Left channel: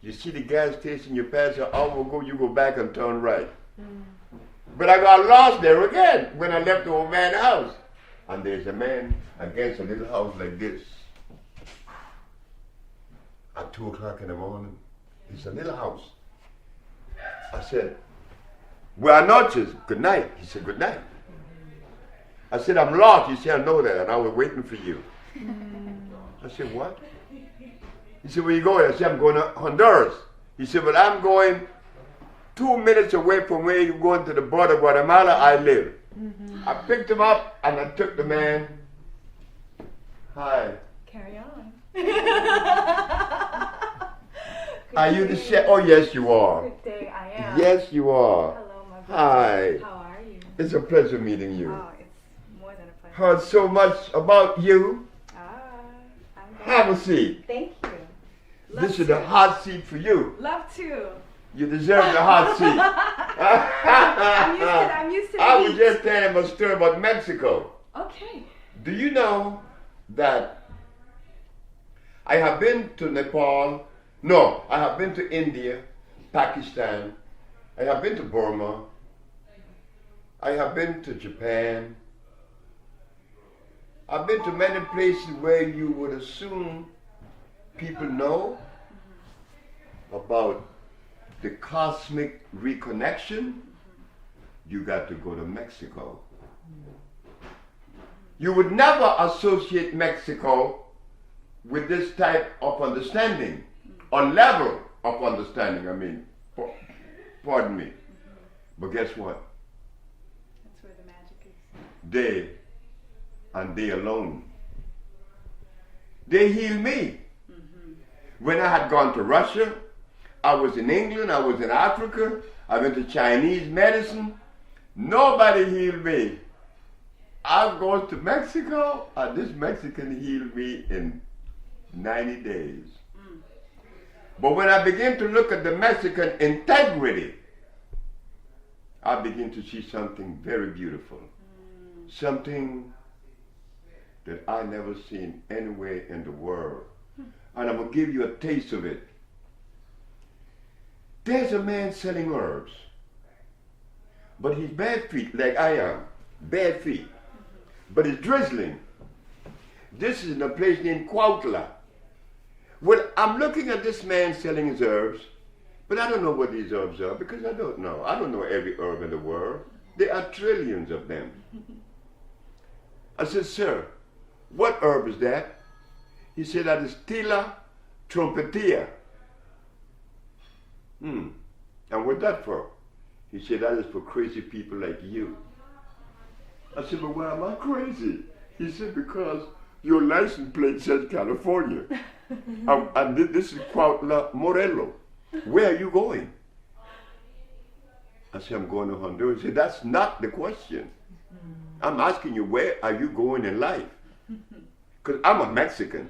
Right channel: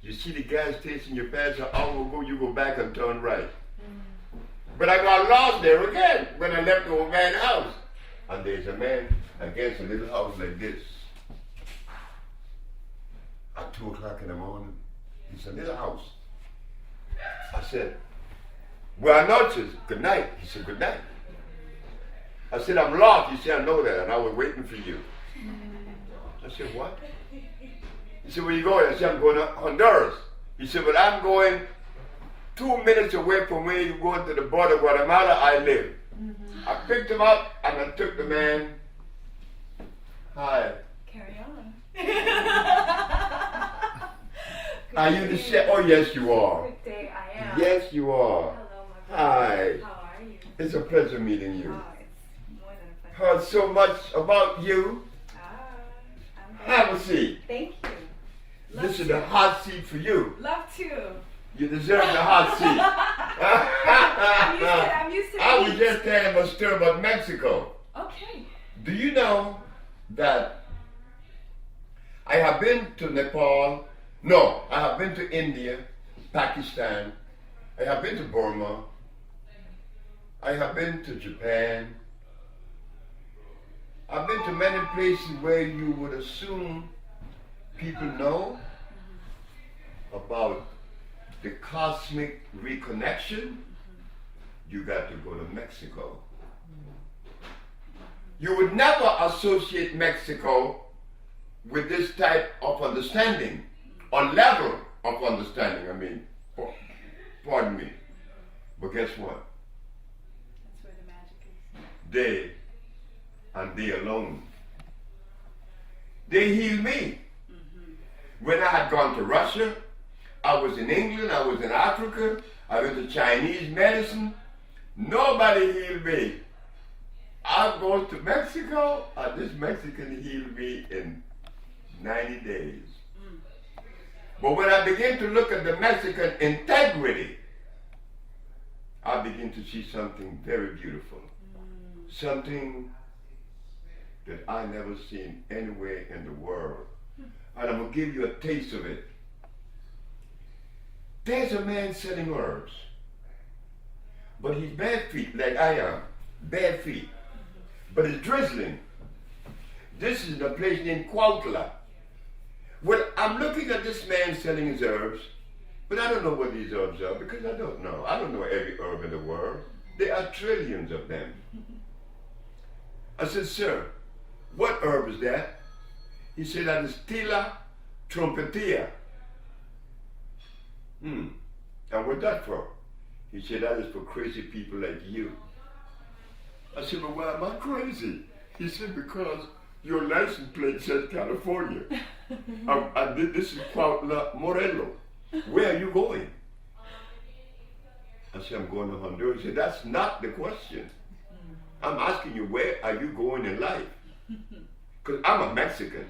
You see the gas station, you pass an hour ago, you go back and turn right. But I got lost there again when I left the old man's house. And there's a man against a little house like this. At 2 o'clock in the morning. It's a little house. I said, buenas noches, good night. He said, good night. I said, I'm lost. He said, I know that, and I was waiting for you. I said, what? He said, where you going? I said, I'm going to Honduras. He said, but I'm going 2 minutes away from where you're going to the border of Guatemala I live. I picked him up and I took the man. Hi. Carry on. Are you the chef? Oh, yes, you are. Good day, I am. Yes, you are. Hello, my brother. Hi. How are you? It's a pleasure meeting you. Oh, it's more than a pleasure. Heard so much about you. I'm good. Have a seat. Thank you. This is the hot seat for you. Love to. You deserve the hot seat. I'm used to I was heat. just telling a story about Mexico. Okay. Do you know that I have been to Nepal? No, I have been to India, Pakistan. I have been to Burma. I have been to Japan. I've been to many places where you would assume people know about the cosmic reconnection. You got to go to Mexico. You would never associate Mexico with this type of understanding, or level of understanding, I mean, pardon me. But guess what? That's where the magic is. They, and they alone, they healed me. When I had gone to Russia, I was in England, I was in Africa, I went to Chinese medicine. Nobody healed me. I go to Mexico, and this Mexican healed me in 90 days. But when I begin to look at the Mexican integrity, I begin to see something very beautiful. Something that I never seen anywhere in the world. And I'm going to give you a taste of it. There's a man selling herbs, but he's bare feet like I am, bare feet, but it's drizzling. This is in a place named Cuautla. Well, I'm looking at this man selling his herbs, but I don't know what these herbs are because I don't know. I don't know every herb in the world. There are trillions of them. I said, sir, what herb is that? He said, that is Tila trompetia. And what's that for? He said, that is for crazy people like you. I said, but why am I crazy? He said, because your license plate says California. And this is Cuautla, Morelos. Where are you going? I said, I'm going to Honduras. He said, that's not the question. I'm asking you, where are you going in life? Because I'm a Mexican.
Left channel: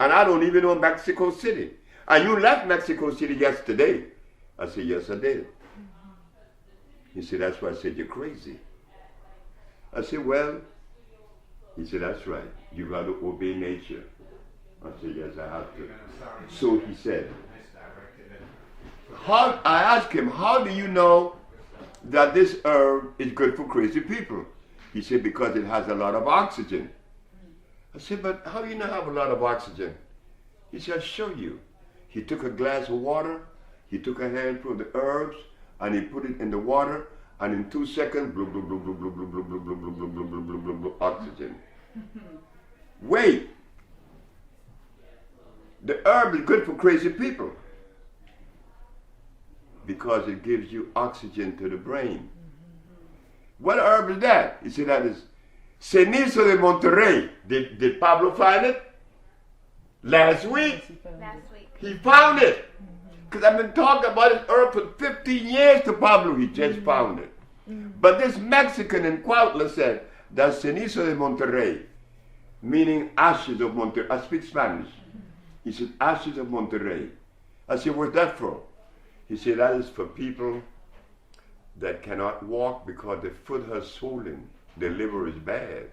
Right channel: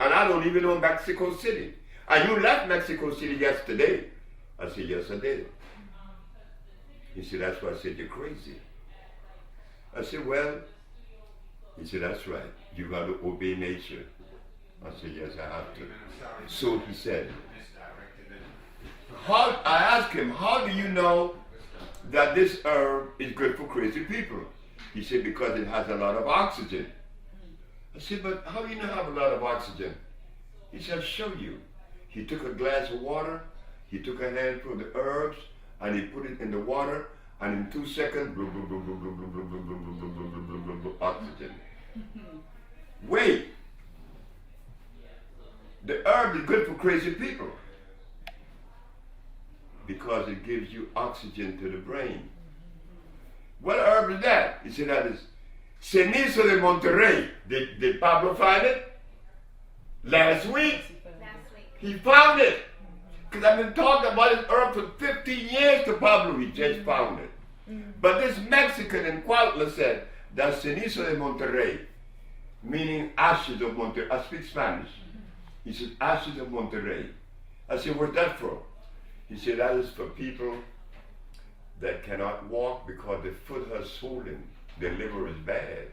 And I don't even know Mexico City. And you left Mexico City yesterday. I said, yes, I did. He said, that's why I said, you're crazy. I said, well, he said, that's right. You got to obey nature. I said, yes, I have to. So he said, I asked him, how do you know that this herb is good for crazy people? He said, because it has a lot of oxygen. I said, but how do you not have a lot of oxygen? He said, I'll show you. He took a glass of water, he took a handful of the herbs, and he put it in the water, and in 2 seconds, blub, blub, blub, blub, blub, blub, blub, blub, blub, blub, blub, blub, blub, blub, blub, oxygen. Wait. The herb is good for crazy people because it gives you oxygen to the brain. What herb is that? He said, that is Cenizo de Monterrey. Did Pablo find it? Last week? He found it. Because I've been talking about this herb for 15 years to Pablo. He just found it. But this Mexican in Cuautla said, that's Cenizo de Monterrey, meaning ashes of Monterrey. I speak Spanish. He said, ashes of Monterrey. I said, what's that for? He said, that is for people that cannot walk because their foot has swollen. Their liver is bad.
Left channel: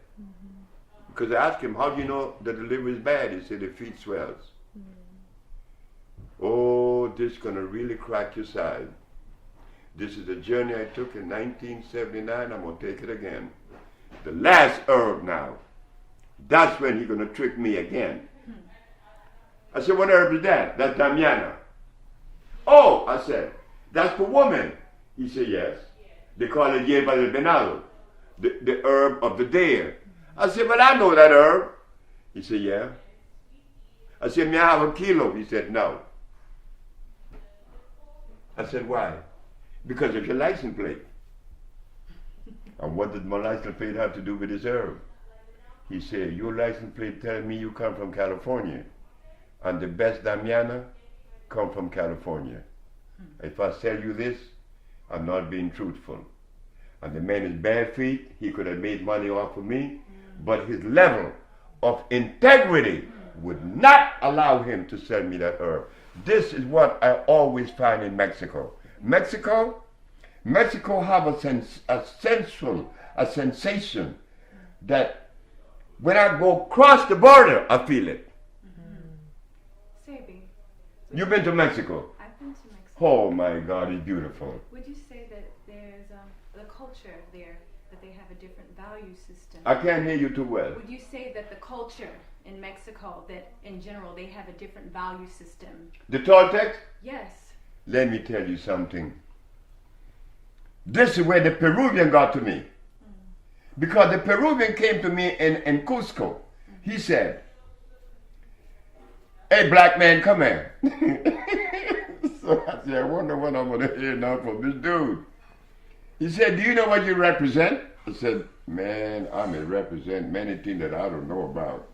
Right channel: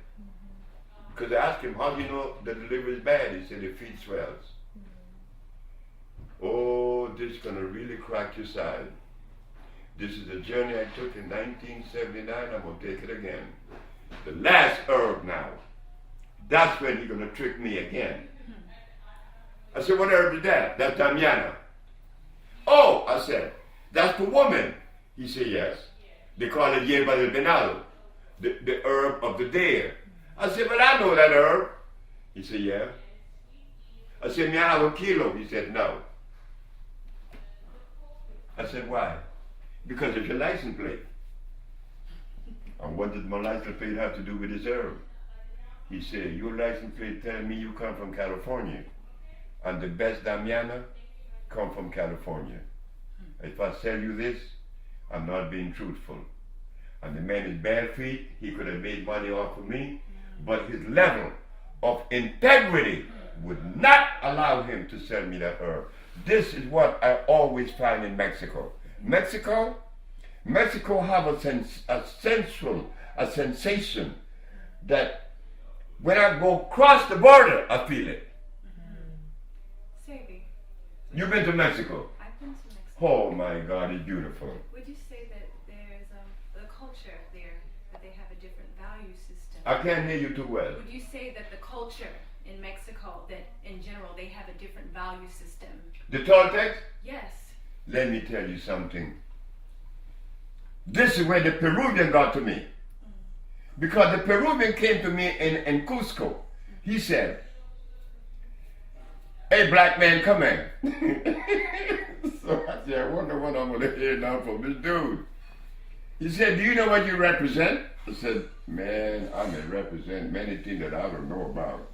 Because I asked him, how do you know that the liver is bad? He said, the feet swells. Oh, but this is going to really crack your side. This is a journey I took in 1979. I'm going to take it again. The last herb now. That's when he's going to trick me again. I said, what herb is that? That's Damiana. Oh, I said, that's for woman. He said, yes. They call it hierba del venado, the herb of the deer. I said, well, I know that herb. He said, yeah. I said, may I have a kilo? He said, no. I said, why? Because of your license plate. And what did my license plate have to do with this herb? He said, your license plate tells me you come from California. And the best Damiana come from California. If I sell you this, I'm not being truthful. And the man is bare feet, he could have made money off of me, but his level of integrity would not allow him to sell me that herb. This is what I always find in Mexico. Mexico have a sensation that when I go across the border, I feel it. Sebi. You've been to Mexico? I've been to Mexico. Oh my God, it's beautiful. Would you say that there's the culture there, that they have a different value system? I can't hear you too well. Would you say that the culture in Mexico, that in general they have a different value system? The Toltecs? Yes. Let me tell you something. This is where the Peruvian got to me. Because the Peruvian came to me in Cusco. He said, hey, black man, come here. So I said, I wonder what I'm going to hear now from this dude. He said, do you know what you represent? I said, man, I may represent many things that I don't know about.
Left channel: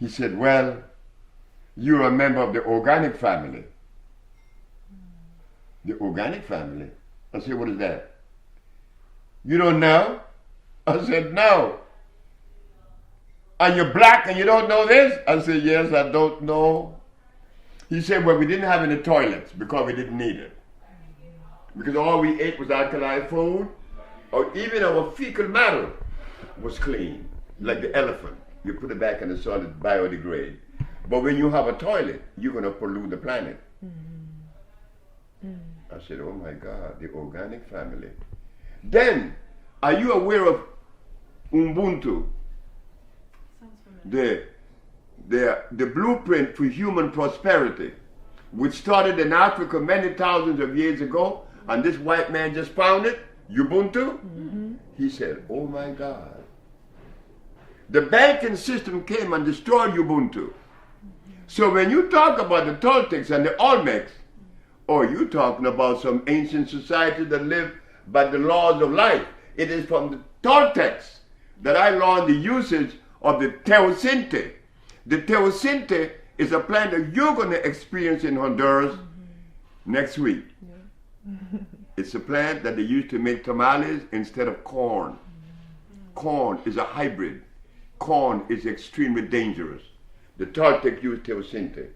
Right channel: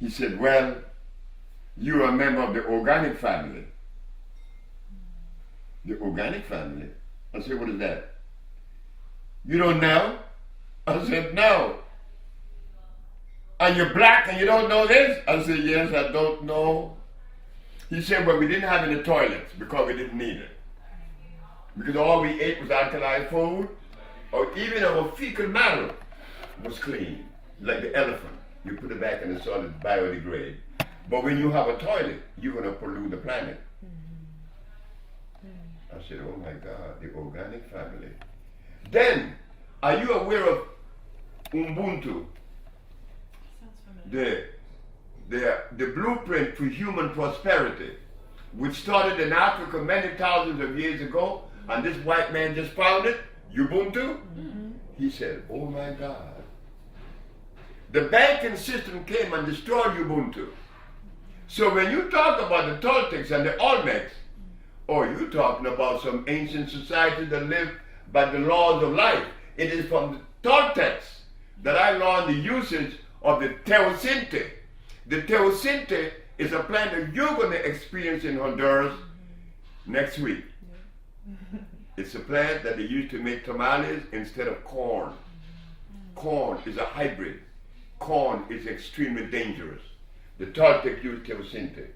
He said, well, you're a member of the organic family. The organic family? I said, what is that? You don't know? I said, no. And you're black and you don't know this? I said, yes, I don't know. He said, well, we didn't have any toilets because we didn't need it. Because all we ate was alkali food, or even our fecal matter was clean, like the elephant. You put it back in the soil, it biodegrade. But when you have a toilet, you're going to pollute the planet. I said, oh my God, the organic family. Then, are you aware of Ubuntu? Sounds familiar. The blueprint for human prosperity, which started in Africa many thousands of years ago, and this white man just found it, Ubuntu. He said, oh my God. The banking system came and destroyed Ubuntu. So when you talk about the Toltecs and the Olmecs, or you talking about some ancient society that lived by the laws of life, it is from the Toltecs that I learned the usage of the teosinte. The teosinte is a plant that you're going to experience in Honduras next week. It's a plant that they use to make tamales instead of corn. Corn is a hybrid. Corn is extremely dangerous. The Toltec use teosinte.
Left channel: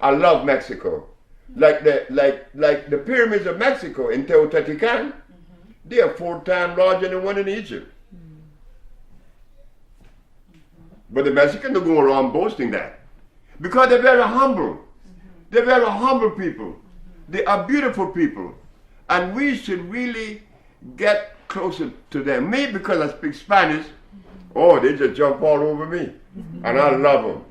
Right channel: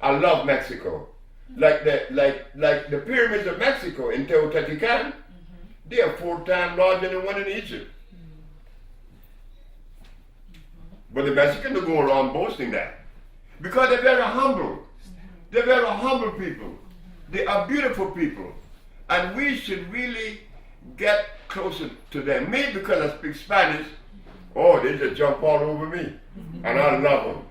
I love Mexico. Like the pyramids of Mexico in Teotihuacan, they are 4 times larger than the one in Egypt. But the Mexicans don't go around boasting that. Because they're very humble. They're very humble people. They are beautiful people. And we should really get closer to them. Me, because I speak Spanish, oh, they just jump all over me. And I love them.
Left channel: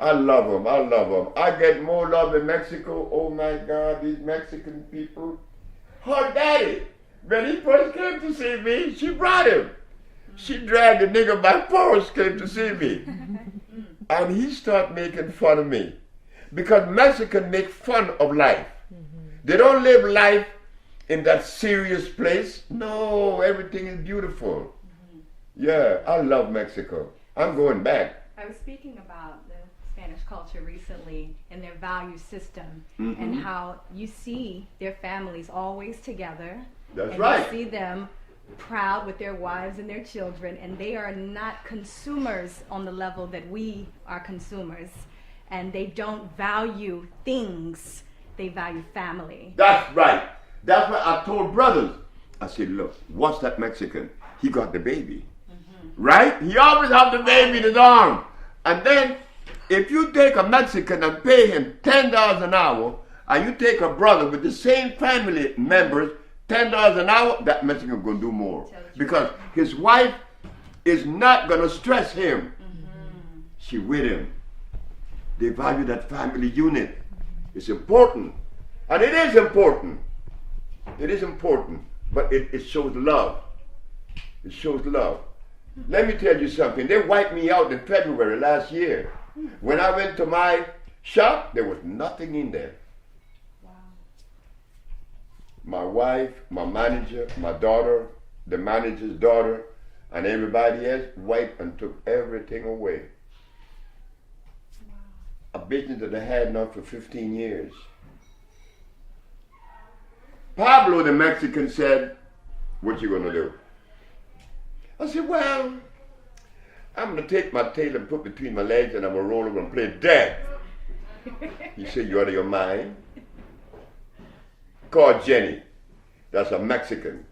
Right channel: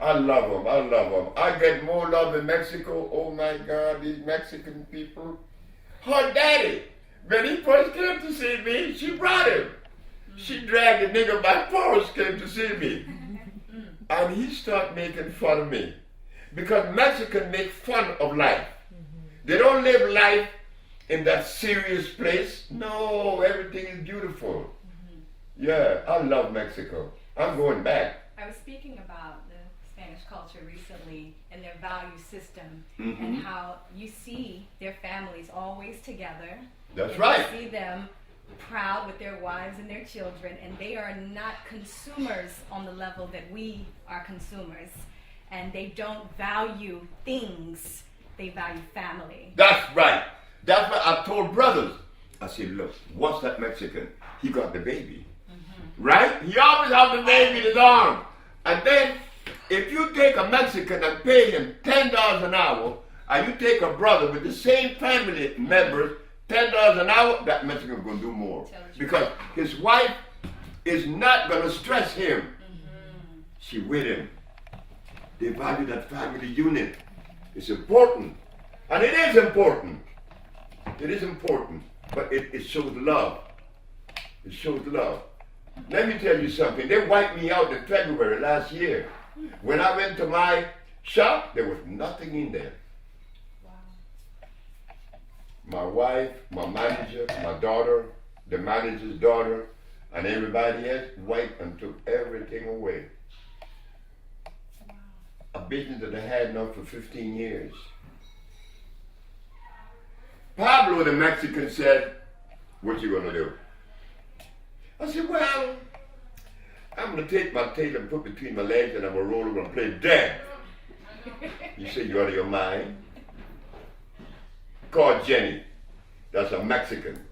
I love them. I love them. I get more love in Mexico. Oh my God, these Mexican people. Her daddy, when he first came to see me, she brought him. She dragged the nigga by force, came to see me. And he started making fun of me. Because Mexicans make fun of life. They don't live life in that serious place. No, everything is beautiful. Yeah, I love Mexico. I'm going back. I was speaking about the Spanish culture recently and their value system and how you see their families always together. That's and right. You see them proud with their wives and their children, and they are not consumers on the level that we are consumers. And they don't value things, they value family. That's right. That's what I told brothers. I said, look, what's that Mexican? He got the baby. Right? He always has the baby in his arm. And then if you take a Mexican and pay him $10 an hour, and you take a brother with the same family members, $10 an hour, that Mexican going to do more. Because his wife is not going to stress him. Mm-hmm. She with him. They value that family unit. It's important. And it is important. It is important. But it shows love. It shows love. Let me tell you something. They wiped me out in February last year. When I went to my shop, there was nothing in there. Wow. My wife, my manager, my daughter, the manager's daughter, and everybody else wiped and took everything away. Wow. A business that I had now for 15 years. Pablo, the Mexican, said, "What you gonna do?" I said, "Well, I'm gonna take my tail and put between my legs and I'm gonna roll over and play dead." He said, "You out of your mind?" Called Jenny. That's a Mexican.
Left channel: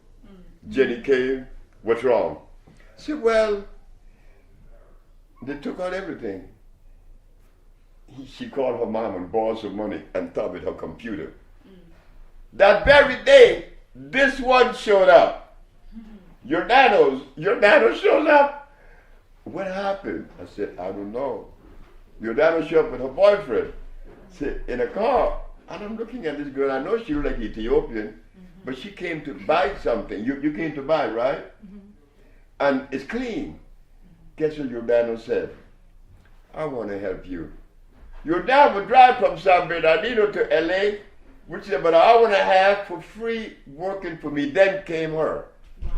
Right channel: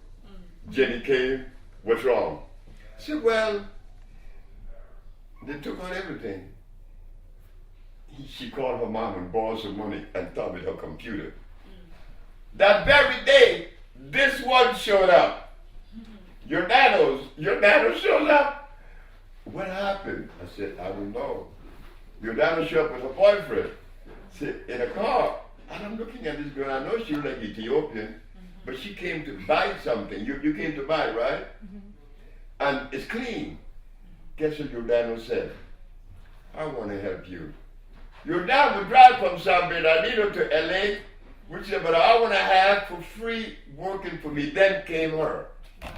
Jenny came. "What's wrong?" I said, "Well, they took out everything." She called her mom and borrowed some money and thought with her computer. That very day, this one showed up. Your nano showed up. "What happened?" I said, "I don't know." Your nano showed up with her boyfriend. Said, in a car. And I'm looking at this girl. I know she was like Ethiopian, but she came to buy something. You came to buy, right? And it's clean. Guess what your nano said? "I want to help you." Your dad would drive from San Bernardino to LA, which is about an hour and a half for free working for me. Then came her. Wow.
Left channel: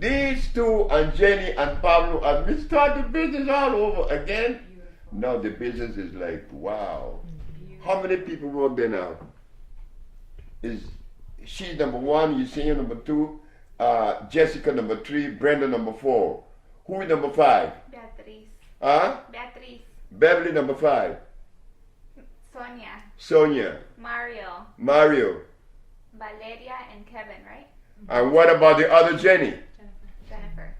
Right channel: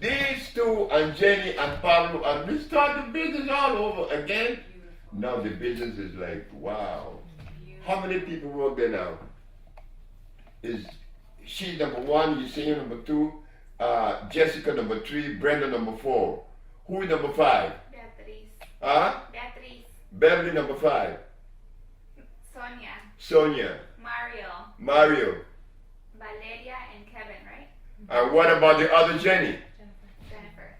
These two and Jenny and Pablo, and we started the business all over again. Beautiful. Now the business is like, wow. Beautiful. How many people work there now? She's number 1, you see her number 2, Jessica number 3, Brenda number 4. Who is number 5? Beatriz. Huh? Beatriz. Beverly number 5. Sonia. Sonia. Mario. Mario. Valeria and Kevin, right? And what about the other Jenny? Jennifer.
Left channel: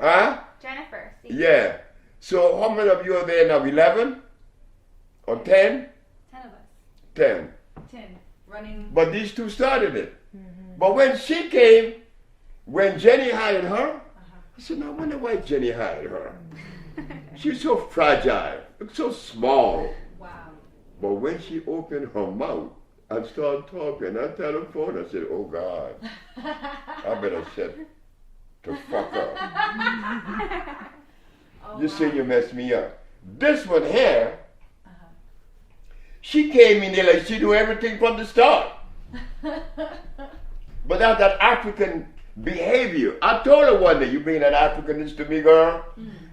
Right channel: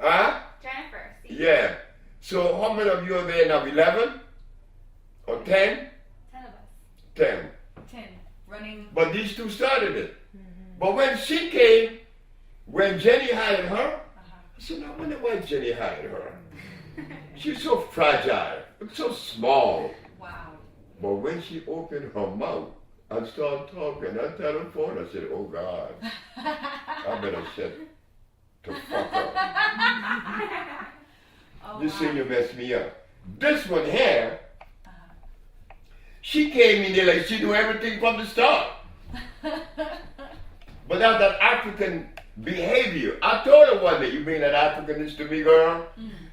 Huh? Jennifer. Sí. Yeah. So how many of you are there now? 11? Or 10? 10 of us. 10. 10. Running. But these two started it. But when she came, when Jenny hired her, I said, "No, I wonder why Jenny hired her. She's so fragile, so small." Wow. But when she opened her mouth and started talking, I tell her phone, I said, "Oh God, I better shut the fuck up." Oh, This wow. senior messed me up. This one here, she came in there like she knew everything from the start. But that's that African behavior. I told her one day, "You being an Africanist to me, girl?"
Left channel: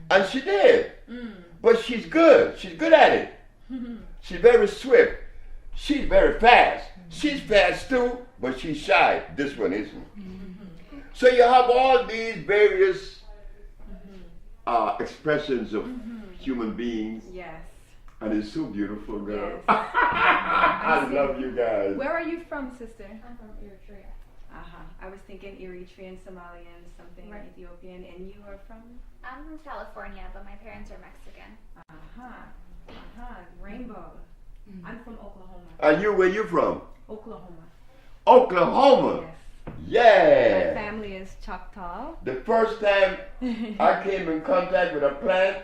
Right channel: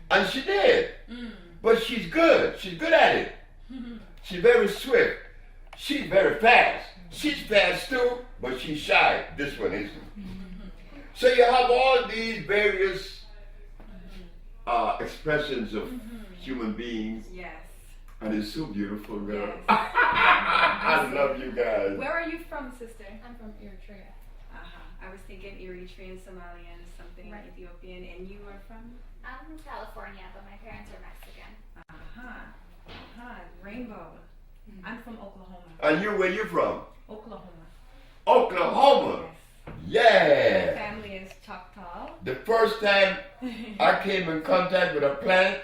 And she did. But she's good. She's good at it. She's very swift. She's very fast. She's fast too, but she's shy. This one isn't. So you have all these various expressions of human beings. Yes. And it's so beautiful, girl. Yes. I love you guys. Where are you from, sister? I'm from Eritrea. I was thinking Eritrean, Somalian, something Right. Ethiopian, and you are from? I'm from California, but my parents are Mexican. Rainbow. I'm from Oklahoma. And you, where you from? Oklahoma. Oklahoma. Yes. Yeah. My family is Choctaw. The first time I came in contact with a plant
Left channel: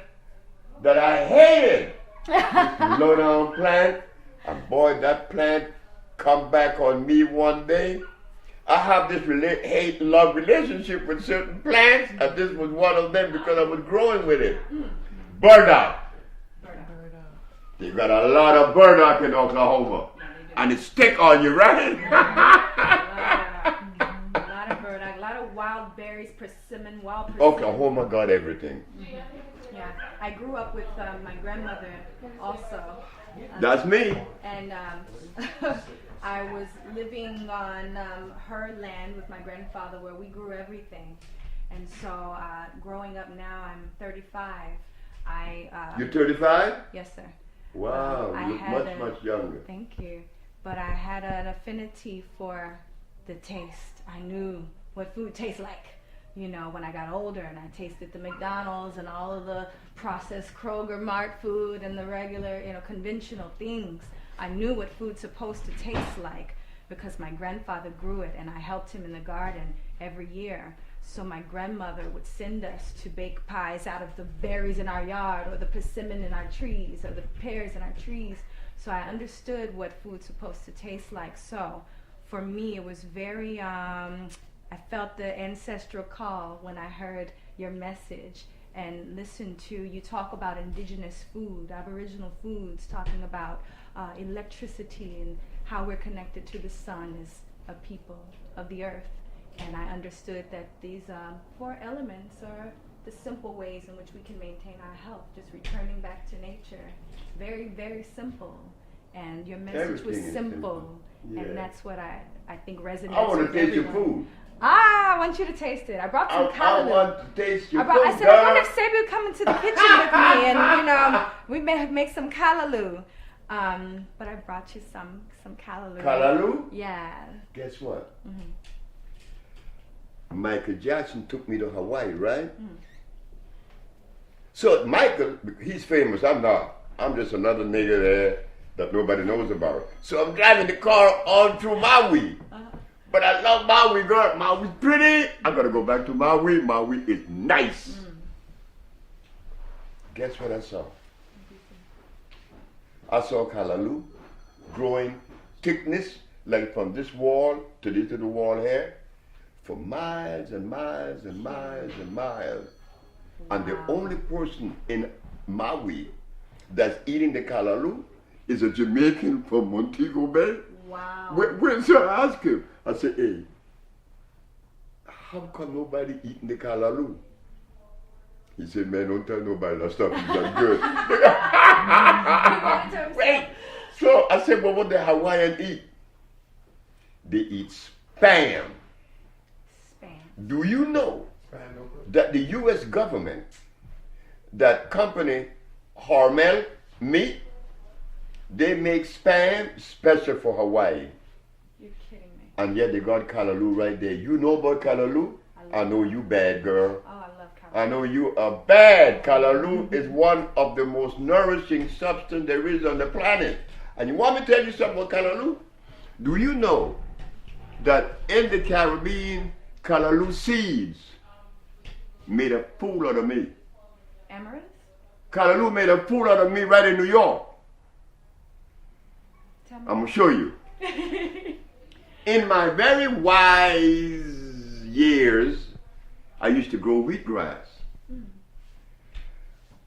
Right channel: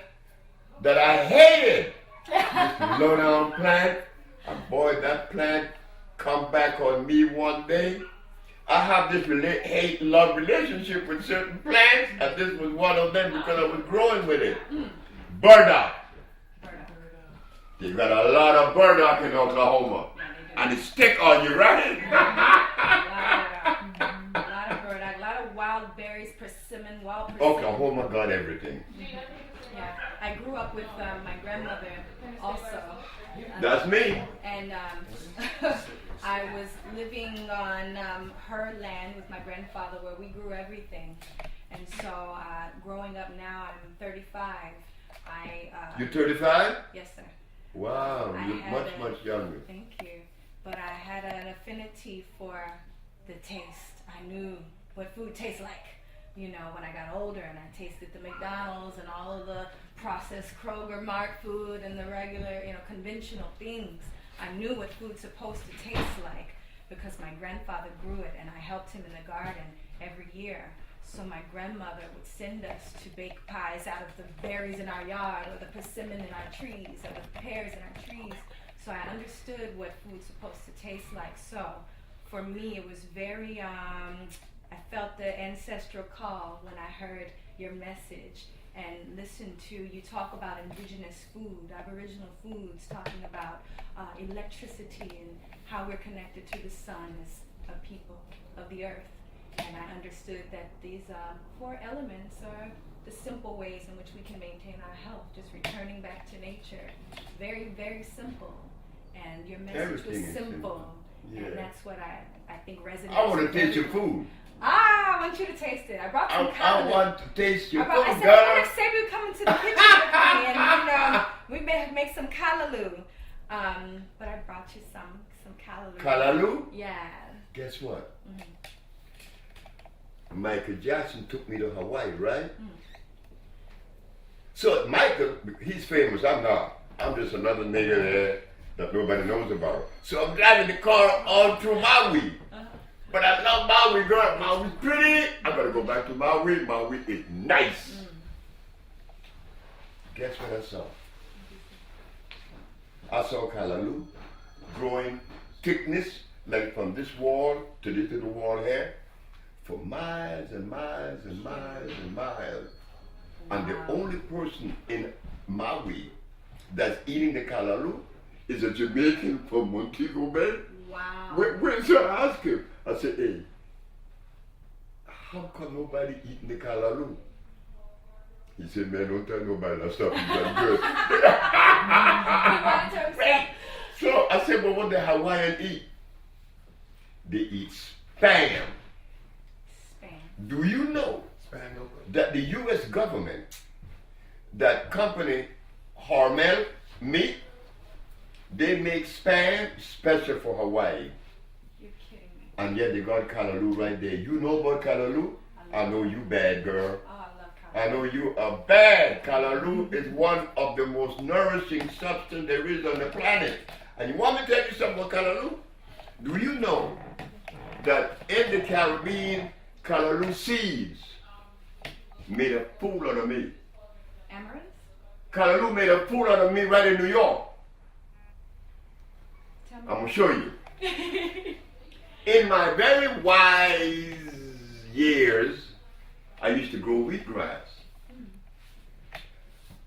that I hated, this low down plant, and boy, that plant come back on me one day. I have this hate-love relationship with certain plants, and this was one of them because I was growing with it. Burdock. You got a lot of burdock in Oklahoma, and it stick on you, right? A lot of burdock, a lot of wild berries, persimmon, wild persimmon. Oklahoma got everything. Yeah, I grew up with my grandmother also. That's me. And I was living on her land with my grandfather where we grew everything. And so growing up now, I'm 35. You're 35? Yes, sir. Wow, I you're had much younger. Thank you. But I had an affinity for the taste. I knew what food tastes like. you know, when I got older and I tasted the McDonald's and all of the processed Kroger Mart food and the regular, you know, conventional things, I knew what food's supposed to taste like because my grandfather grew it and I helped him in the garden every year. So my grandmother would send us to bake pies out of the berries in our yard or the persimmon in our trees or the pears in our trees. So I understood what food's supposed to taste like. So for me, it was very, I felt the ancestral call when I heard your message and listened to you talk about indigenous food, Aboriginal foods, talking about electricity and how we're connected to the sun as a people of the earth. And I understood that these 4 elements are the simple ways in which we can maintain our health, just returning back to nature. Very, very simple. And your message was simple. Yeah. And that's what I think resonates. I want with to taste your everyone. food. I want you to taste it. I brought some I want to taste your food, I said, girl. I wonder if Sebi would come into the kitchen with me and, you know, we may make some callaloo. But I brought you some callaloo. Callaloo? Yeah. Guess what? Mm-hmm. Michael Jackson took me to Hawaii, right? Mm. So Michael, he's famous. I'm not. I'm just another nigga there that nobody knows about. So I'm driving the car on through Maui. But I love Maui, girl. Maui's pretty. I gotta go back to Maui. Maui is nice. Guess what I saw? I saw callaloo growing thickness like from this wall to this little wall here for miles and miles and miles and miles. Wow. And the only person in Maui that's eating the callaloo is a Jamaican from Montego Bay. Wow. So I asked him, I said, hey, how come nobody eating the callaloo? He said, man, don't tell nobody that stuff is that good. Wait. So I said, well, what the Hawaiian eat? They eat spam. Spam. Do you know that the U.S. government, that company Hormel meat, they make spam special for Hawaii. You're kidding me. And yet they got callaloo right there. You know about callaloo? I know you bad, girl. Oh, I love callaloo. I know you are bad. Callaloo is one of the most nourishing substance there is on the planet. And you want me to tell you something about callaloo? Do you know that in the Caribbean, callaloo seeds made a fool out of me? Amaranth? Callaloo made a fool out of me right in New York. Tell me. I'm going to show you. In my very wise years, I used to grow wheatgrass.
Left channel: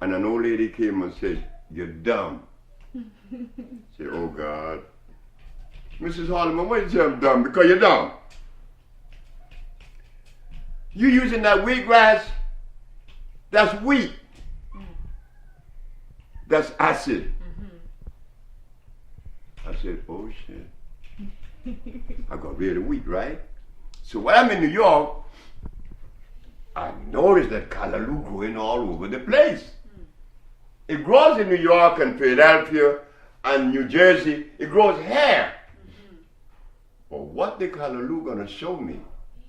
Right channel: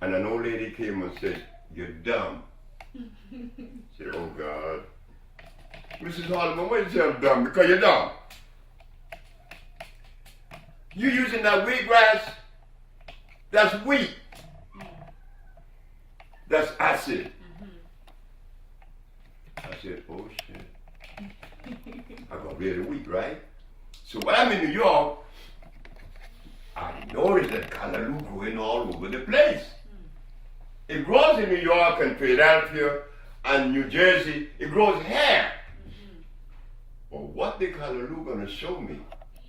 And an old lady came and said, you're dumb. I said, oh God. Mrs. Harleman, why you say I'm dumb? Because you're dumb. You using that wheatgrass, that's wheat. That's acid. I said, oh shit. I got rid of wheat, right? So when I'm in New York, I noticed that callaloo growing all over the place. It grows in New York and Philadelphia and New Jersey. It grows here. But what the callaloo gonna show me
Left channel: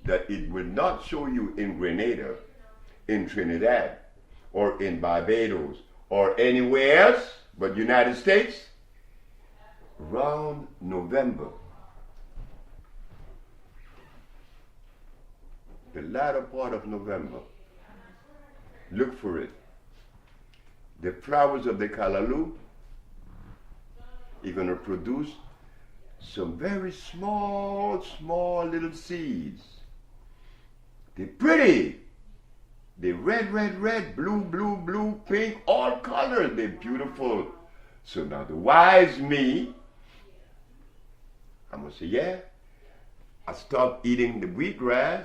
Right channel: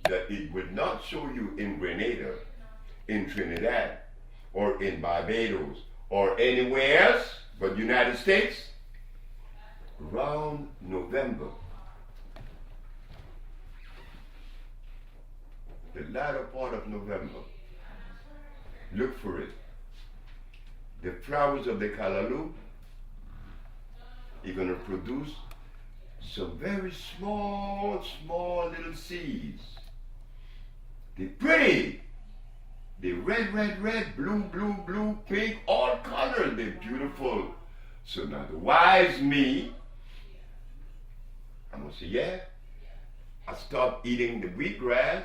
that it would not show you in Grenada, in Trinidad, or in Barbados, or anywhere else but United States? Around November, the latter part of November, look for it. The flowers of the callaloo are going to produce some very small little seeds. They're pretty. They're red, blue, pink, all colors. They're beautiful. So now the wise me, I'm going to say, yeah, I stopped eating the wheatgrass,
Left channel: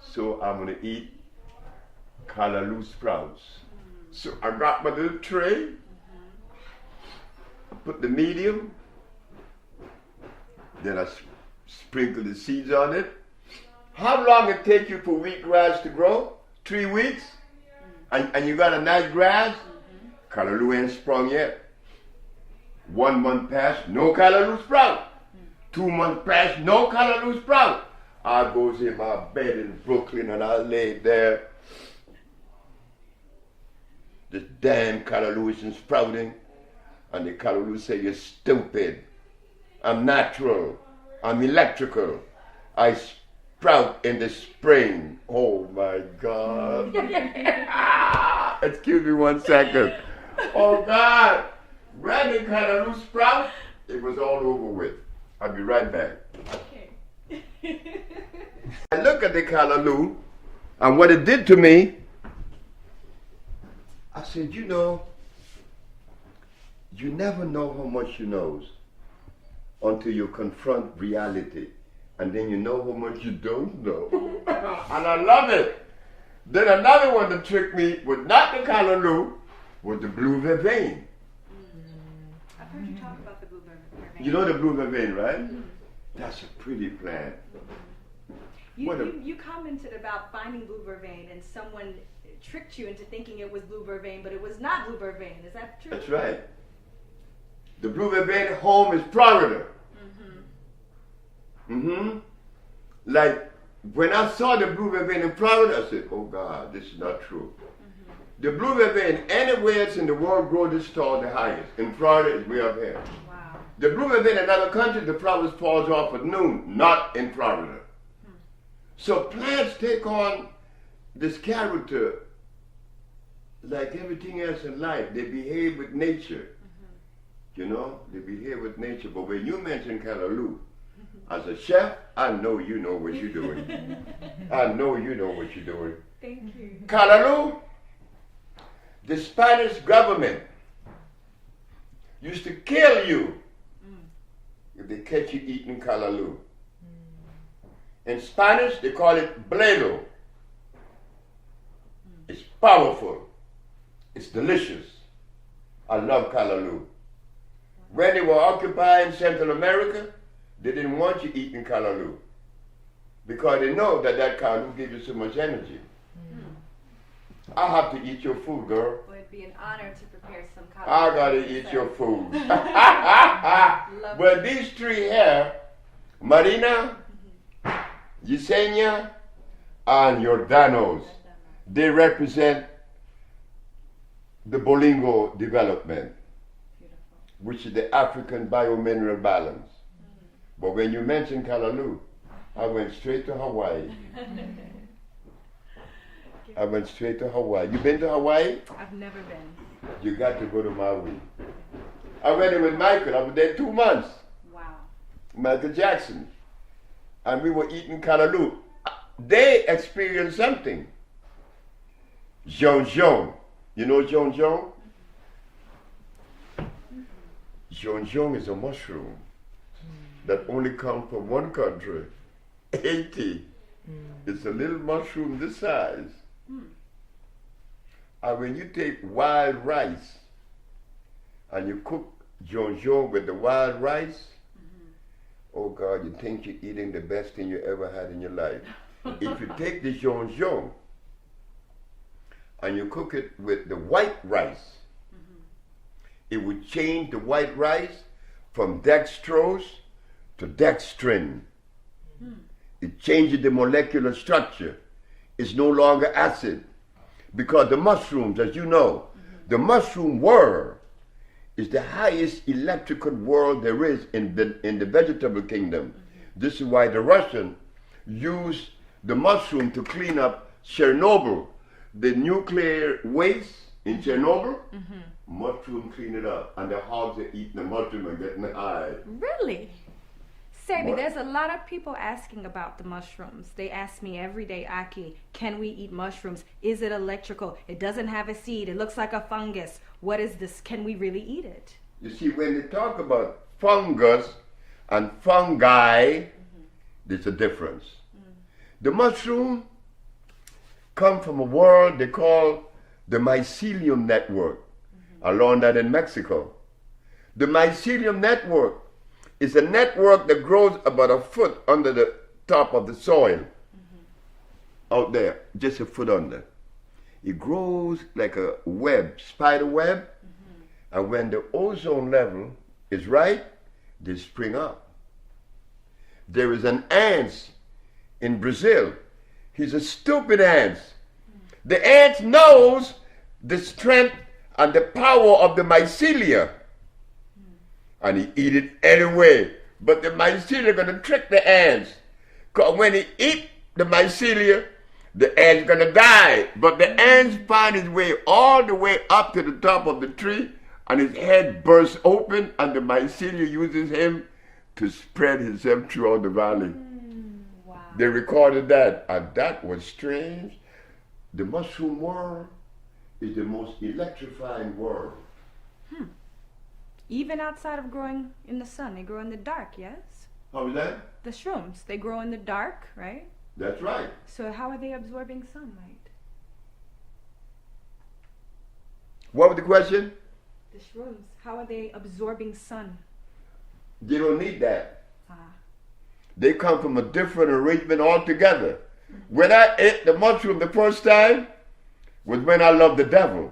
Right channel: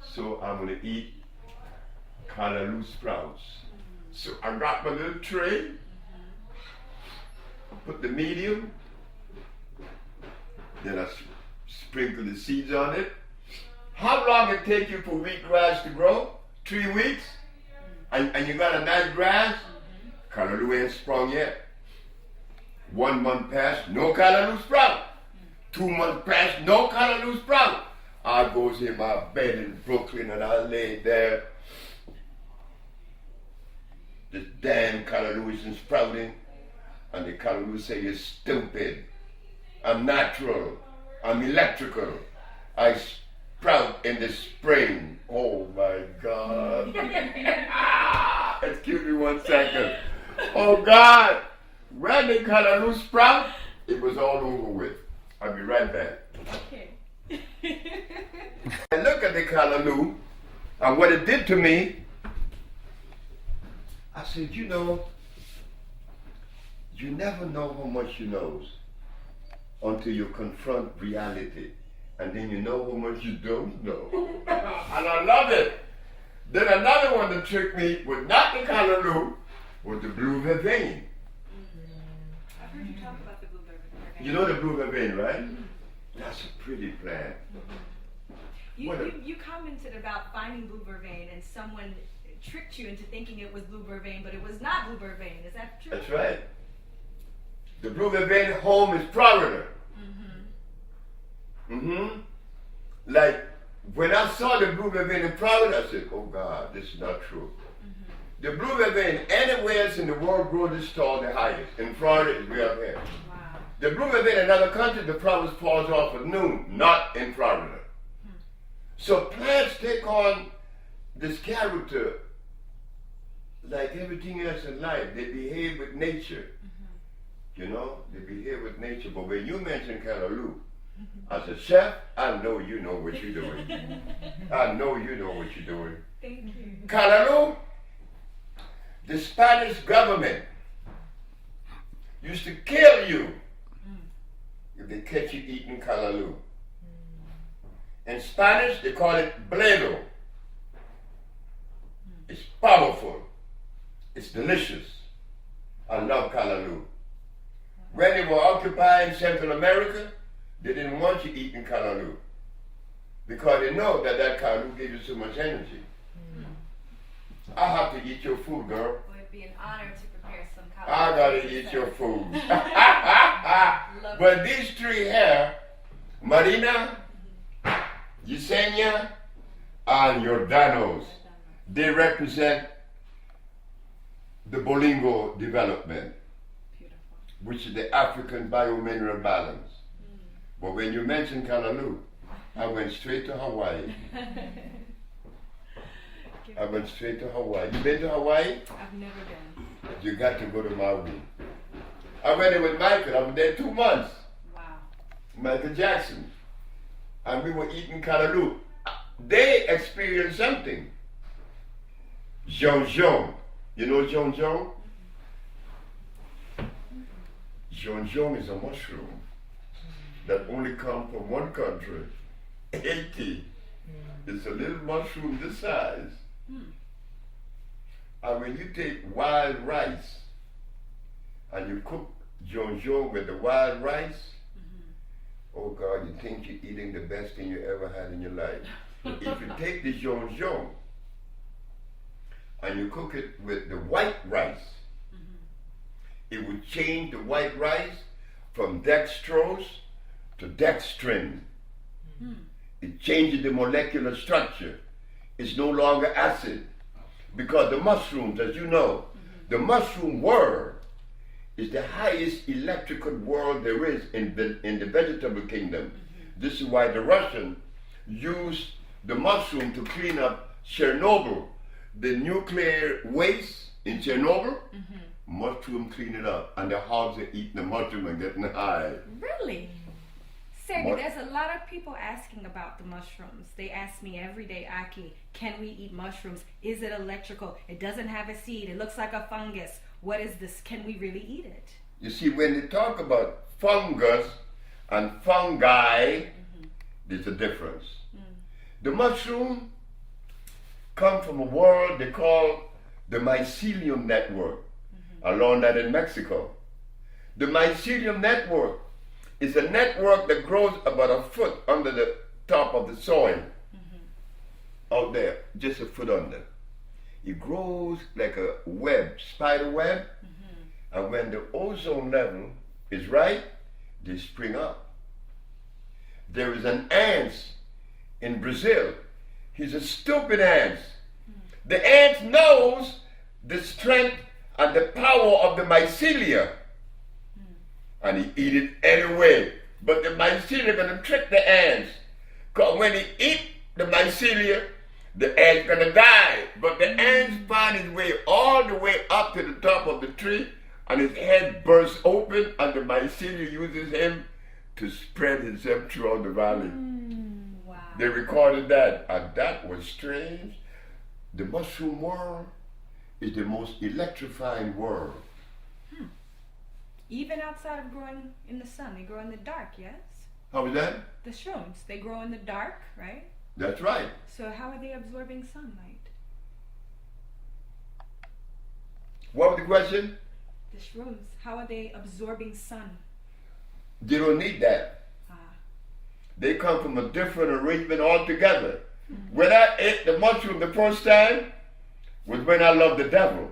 so I'm going to eat callaloo sprouts. So I got my little tray, I put the medium, then I sprinkle the seeds on it. How long it take you for wheatgrass to grow? 3 weeks? And you got a nice grass? Callaloo ain't sprung yet. 1 month passed, no callaloo sprout. 2 months passed, no callaloo sprout. I goes in my bed in Brooklyn and I lay there. This damn callaloo is sprouting. And the callaloo say, you're stupid. I'm natural. I'm electrical. I sprout in the spring. Oh my God. Excuse me 1 second. Oh God. When the callaloo sprout, it was all over with. I'll be right back. Okay. I look at the callaloo and what it did to me, I said, you know, you never know how much you know until you confront reality. And then you know how much you don't know. And I love it. Then another one that tricked me was not the callaloo, was the blue vervain. I've heard you talk about the blue vervain. You know the blue vervain, right? That's a pretty plant. You commented about finding blue vervain and someone tricked you into thinking it was blue vervain, but it was not blue vervain. Is that true? That's right. The blue vervain home is Florida. Like when I saw the blue vervain in Florida, I said, oh God, this is not true. The blue vervain, anywhere else in the world grow this tall, the highest. In Florida, it's way up there. Wow. The blue vervain in other countries, the flowers falls off at noon, not in Florida. So plants take on this character like everything else in life. They behave with nature. You know, they behave with nature. But when you mention callaloo, as a chef, I know you know what you're doing. I know you know what you're doing. Thank you. Callaloo, the Spanish government used to kill you if they catch you eating callaloo. In Spanish, they call it bledo. It's powerful. It's delicious. I love callaloo. When they were occupying Central America, they didn't want you eating callaloo because they know that callaloo gives you so much energy. I have to eat your food, girl. Well, it'd be an honor to prepare some callaloo. I gotta eat your food. Well, these three here, Marina, Yesenia, and Jordanos, they represent the Bolingo development, which is the African biomineral balance. But when you mentioned callaloo, I went straight to Hawaii. I went straight to Hawaii. You been to Hawaii? I've never been. You got to go to Maui. I went there with Michael. I was there 2 months. Wow. Michael Jackson. And we were eating callaloo. They experienced something. Jonjon. You know jonjon? Jonjon is a mushroom that only comes from one country, Haiti. It's a little mushroom this size. And when you take wild rice and you cook jonjon with the wild rice, oh God, you think you're eating the best thing you ever had in your life. If you take the jonjon and you cook it with the white rice, it would change the white rice from dextrose to dextrin. It changes the molecular structure. It's no longer acid. Because the mushrooms, as you know, the mushroom world is the highest electrical world there is in the vegetable kingdom. This is why the Russians used the mushroom to clean up Chernobyl. The nuclear waste in Chernobyl, mushroom clean it up. And the hogs are eating the mushroom and getting high. Really? Sebi, there's a lot of people asking about the mushrooms. They ask me every day, Aki, can we eat mushrooms? Is it electrical? It doesn't have a seed. It looks like a fungus. What is this? Can we really eat it? You see, when they talk about fungus and fungi, there's a difference. The mushroom come from a world they call the mycelium network, along that in Mexico. The mycelium network is a network that grows about a foot under the top of the soil, out there, just a foot under. It grows like a web, spider web, and when the ozone level is right, they spring up. There is an ant in Brazil. He's a stupid ant. The ant knows the strength and the power of the mycelia. And he eat it anyway. But the mycelia are going to trick the ants. Because when he eat the mycelia, the ant's going to die. But the ants find his way all the way up to the top of the tree, and his head bursts open, and the mycelia uses him to spread himself throughout the valley. Wow. They recorded that, and that was strange. The mushroom world is the most electrifying world. Even outside of growing in the sun, they grow in the dark, yes? How is that? The shrooms, they grow in the dark, right? That's right. So how are they absorbing sunlight? What was the question? The shrooms, how are they absorbing sun? They don't need that. Ah. They come from a different arrangement altogether. When I ate the mushroom the first time was when I loved the devil.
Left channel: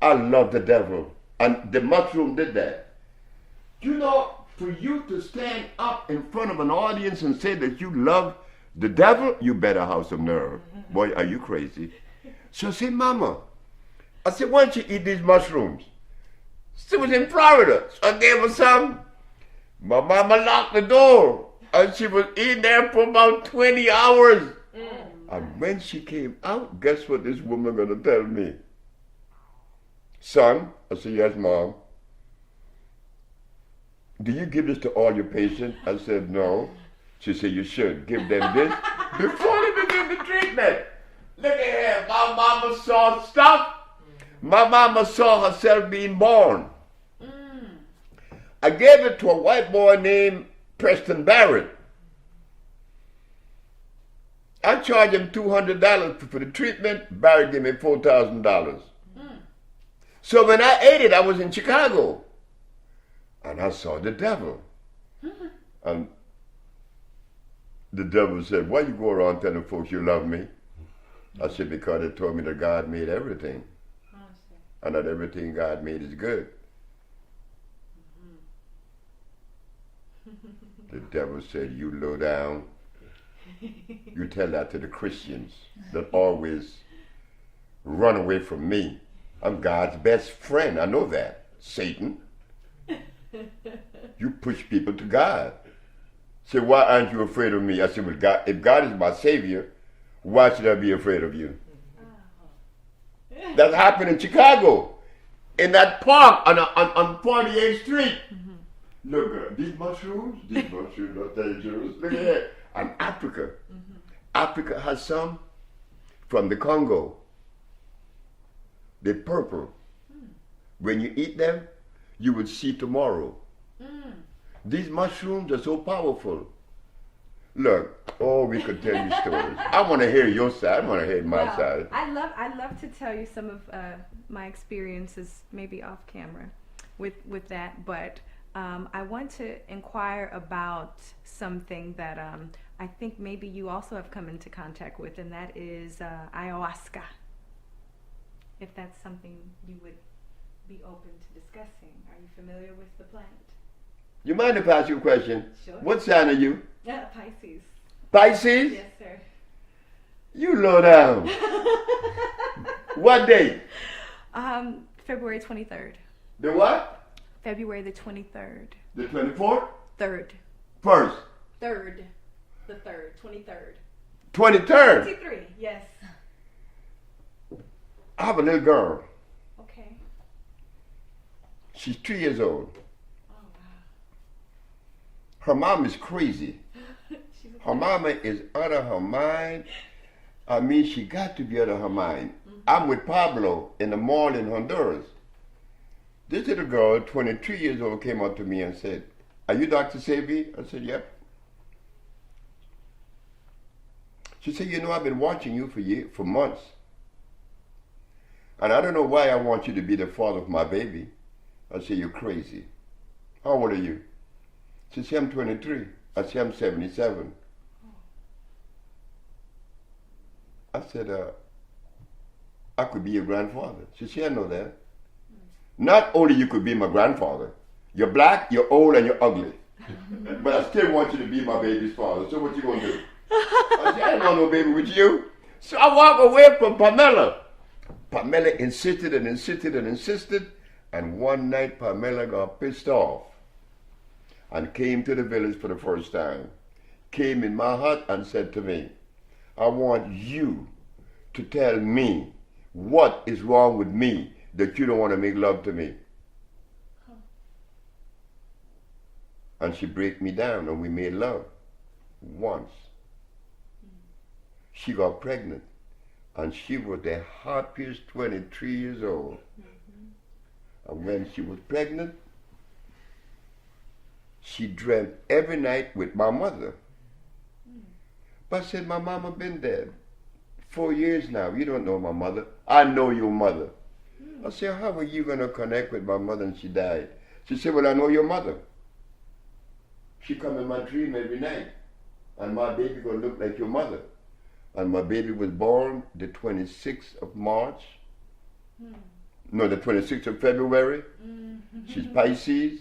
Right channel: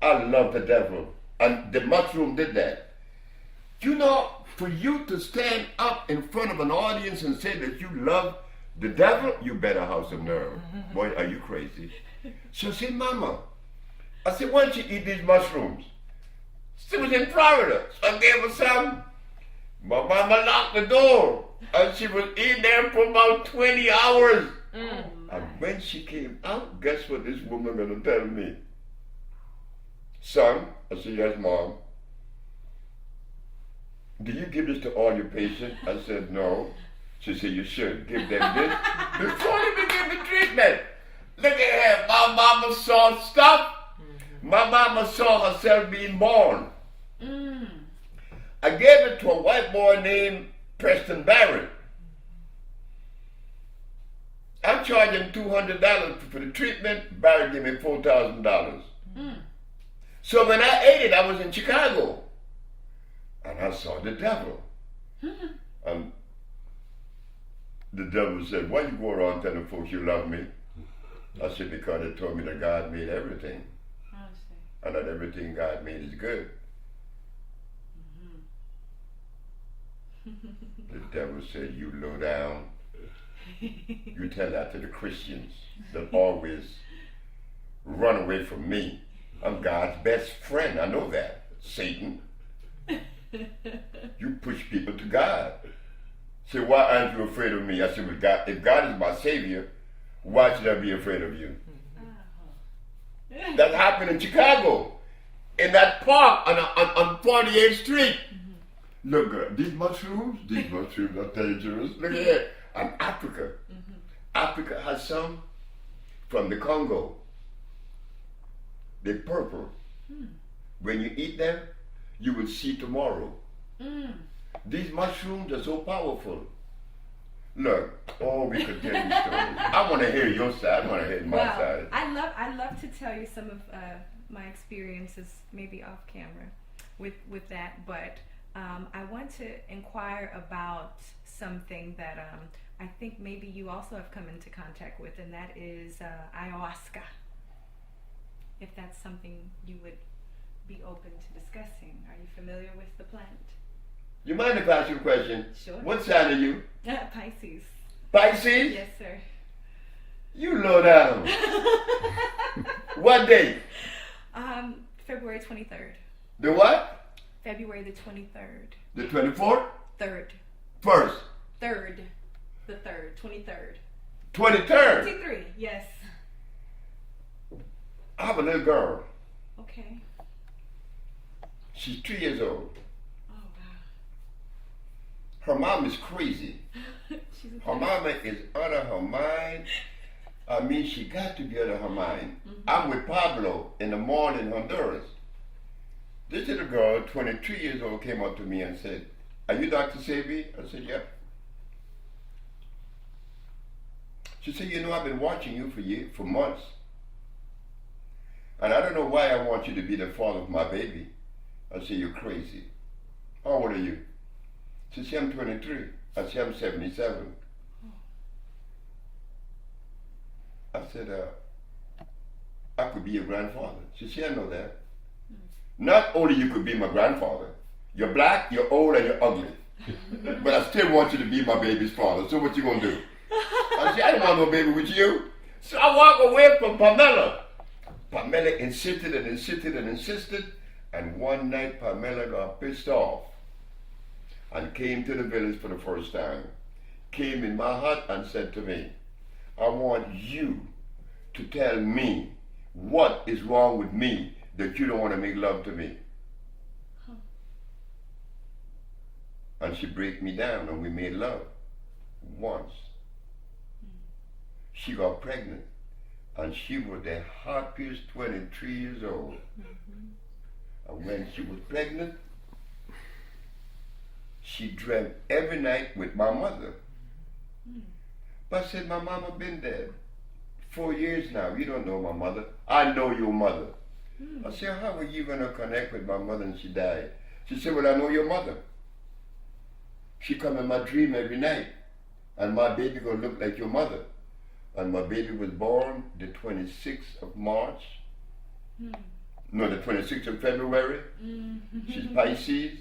I loved the devil. And the mushroom did that. You know, for you to stand up in front of an audience and say that you love the devil, you better have some nerve. Boy, are you crazy? So I said, Mama, I said, why don't you eat these mushrooms? She was in Florida. So I gave her some. My mama locked the door. And she was in there for about 20 hours. And when she came out, guess what this woman gonna tell me? Son, I said, yes, Mom. Do you give this to all your patients? I said, no. She said, you should give them this before they begin the treatment. Look at her. My mama saw stuff. My mama saw herself being born. I gave it to a white boy named Preston Barrett. I charged him $200 for the treatment. Barrett gave me $4,000. So when I ate it, I was in Chicago. And I saw the devil. And the devil said, why you go around telling folks you love me? I said, because they told me that God made everything. And that everything God made is good. The devil said, you low down. You tell that to the Christians that always run away from me. I'm God's best friend. I know that. Satan. You push people to God. Say, why aren't you afraid of me? I said, well, God, if God is my Savior, why should I be afraid of you? That happened in Chicago. In that park on 48th Street. Look, these mushrooms are dangerous. Look at that. And Africa. Africa has some from the Congo. They're purple. When you eat them, you will see tomorrow. These mushrooms are so powerful. Look, we could tell you stories. I want to hear your side. I want to hear my side. I'd love to tell you some of my experiences, maybe off camera, with that. But I want to inquire about something that I think maybe you also have come into contact with, and that is ayahuasca. If that's something you would be open to discussing. Are you familiar with the plant? You mind if I ask you a question? Sure. What sign are you? Pisces. Pisces? Yes, sir. You low down. What date? February 23rd. The what? February the 23rd. The 24th? 3rd. First. 3rd. The 3rd. 23rd. 23rd? 23, yes. I have a little girl. Okay. She's 3 years old. Oh, wow. Her mom is crazy. Her mama is out of her mind. I mean, she got to be out of her mind. I'm with Pablo in the mall in Honduras. This little girl, 23 years old, came up to me and said, are you Dr. Sebi? I said, yep. She said, you know, I've been watching you for months. And I don't know why I want you to be the father of my baby. I said, you're crazy. How old are you? She said, I'm 23. I said, I'm 77. I said, I could be your grandfather. She said, I know that. Not only you could be my grandfather, you're black, you're old, and you're ugly. But I still want you to be my baby's father. So what you gonna do? I said, I don't want no baby with you. So I walk away from Pamela. Pamela insisted and insisted and insisted. And one night Pamela got pissed off and came to the village for the first time. Came in my hut and said to me, I want you to tell me what is wrong with me that you don't want to make love to me. And she break me down and we made love once. She got pregnant and she was the happiest 23 years old. And when she was pregnant, she dreamt every night with my mother. But I said, my mama been dead 4 years now. You don't know my mother. I know your mother. I said, how are you going to connect with my mother and she died? She said, well, I know your mother. She come in my dream every night. And my baby going to look like your mother. And my baby was born the 26th of March. No, the 26th of February. She's Pisces.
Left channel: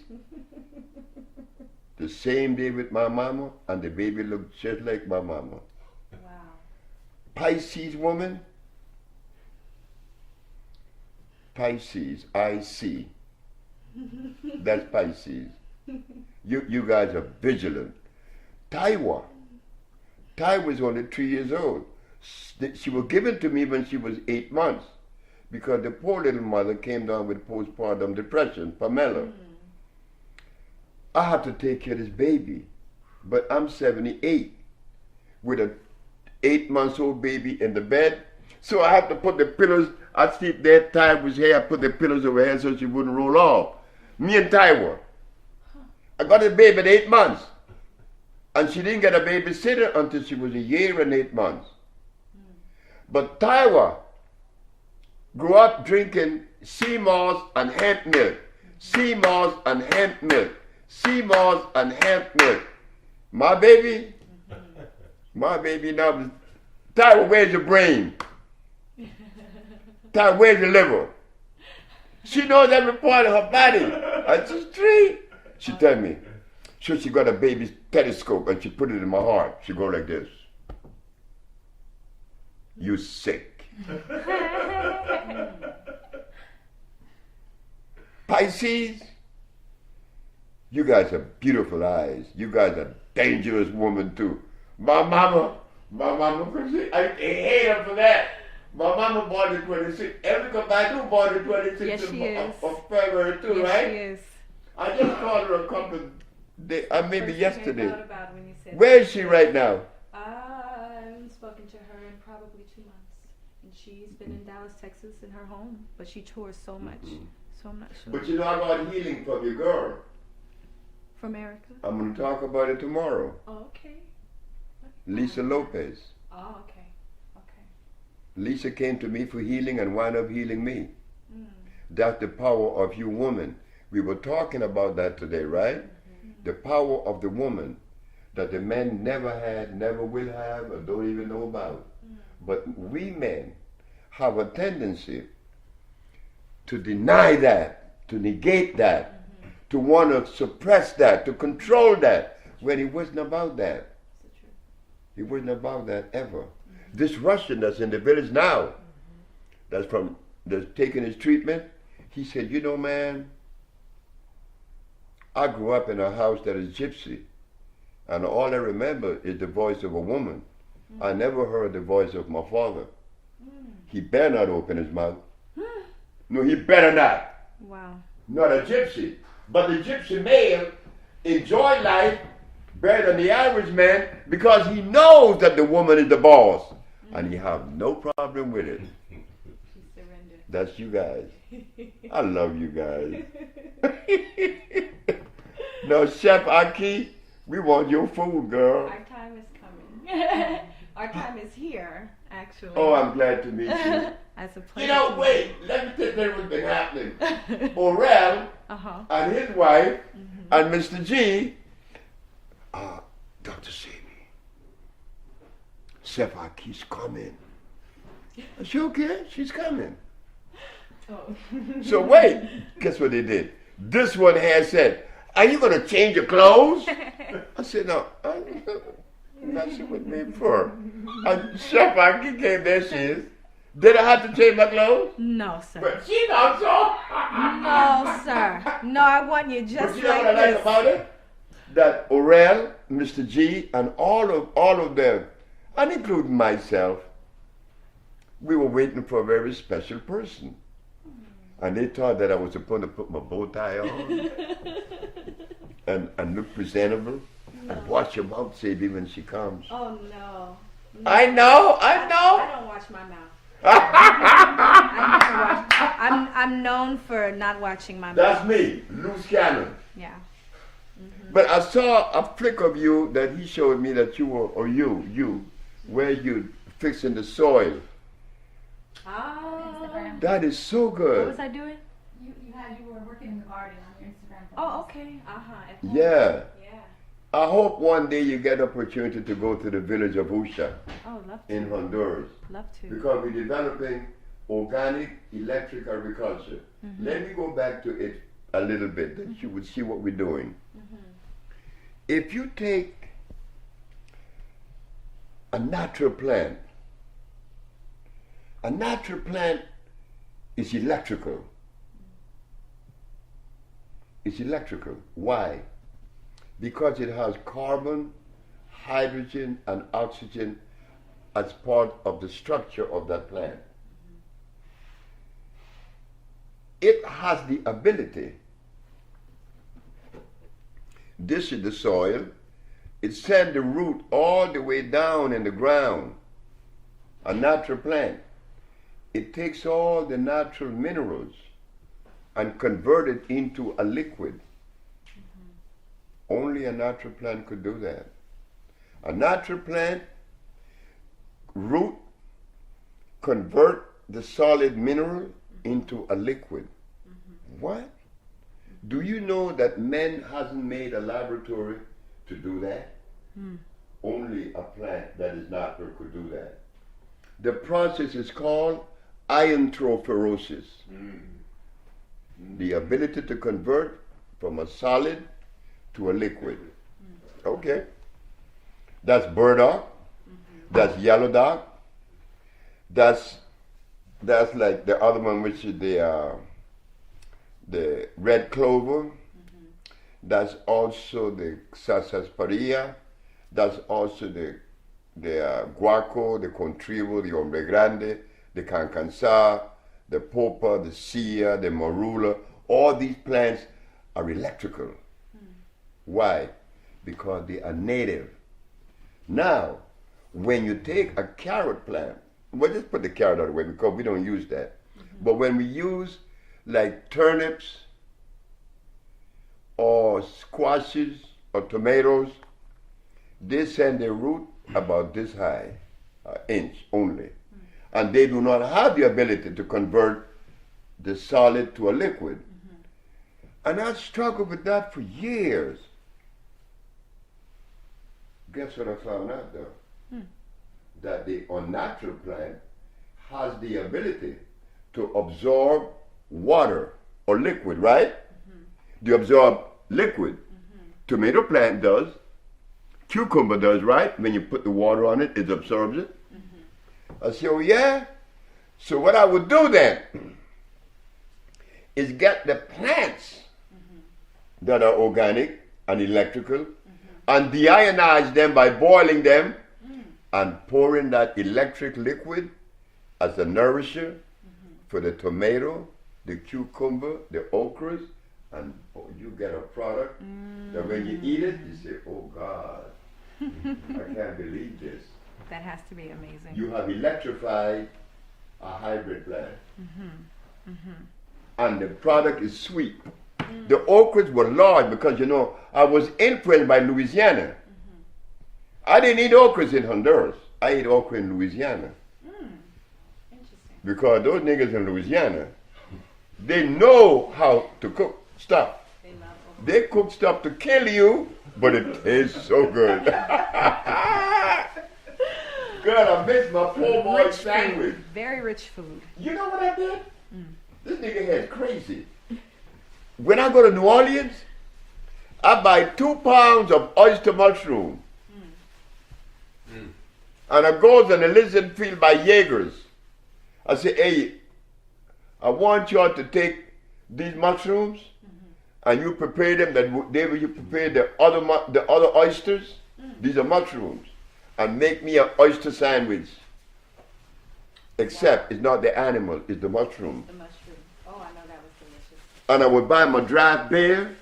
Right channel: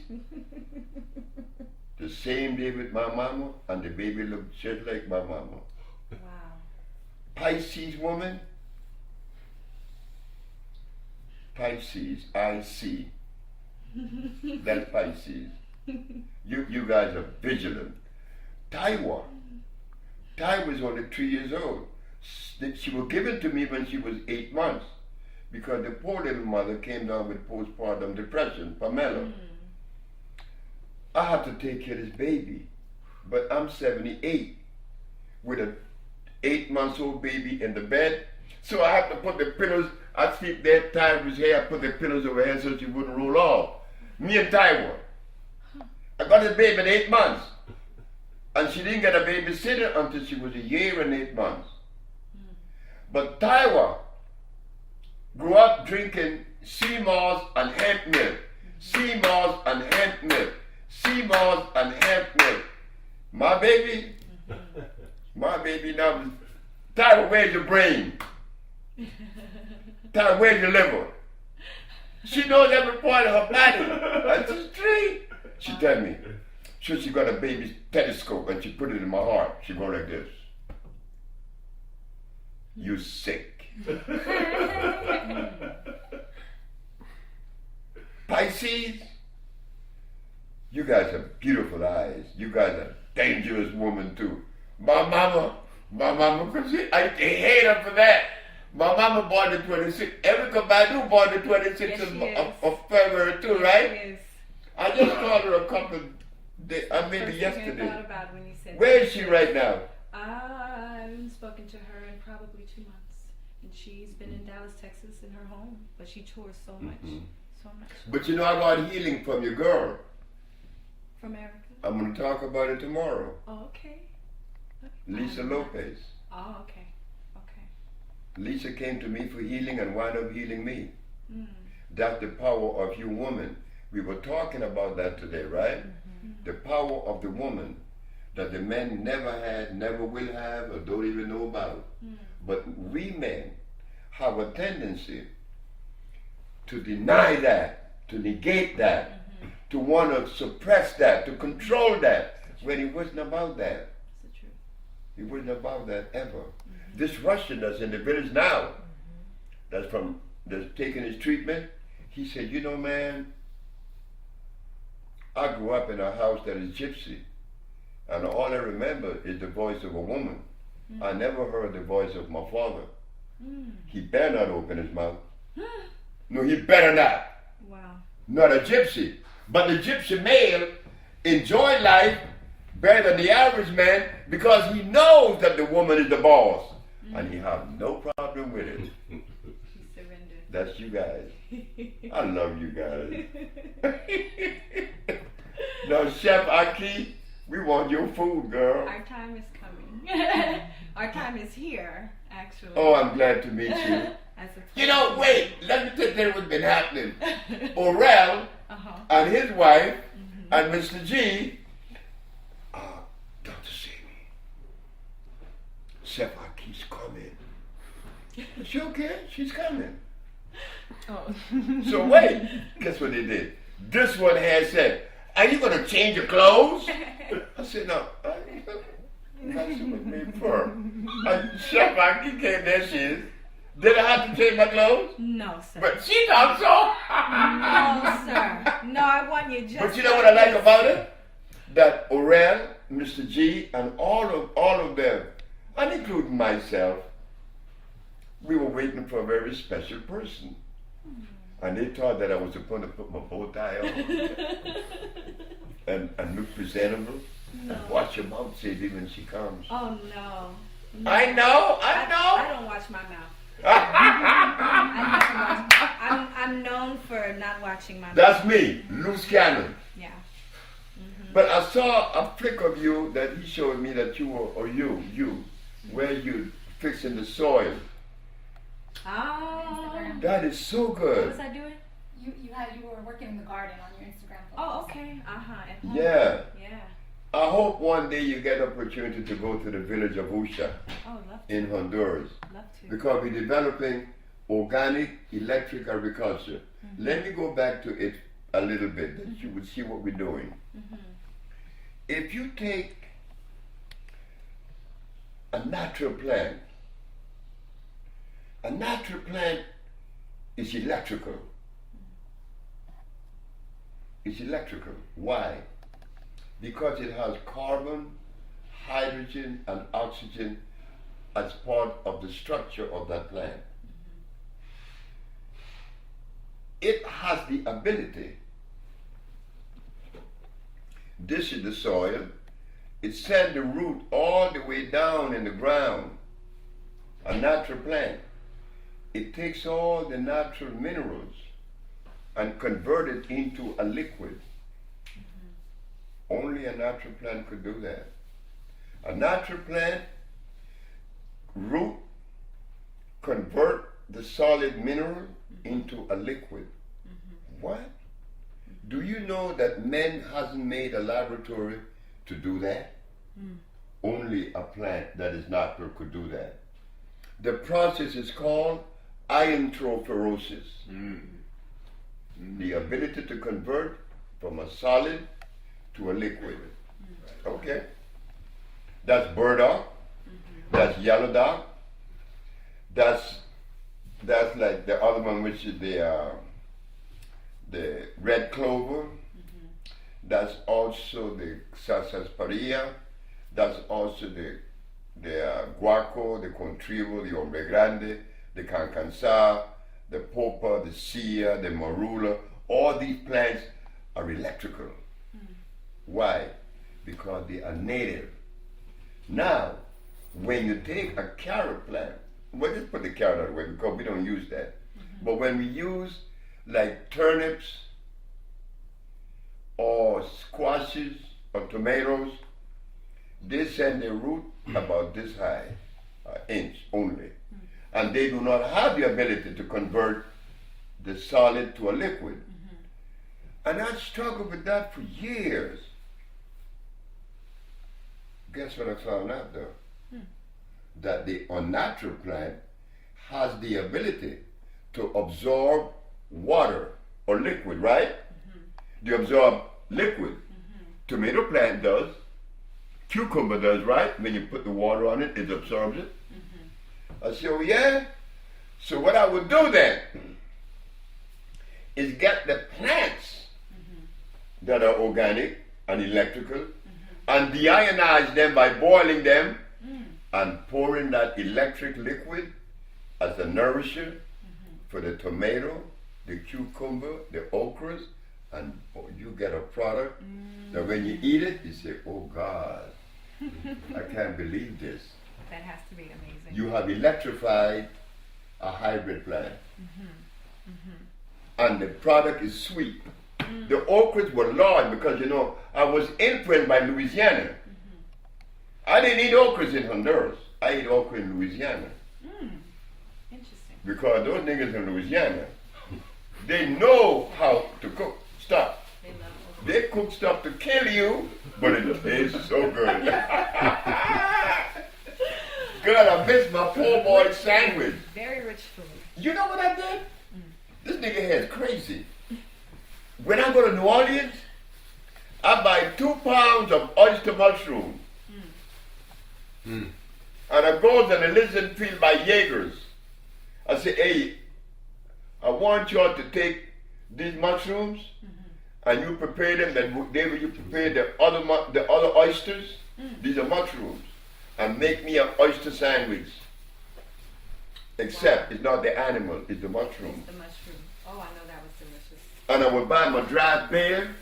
The same day with my mama, and the baby looked just like my mama. Wow. Pisces woman. Pisces, I see. That's Pisces. You guys are vigilant. Taiwa was only 3 years old. She was given to me when she was 8 months because the poor little mother came down with postpartum depression, Pamela. I have to take care of this baby, but I'm 78 with an 8-month-old baby in the bed, so I have to put the pillows. I sleep there, Taiwa's hair. I put the pillows over her so she wouldn't roll off. Me and Taiwa. I got a baby at 8 months, and she didn't get a babysitter until she was 1 year and 8 months. But Taiwa grew up drinking sea moss and hemp milk, sea moss and hemp milk, sea moss and hemp milk. My baby now, Taiwa, where's your brain? Taiwa, where's your liver? She knows every part of her body. And she's 3. She tell me, so she got a baby's telescope and she put it in my heart. She go like this. You sick. Pisces, you guys have beautiful eyes. You guys are dangerous woman too. My mama, I hate her for that. My mama born the 26th. Erica Badu born the 26th of February too, right? She is. I just called her a couple of days, maybe yesterday. I thought about when you said Where is she right now? I haven't spoken to her in probably 2 months. And she's been in Dallas, Texas in her home. But she tours so much. So I'm not sure. But you know, I got healing from your girl. From America? I'm going to talk about it tomorrow. Oh, okay. Lisa Lopez. Oh, okay. Okay. Lisa came to me for healing and wound up healing me. That's the power of you women. We were talking about that today, right? The power of the woman that the men never had, never will have, or don't even know about. But we men have a tendency to deny that, to negate that, to want to suppress that, to control that, when it wasn't about that. It wasn't about that ever. This Russian that's in the village now, that's taking his treatment, he said, you know, man, I grew up in a house that is gypsy, and all I remember is the voice of a woman. I never heard the voice of my father. He better not open his mouth. No, he better not. Wow. Not a gypsy. But the gypsy male enjoy life better than the Irish man because he knows that the woman is the boss. And he have no problem with it. She surrendered. That's you guys. I love you guys. Now, Chef Aki, we want your food, girl. Our time is coming. Our time is here, actually. Oh, I'm glad to meet you. As a You know, wait, let me tell you what's been happening. Orel and his wife and Mr. G, Dr. Sebi, Chef Aki's coming. I said, okay, she's coming. Oh. So wait, guess what they did? This one has said, are you going to change your clothes? I said, no. That's what made for. And Chef Aki came there, she is. Did I have to change my clothes? No, sir. But she thought so. No, sir. No, I want you just. But you know what I like about it? That Orel, Mr. G, and all of them, and including myself, we were waiting for a very special person. And they thought that I was supposed to put my bow tie on and look presentable and watch your mouth, Sebi, when she comes. Oh, no. I know. I don't watch my mouth. I'm known for not watching my mouth. That's me, loose cannon. Yeah. But I saw a flick of you that he showed me that you were, or you, where you fixing the soil. Oh. That is so What good. was I doing? You were working in the garden on your Instagram post. Oh, okay. At home. Yeah. Yeah. I hope one day you get opportunity to go to the village of Usha Oh, love to. in Honduras. Love to. Because we're developing organic electric agriculture. Let me go back to it a little bit, that you would see what we're doing. If you take a natural plant is electrical. It's electrical. Why? Because it has carbon, hydrogen, and oxygen as part of the structure of that plant. It has the ability. This is the soil. It sends the root all the way down in the ground. A natural plant. It takes all the natural minerals and convert it into a liquid. Only a natural plant could do that. A natural plant root convert the solid mineral into a liquid. What? Do you know that man hasn't made a laboratory to do that? Only a plant that is natural could do that. The process is called iontrophoresis. The ability to convert from a solid to a liquid. Okay. That's burdock. That's yellow dock. That's like the other one, which is the red clover. That's also the sarsaparilla. That's also the guaco, the contrivo, the hombre grande, the cancansa, the popa, the sia, the marula. All these plants are electrical. Why? Because they are native. Now, when you take a carrot plant, well, just put the carrot out of the way because we don't use that. But when we use like turnips or squashes or tomatoes, they send their root about this high, an inch only. And they do not have the ability to convert the solid to a liquid. And I struggled with that for years. Guess what I found out though? That the unnatural plant has the ability to absorb water or liquid, right? They absorb liquid. Tomato plant does. Cucumber does, right? When you put the water on it, it absorbs it. I said, oh yeah? So what I would do then is get the plants that are organic and electrical and deionize them by boiling them and pouring that electric liquid as a nourisher for the tomato, the cucumber, the okras, and you get a product that when you eat it, you say, oh God, I can't believe this. That has to be amazing. You have electrified a hybrid plant. And the product is sweet. The okras were large because, you know, I was influenced by Louisiana. I didn't eat okras in Honduras. I ate okra in Louisiana. Interesting. Because those niggas in Louisiana, they know how to cook stuff. They love okra. They cook stuff to kill you, but it tastes so good. God, I miss my poor boy sandwich. Very rich food. You know what I did? This nigga head's crazy. When I go to New Orleans, I buy 2 pounds of oyster mushroom. And I goes and I listen field by Jaegers. I say, hey, I want y'all to take these mushrooms and you prepare them. That day you prepare the other oysters. These are mushrooms, and make me an oyster sandwich. Except it's not the animal, it's the mushroom. The mushroom. Oh, I know that was delicious. And I would buy my draft beer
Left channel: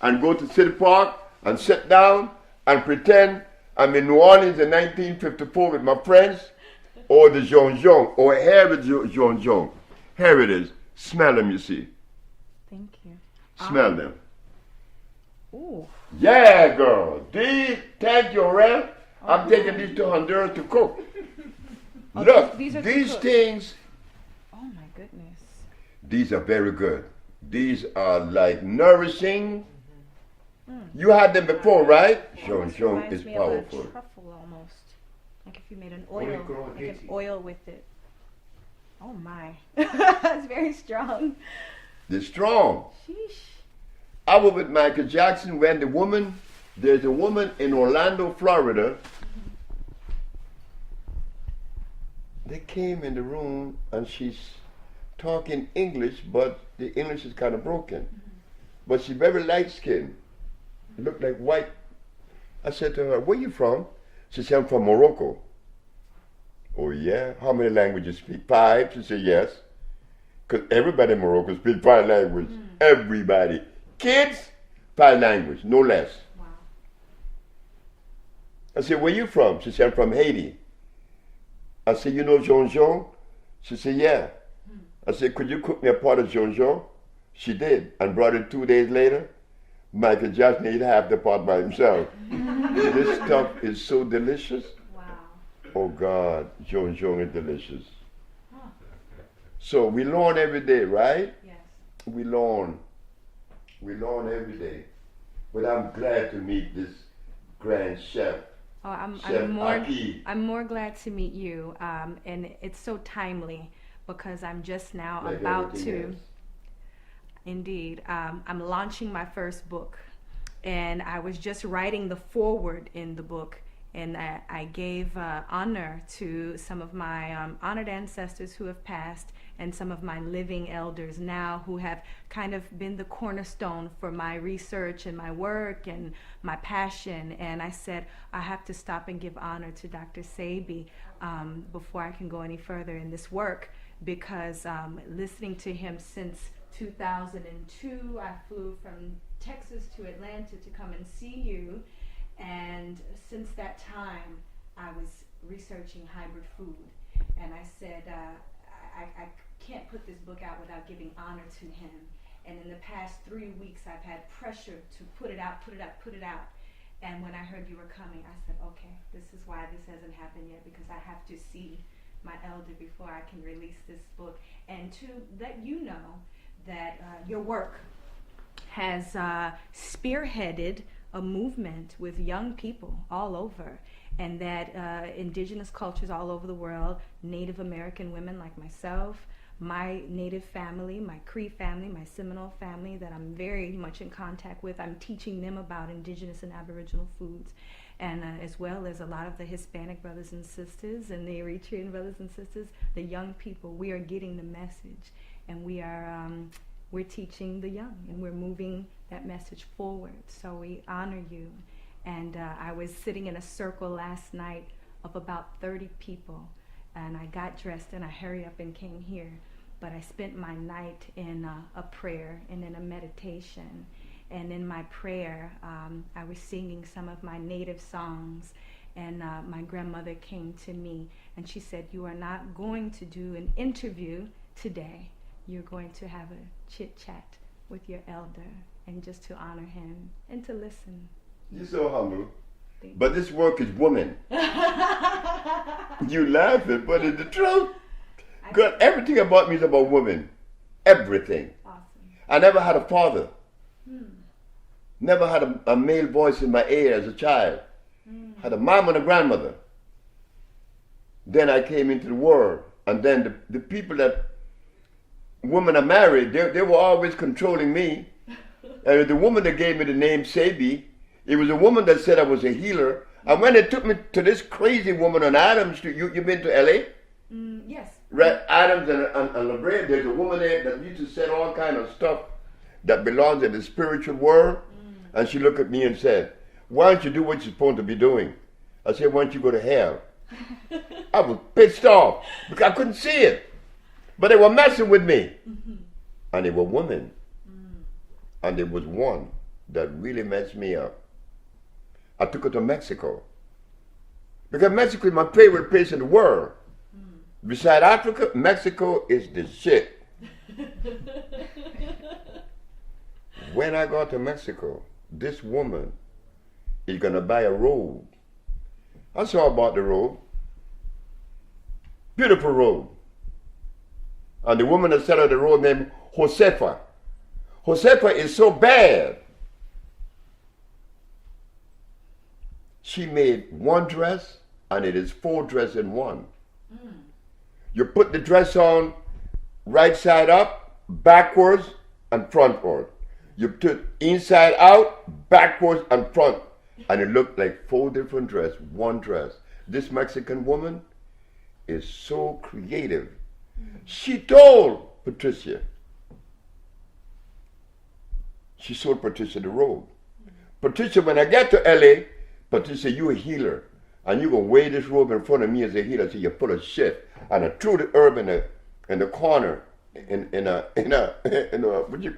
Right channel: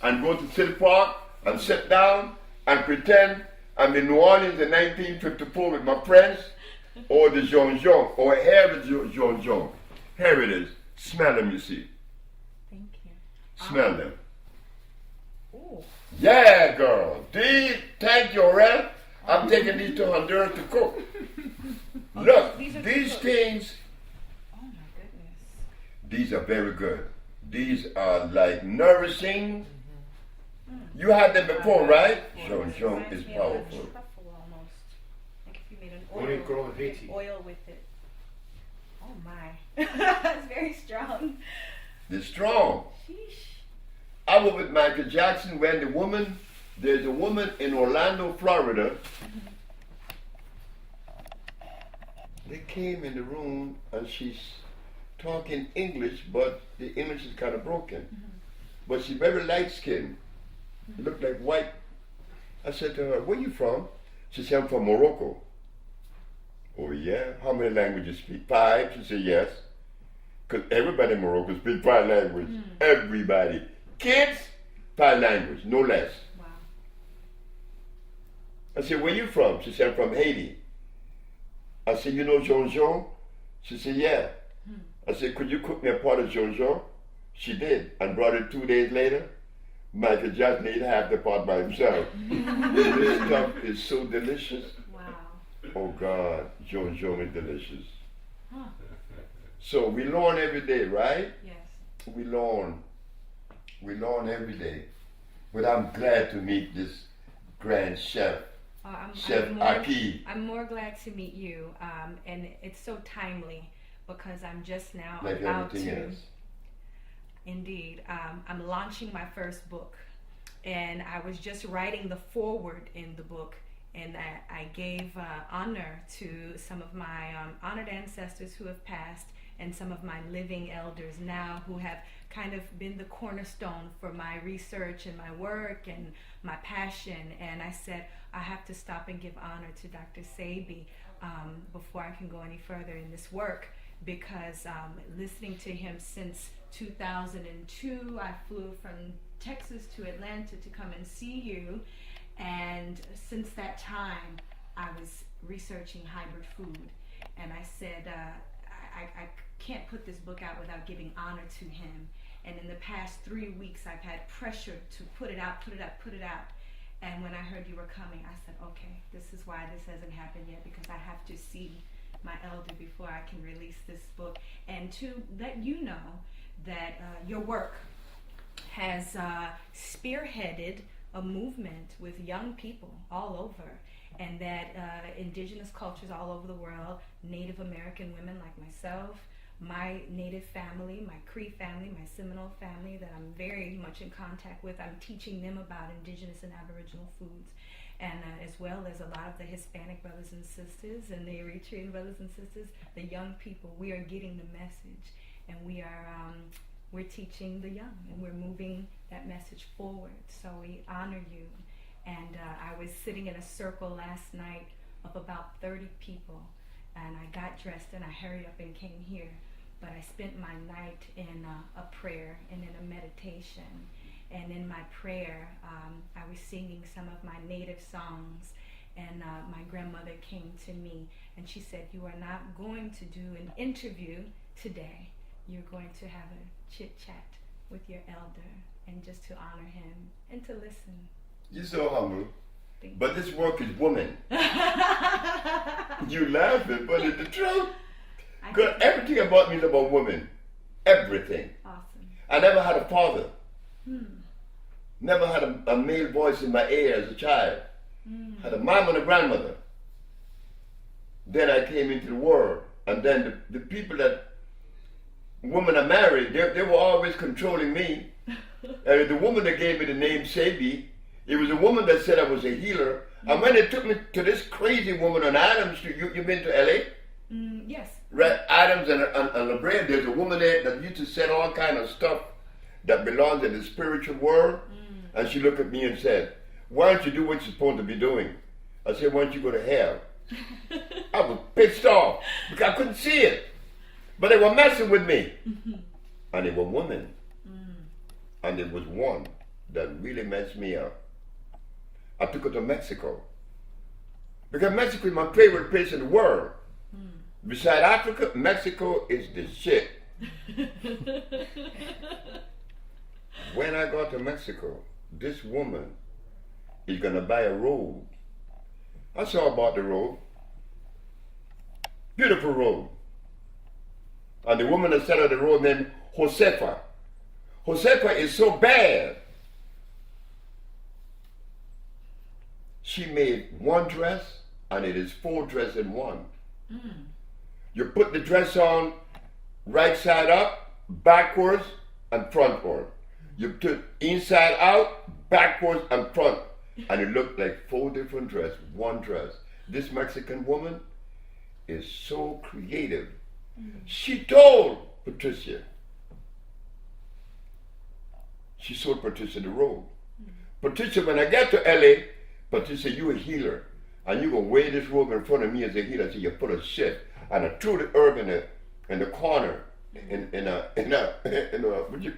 and go to City Park and sit down and pretend I'm in New Orleans in 1954 with my friends, or the Jean Jean, or here is Jean Jean. Here it is. Smell them, you see. Thank you. Smell them. Ooh. Yeah, girl. These, thank you, Aurel. I'm taking these to Honduras to cook. Look, these things, oh my goodness. these are very good. These are like nourishing. You had them before, right? Jean Jean Reminds is me of a powerful. truffle almost. Like if you made an Only grow in like Haiti. an oil with it. Oh my. It's very strong. They're strong. Sheesh. I was with Michael Jackson when there's a woman in Orlando, Florida. They came in the room and she's talking English, but the English is kind of broken. But she's very light skinned. Looked like white. I said to her, where you from? She said, I'm from Morocco. Oh yeah? How many languages you speak? 5? She said, yes. Because everybody in Morocco speaks 5 languages. Everybody. Kids, 5 languages, no less. Wow. I said, where you from? She said, I'm from Haiti. I said, you know Jean Jean? She said, yeah. I said, could you cook me a pot of Jean Jean? She did, and brought it 2 days later. Michael Jackson ate half the pot by himself. This stuff is so delicious. Wow. Oh God, Jean Jean is delicious. Huh. So we learn every day, right? Yes. We learn. We learn every day. But I'm glad to meet this grand chef. Oh, Chef Aki. I'm more glad to meet you, and it's so timely because I'm just now Like about everything to. else. Indeed, I'm launching my first book, and I was just writing the foreword in the book, and I gave honor to some of my honored ancestors who have passed, and some of my living elders now who have kind of been the cornerstone for my research and my work and my passion. And I said, I have to stop and give honor to Dr.Sebi before I can go any further in this work, because listening to him since 2002, I flew from Texas to Atlanta to come and see you, and since that time I was researching hybrid food, and I said I can't put this book out without giving honor to him. And in the past 3 weeks I've had pressure to put it out. And when I heard you were coming, I said, okay, this is why this hasn't happened yet, because I have to see my elder before I can release this book, and to let you know that your work has spearheaded a movement with young people all over, and that indigenous cultures all over the world, Native American women like myself, my Native family, my Cree family, my Seminole family that I'm very much in contact with, I'm teaching them about indigenous and Aboriginal foods, and as well as a lot of the Hispanic brothers and sisters and the Eritrean brothers and sisters, the young people. We are getting the message, and we're teaching the young, and we're moving that message forward. So we honor you. And I was sitting in a circle last night of about 30 people, and I got dressed and I hurried up and came here. But I spent my night in a prayer and in a meditation. And in my prayer, I was singing some of my native songs, and my grandmother came to me and she said, you are not going to do an interview today. You're going to have a chit chat with your elder, and just to honor him and to listen. You're so humble. Thank But this work is woman. You laughing, but it's the truth. Good. Everything about me is about women. Everything. Awesome. I never had a father. Never had a male voice in my ear as a child. Had a mom and a grandmother. Then I came into the world, and then the people that women are married, they were always controlling me. And the woman that gave me the name Sebi, it was a woman that said I was a healer. And when they took me to this crazy woman on Adams Street, you been to LA? Yes. Right, Adams and La Brea, there's a woman there that used to sell all kind of stuff that belongs in the spiritual world. And she looked at me and said, why don't you do what you're supposed to be doing? I said, why don't you go to hell? I was pissed off because I couldn't see it. But they were messing with me. And they were women. And there was one that really messed me up. I took her to Mexico. Because Mexico is my favorite place in the world. Beside Africa, Mexico is the shit. When I got to Mexico, this woman is going to buy a robe. I saw about the robe. Beautiful robe. And the woman that selling the robe named Josefa. Josefa is so bad. She made one dress, and it is 4 dresses in one. You put the dress on right side up, backwards, and frontward. You took inside out, backwards, and front. And it looked like 4 different dresses, one dress. This Mexican woman is so creative. She told Patricia. She sold Patricia the robe. Patricia, when I get to LA, Patricia, you a healer. And you're going to wear this robe in front of me as a healer until you're full of shit. And I threw the herb in the corner, in a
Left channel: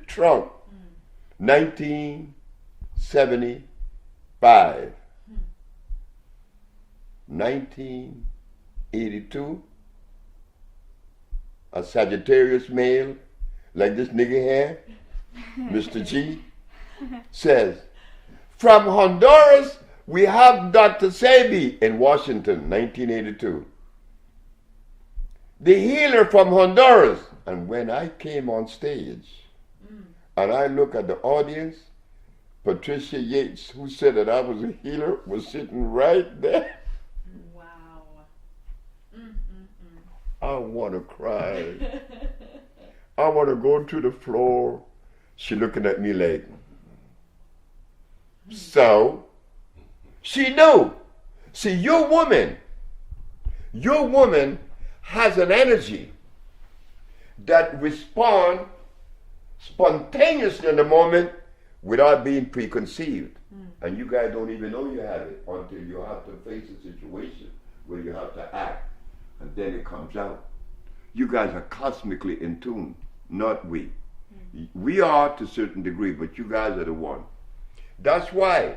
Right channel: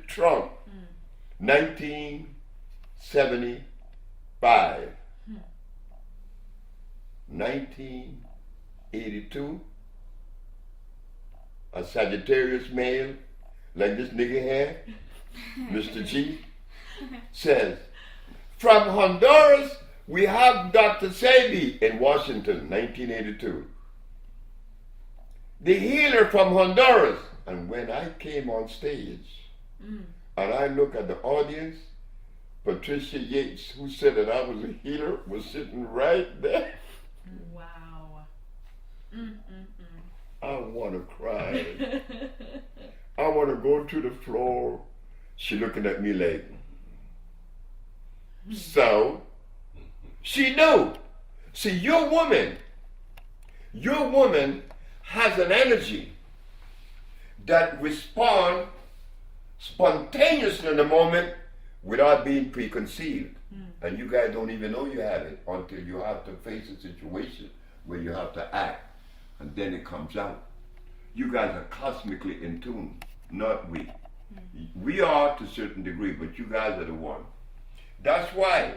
trunk. 1975. 1982. A Sagittarius male, like this nigga here, Mr. G, says, from Honduras, we have Dr.Sebi in Washington, 1982. The healer from Honduras. And when I came on stage, and I look at the audience, Patricia Yates, who said that I was a healer, was sitting right there. Wow. I want to cry. I want to go to the floor. She looking at me like, so she knew. See, your woman has an energy that responds spontaneously in the moment without being preconceived. And you guys don't even know you have it until you have to face a situation where you have to act. And then it comes out. You guys are cosmically in tune, not we. We are to a certain degree, but you guys are the one. That's why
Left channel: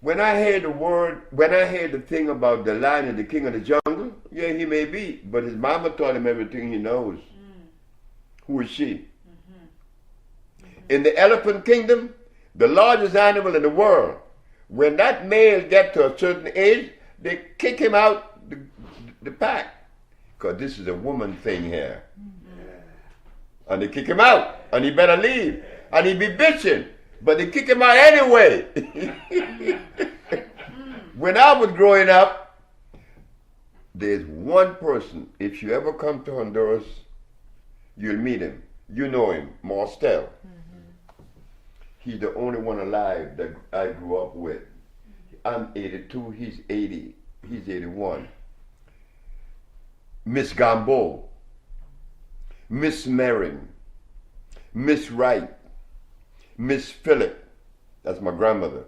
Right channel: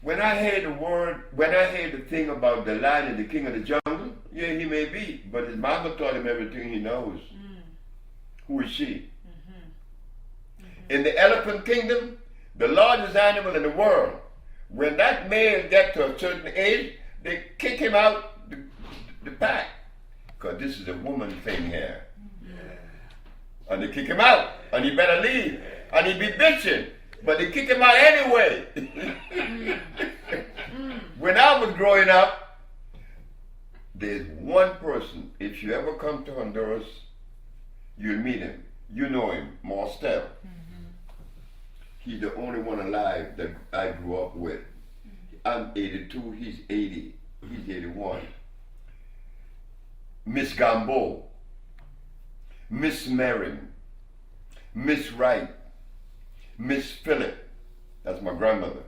when I heard the thing about the lion and the king of the jungle, yeah, he may be, but his mama taught him everything he knows. Who is she? In the elephant kingdom, the largest animal in the world, when that male gets to a certain age, they kick him out the pack. Because this is a woman thing here. And they kick him out, and he better leave. And he be bitching, but they kick him out anyway. When I was growing up, there's one person, if you ever come to Honduras, you'll meet him. You know him, Marstel. He's the only one alive that I grew up with. I'm 82, he's 80, he's 81. Miss Gambo, Miss Marin, Miss Wright, Miss Phillip, that's my grandmother,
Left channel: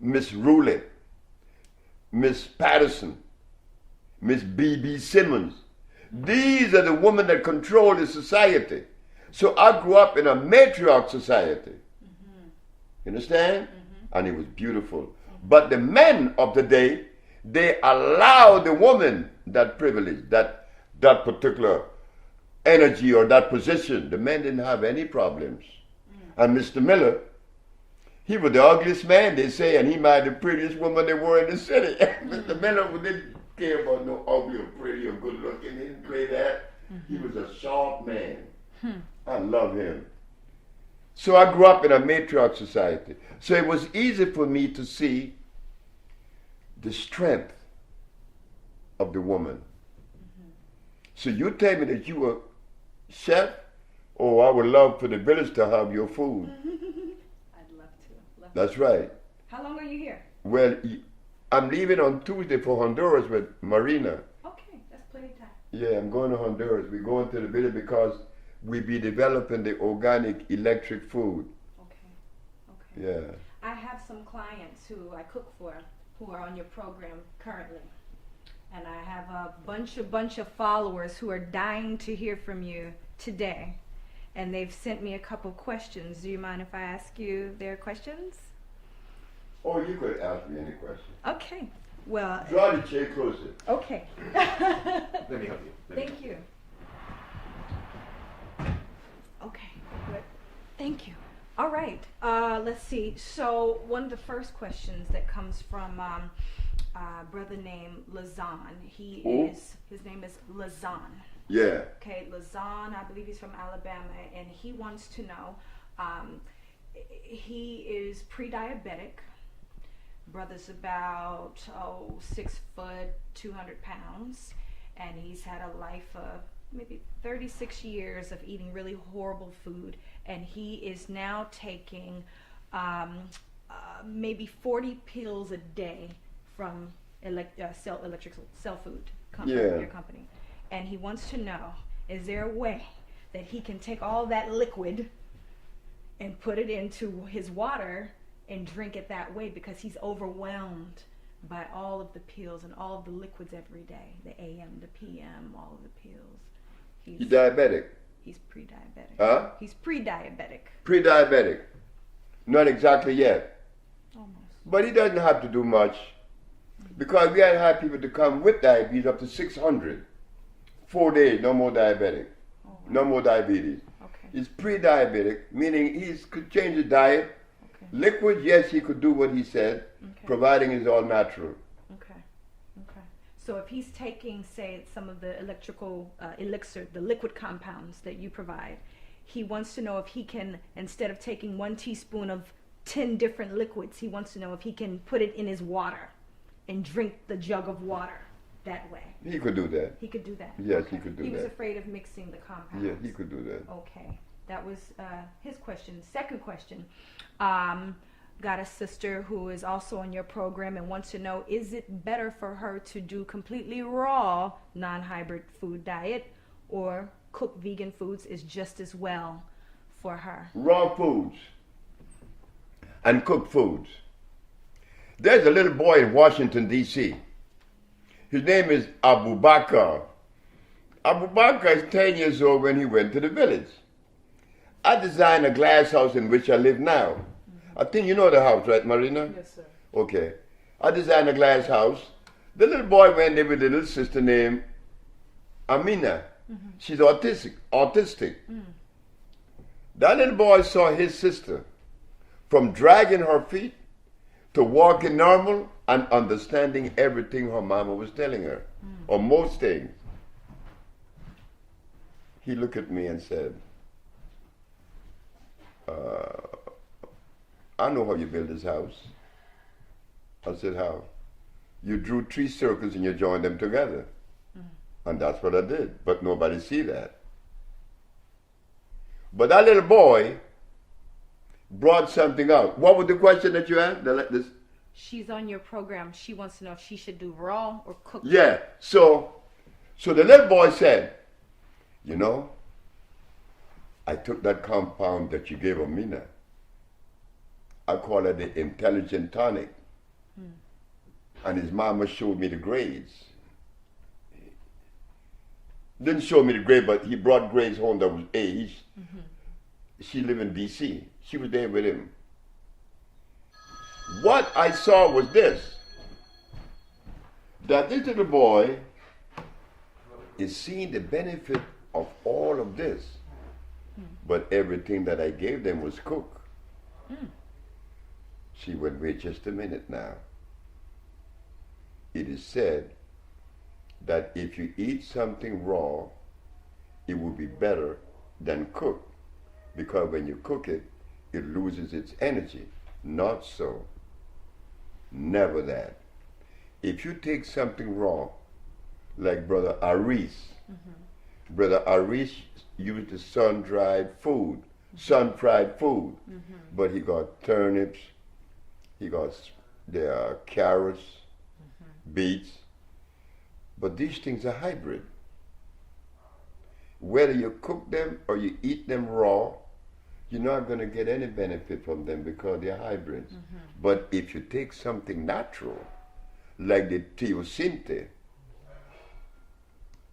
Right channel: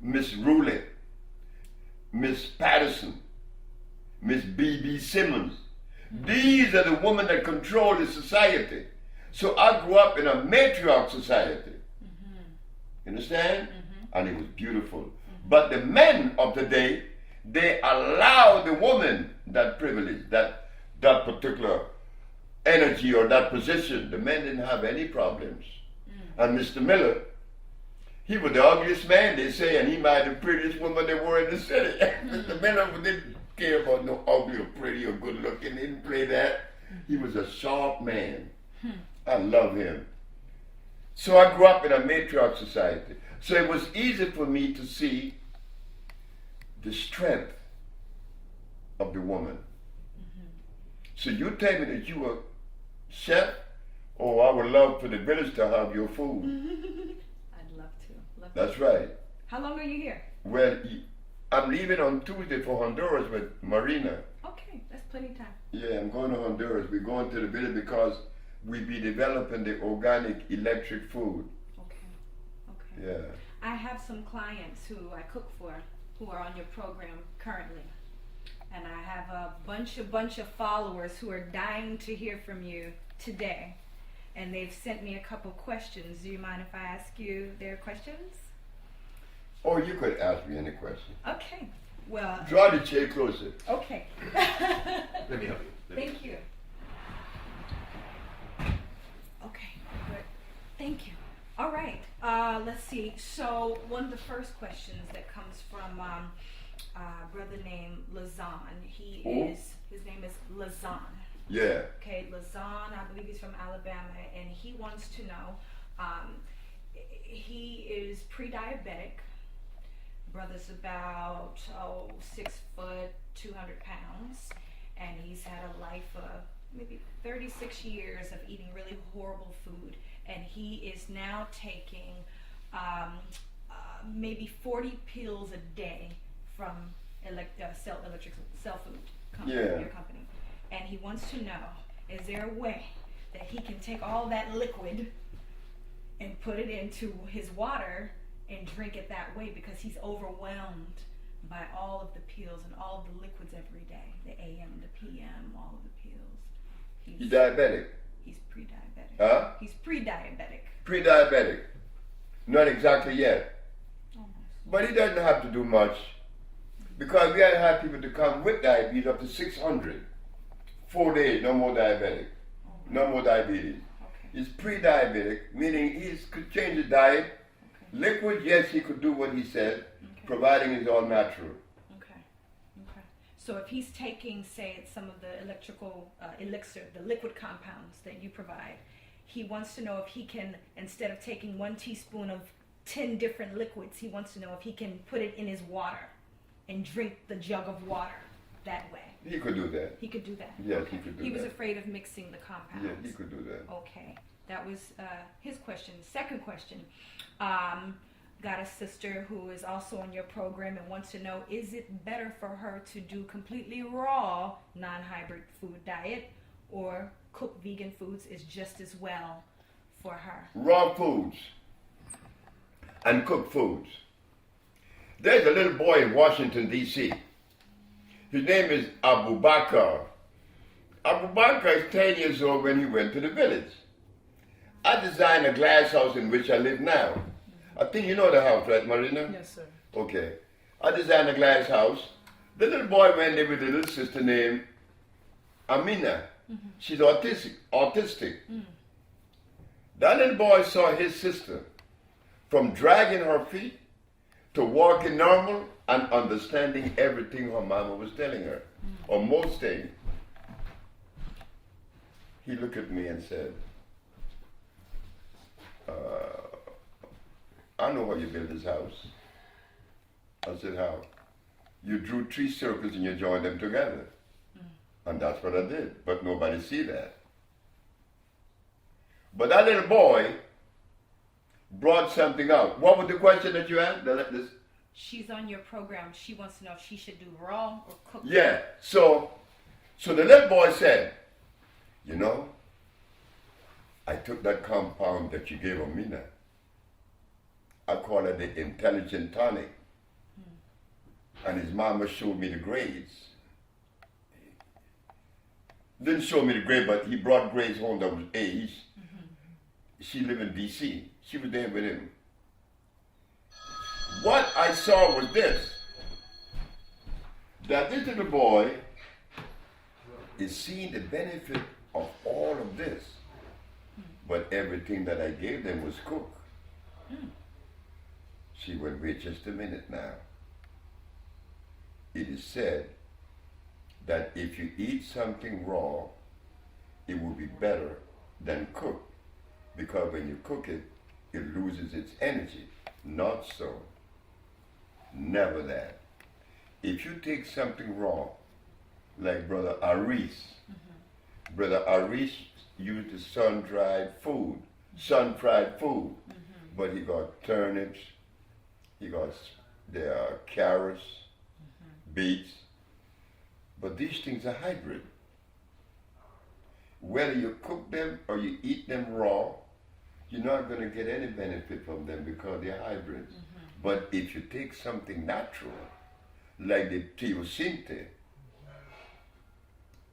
Miss Roulette, Miss Patterson, Miss B.B. Simmons. These are the women that control the society. So I grew up in a matriarch society. You understand? And it was beautiful. But the men of the day, they allowed the woman that privilege, that particular energy or that position. The men didn't have any problems. And Mr. Miller, he was the ugliest man, they say, and he married the prettiest woman there were in the city. Mr. Miller didn't care about no ugly or pretty or good looking. He didn't play that. He was a sharp man. I love him. So I grew up in a matriarch society. So it was easy for me to see the strength of the woman. So you tell me that you were chef, Oh, I would love for the village to have your food. I'd love to. That's right. How long are you here? Well, I'm leaving on Tuesday for Honduras with Marina. Okay, that's plenty of time. Yeah, I'm going to Honduras. We're going to the village because we be developing the organic electric food. Okay. Yeah. I have some clients who I cook for who are on your program currently. And I have a bunch of followers who are dying to hear from you today. And they've sent me a couple questions. Do you mind if I ask you their questions? Oh, you could ask me any question. Okay. Well. Draw the chair closer. Okay. Let me help you. Thank you. Okay, good. Thank you. All right. Let's see. So one of the first questions that comes from a brother named Lazan. His name is Lazan. Yeah. Okay, Lazan, I believe he's from Alabama, and he wants to know, he is pre-diabetic. Brother's about 6 foot, 200 pounds, and he's had a life of maybe 36 years of eating really horrible food, and he is now taking maybe 40 pills a day from Cell Food company, your company. And he wants to know, is there a way that he can take all that liquid and put it into his water and drink it that way, because he's overwhelmed by all of the pills and all of the liquids every day, the AM, the PM, all of the pills. He's diabetic? He's pre-diabetic. Huh? He's pre-diabetic. Pre-diabetic. Not exactly yet. Almost. But he doesn't have to do much, because we had people to come with diabetes up to 600. 4 days, no more diabetic. Oh. No more diabetes. Okay. He's pre-diabetic, meaning he could change his diet. Okay. Liquid, yes, he could do what he said, providing it's all natural. Okay. Okay. So if he's taking, say, some of the electrical elixir, the liquid compounds that you provide, he wants to know if he can, instead of taking 1 teaspoon of 10 different liquids, he wants to know if he can put it in his water and drink the jug of water that way. He could do that. He could do that. Yes, okay. he could do that. He was afraid of mixing the compounds. Yeah, he could do that. Okay. That was his question. Second question. Got a sister who is also on your program and wants to know, is it better for her to do completely raw, non-hybrid food diet, or cook vegan foods is just as well for her? Raw foods and cooked foods. There's a little boy in Washington, D.C. His name is Abu Bakr. Abu Bakr is 10 years old when he went to the village. I designed a glass house in which I live now. Mm-hmm. I think you know the house, right, Marina? Yes, sir. Okay. I designed a glass house. The little boy went there with a little sister named Amina. Mm-hmm. She's autistic. Mm. That little boy saw his sister from dragging her feet to walking normal and understanding everything her mama was telling her, or most things. He looked at me and said, I know how you build this house. I said, how? You drew 3 circles and you joined them together. And that's what I did, but nobody see that. But that little boy brought something out. What was the question that you asked? She's on your program. She wants to know if she should do raw or cooked. Yeah. So the little boy said, you know, I took that compound that you gave Amina. I call it the intelligent tonic. And his mama showed me the grades. Didn't show me the grade, but he brought grades home that was A's. Mm-hmm. She lived in D.C. She was there with him. What I saw was this, that this little boy is seeing the benefit of all of this, but everything that I gave them was cooked. She went, wait just a minute now. It is said that if you eat something raw, it will be better than cooked, because when you cook it, it loses its energy. Not so. Never that. If you take something raw, like Brother Aris, Brother Aris use the sun-dried food, sun-fried food. But he got turnips, he got there are carrots, beets. But these things are hybrid. Whether you cook them or you eat them raw, you're not going to get any benefit from them because they're hybrids. But if you take something natural, like the teosinte,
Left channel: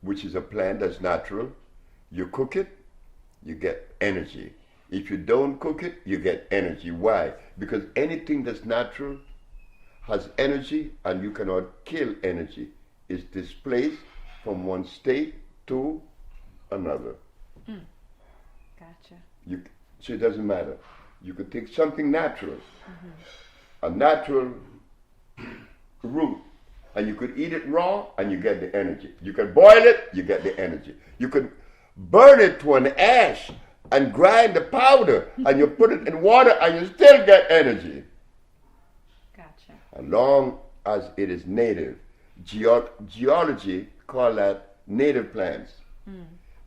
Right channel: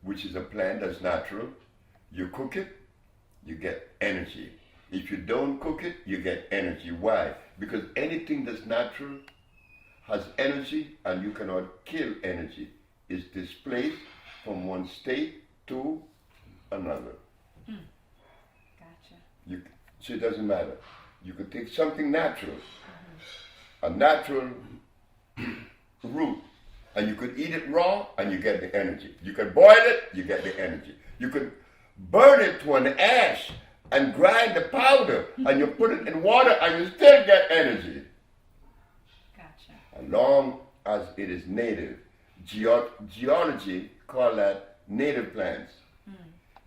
which is a plant that's natural, you cook it, you get energy. If you don't cook it, you get energy. Why? Because anything that's natural has energy, and you cannot kill energy. It's displaced from one state to another. Gotcha. So it doesn't matter. You could take something natural, a natural root, and you could eat it raw and you get the energy. You can boil it, you get the energy. You could burn it to an ash and grind the powder and you put it in water and you still get energy. Gotcha. As long as it is native. Geology call that native plants.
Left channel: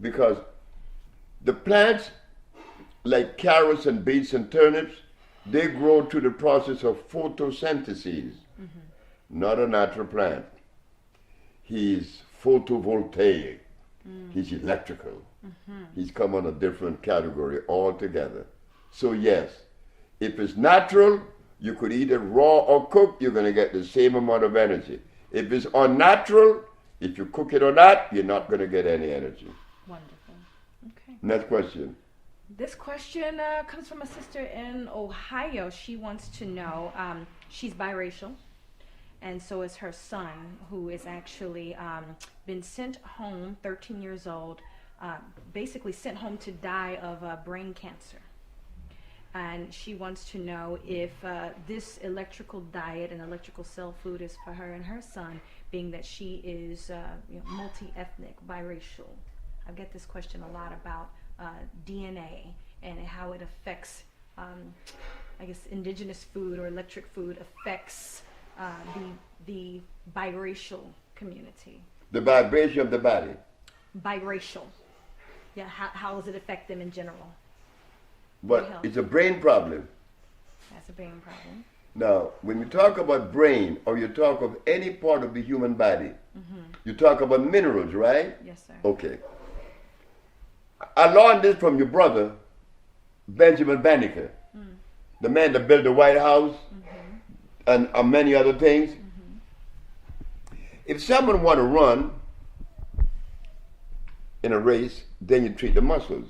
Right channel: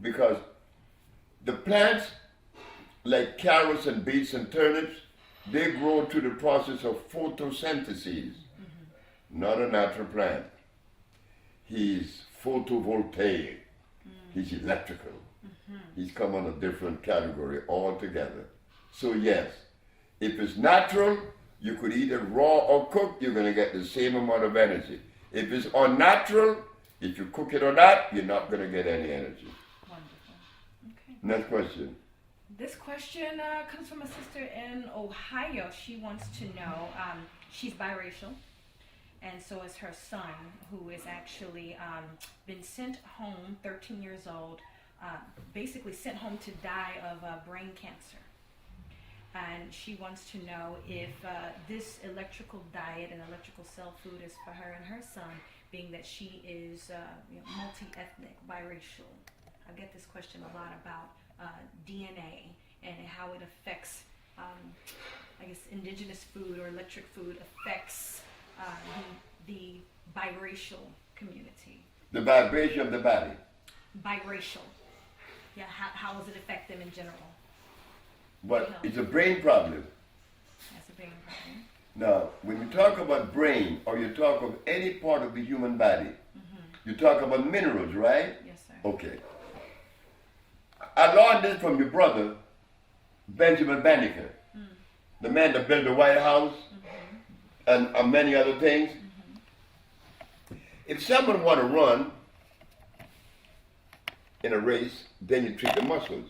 Because the plants, like carrots and beets and turnips, they grow through the process of photosynthesis. Not a natural plant. He's photovoltaic. He's electrical. He's come on a different category altogether. So yes, if it's natural, you could eat it raw or cooked, you're going to get the same amount of energy. If it's unnatural, if you cook it or not, you're not going to get any energy. Wonderful. Okay. Next question. This question comes from a sister in Ohio. She wants to know, she's biracial, and so is her son, who is actually been sent home, 13 years old, basically sent home to die of brain cancer. And she wants to know if this electrical diet and electrical cell food is for her and her son, being that she is multi-ethnic, biracial. I get this question a lot about DNA and how it affects, I guess, indigenous food or electric food affects the biracial community. The vibration of the body. Biracial. Yeah, how does it affect them in general? But it's a brain problem. That's a brain problem. Now, when you talk about brain or you talk of any part of the human body, you talk about minerals, right? Yes, sir. Okay. I learned this from your brother, Benjamin Banneker, the man that built the White House and many other things. If someone want to run in a race, then you treat the muscles.